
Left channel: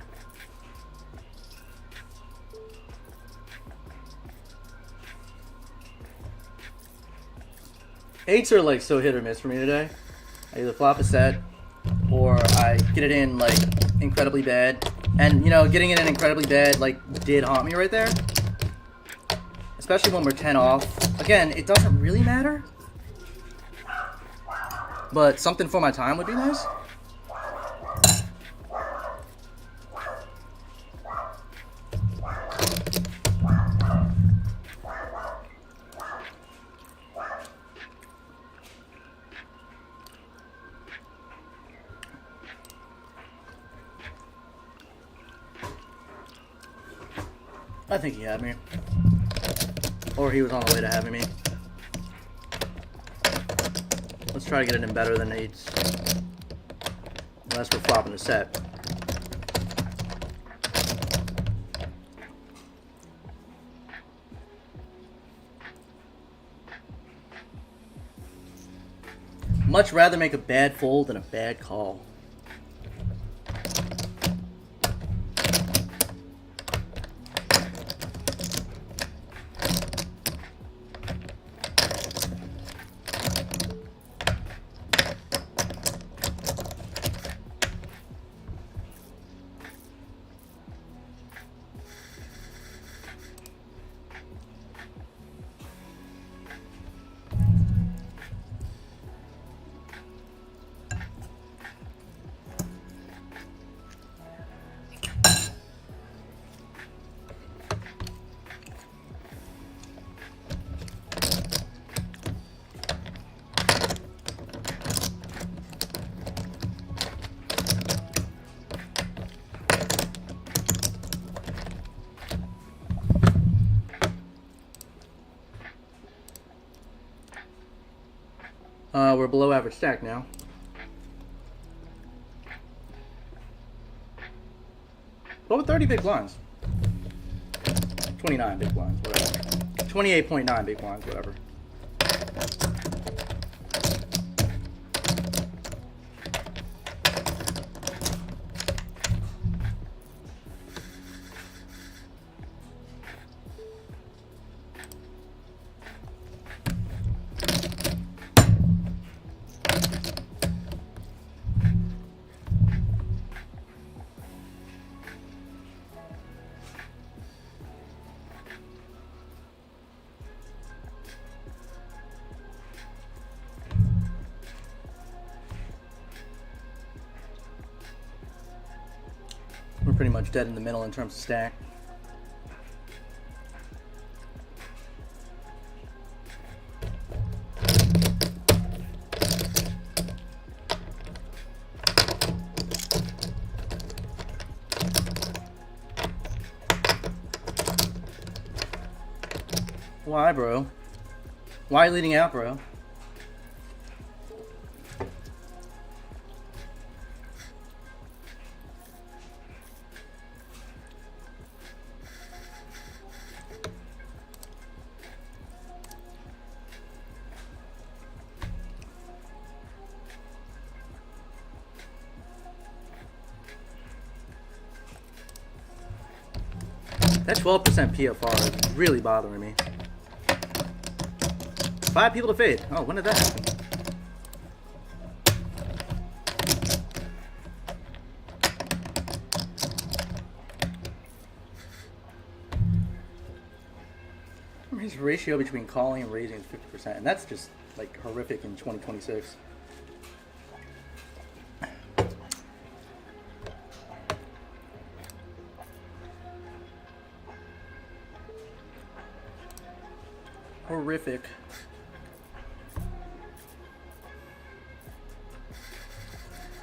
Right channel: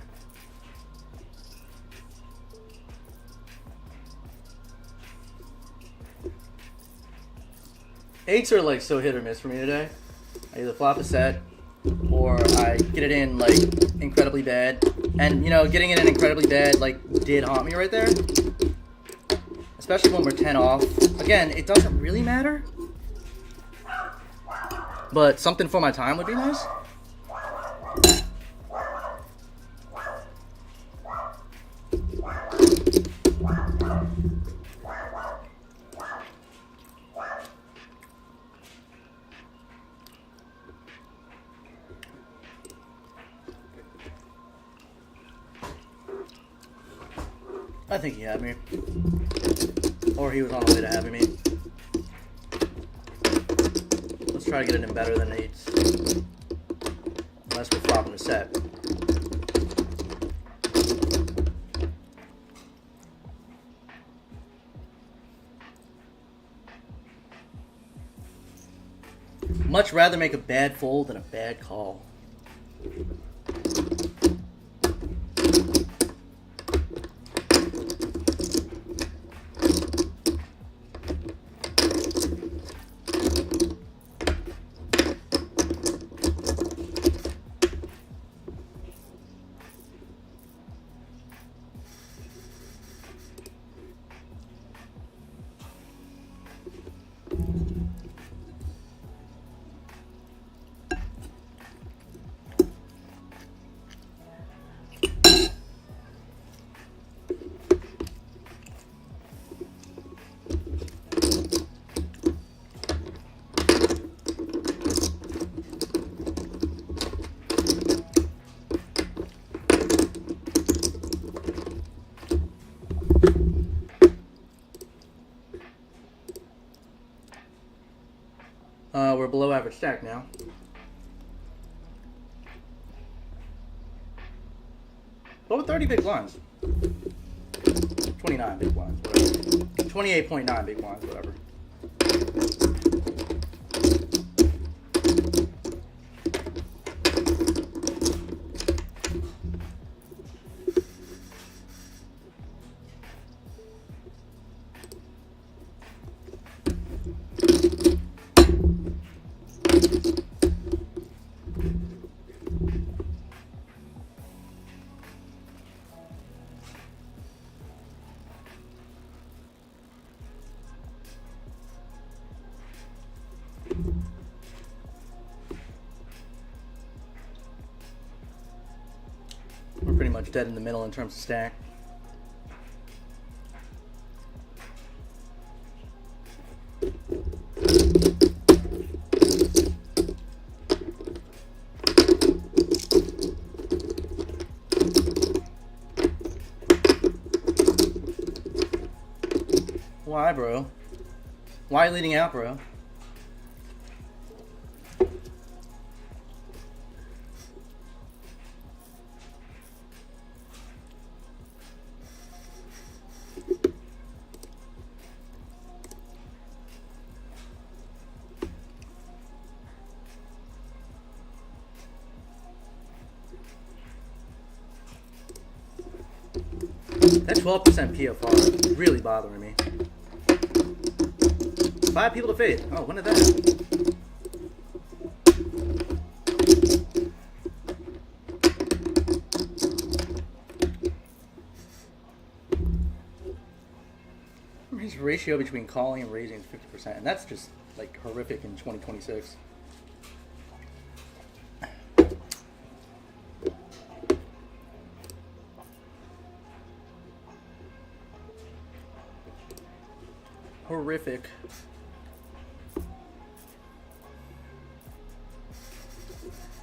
Eights are like so hit or miss for me today. I either flop a set or I get it in like incredibly bad. And you know, getting it in incredibly bad like did haunt me right there. Especially when we're 10 off. Again, it doesn't really matter. But something for my time would be nice. I think he had me. Or he was on the way to having me. Let's try to get it in better than eights. Unless we're flopping a set. Much rather make a bad fold than a bad call. We're below average stack now. What with 30 big blinds? 29 big blinds, whatever. 28.9 big blinds, whatever. We're pretty much dead in the middle in terms of stack. Why, bro? Why leading out, bro? That 12% PFR is really bothering me. 5 people to fade. Oh, when did that happen? His ratio between calling and raising is 50%, and that's just like horrific in 2026. Horrific.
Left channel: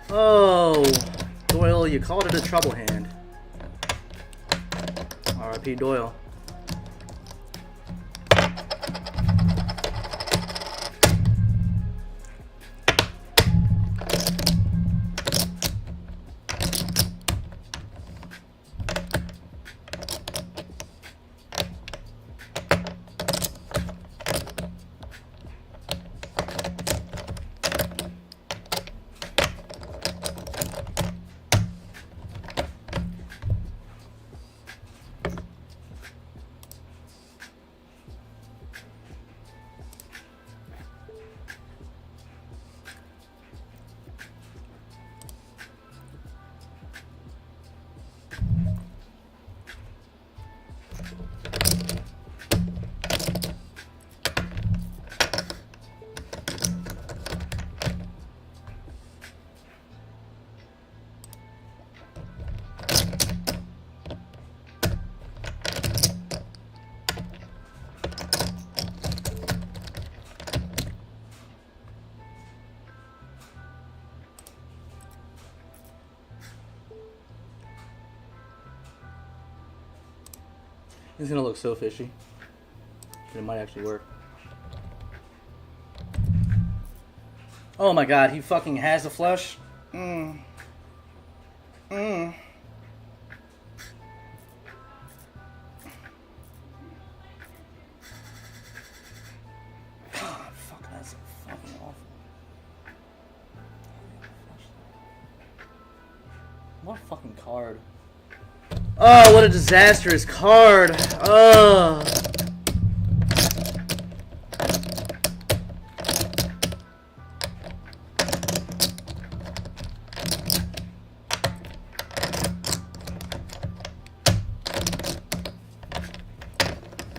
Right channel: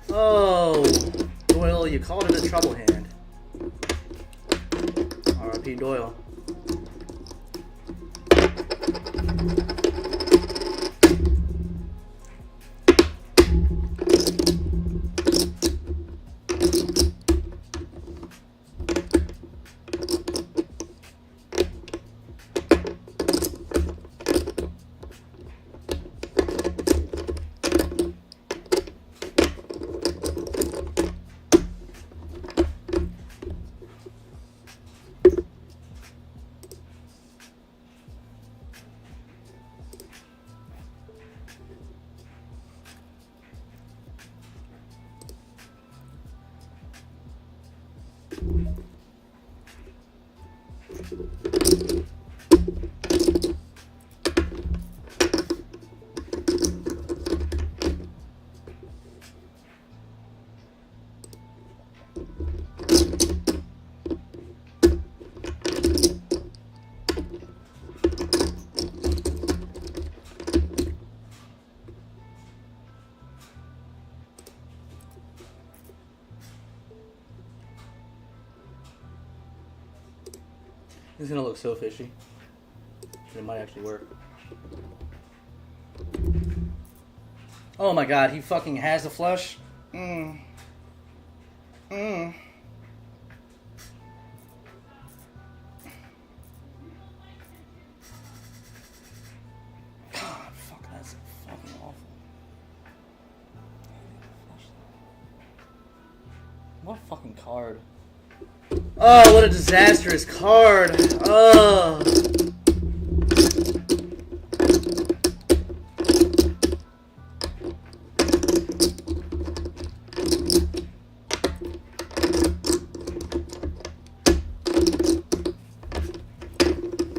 Oh, Doyle, you called it a trouble hand. R.I.P. Doyle. This is gonna look so fishy. It might actually work. Oh my god, he fucking has a flush. God, fuck, that's fucking awful. What a fucking card. Oh, what a disastrous card. Oh.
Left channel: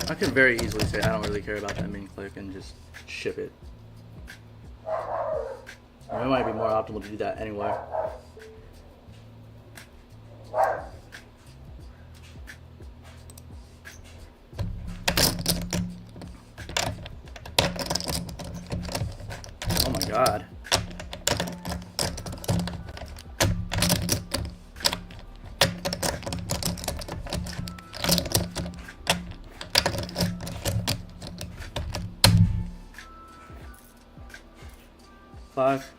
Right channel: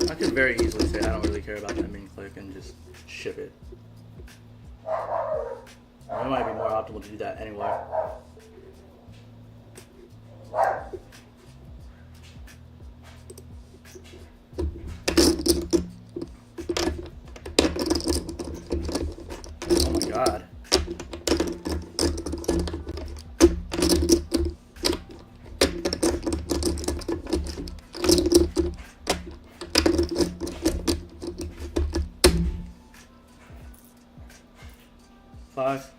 I could very easily say I don't really care about that main click and just ship it. It might be more optimal to do that anyway. Oh my god. Five.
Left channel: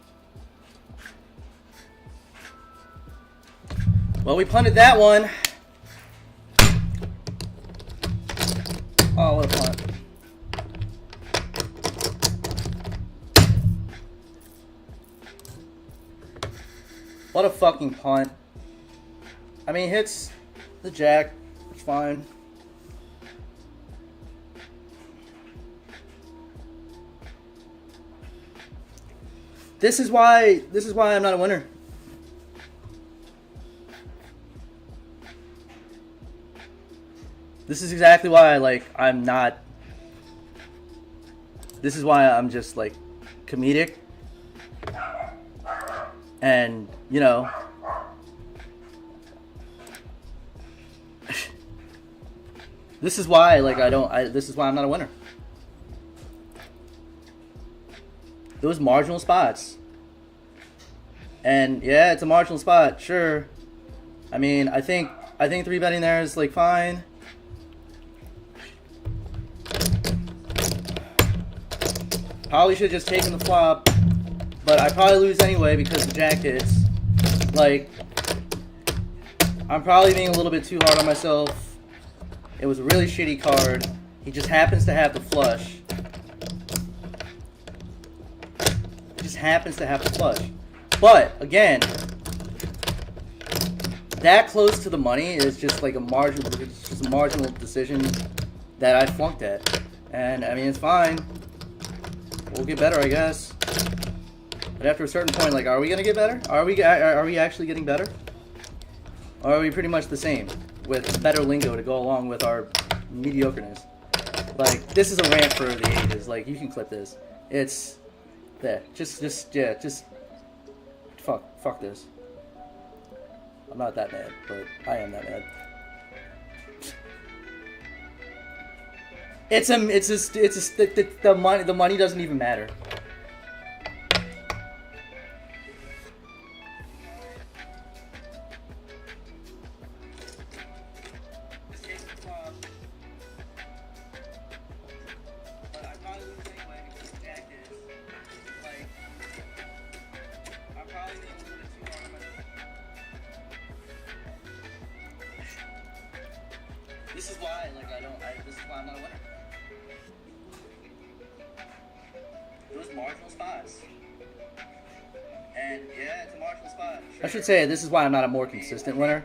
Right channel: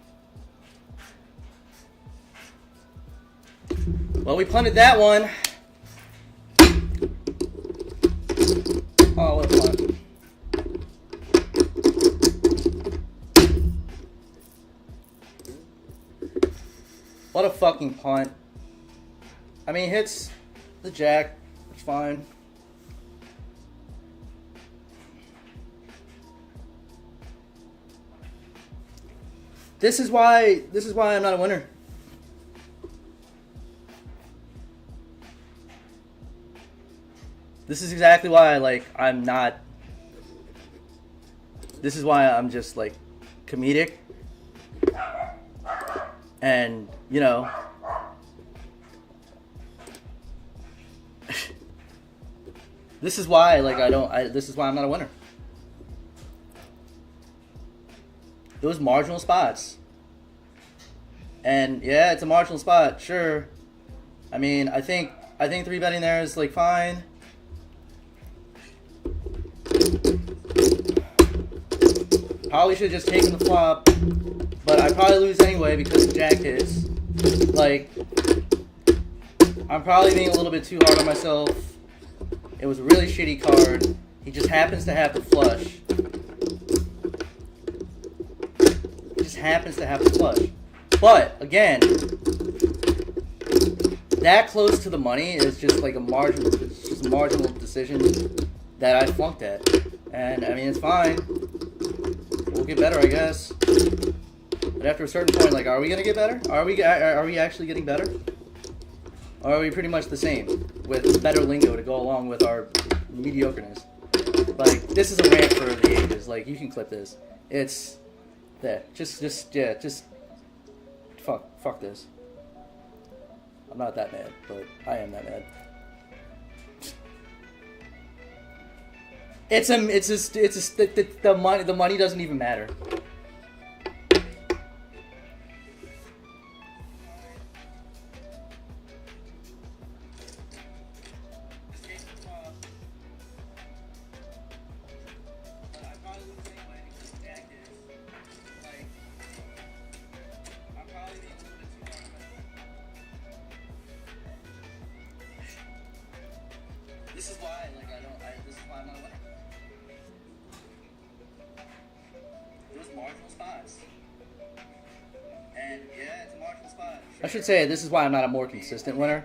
Well, we punted that one. Oh, what a punt. What a fucking punt. I mean, hits the jack. It's fine. This is why I'm not a winner. This is exactly why I'm not. This is why I'm just like comedic. And, you know, this is why this is why I'm not a winner. Those marginal spots. And yeah, it's a marginal spot, sure. I mean, I think 3-betting there is like fine. Probably should have just taken the flop, but I probably lose anyway because the jack hits. Like, I'm probably being a little bit too hard on myself. It was a really shitty card. He just happens to have the flush. Happens to have the flush. But again, that close to the money is just like a margin. It's just was a marginal decision that I flunked at. And, I mean, it's fine. We'll get better, I guess. But after a certain point, like, are we going to get better? Are we actually getting better? Or are we pretty much the same? With better lingo to go along with our mediocreness. Like, this is a rant for the ages. Like, you can clip this. It's... There. Just... Fuck this. I'm not that mad, but I am that mad. The money doesn't even matter. This is why, like, this is why I'm not a winner. Those marginal spots. And, yeah, it's a marginal spot. Sure. I should say this is why I'm not a more consistent winner.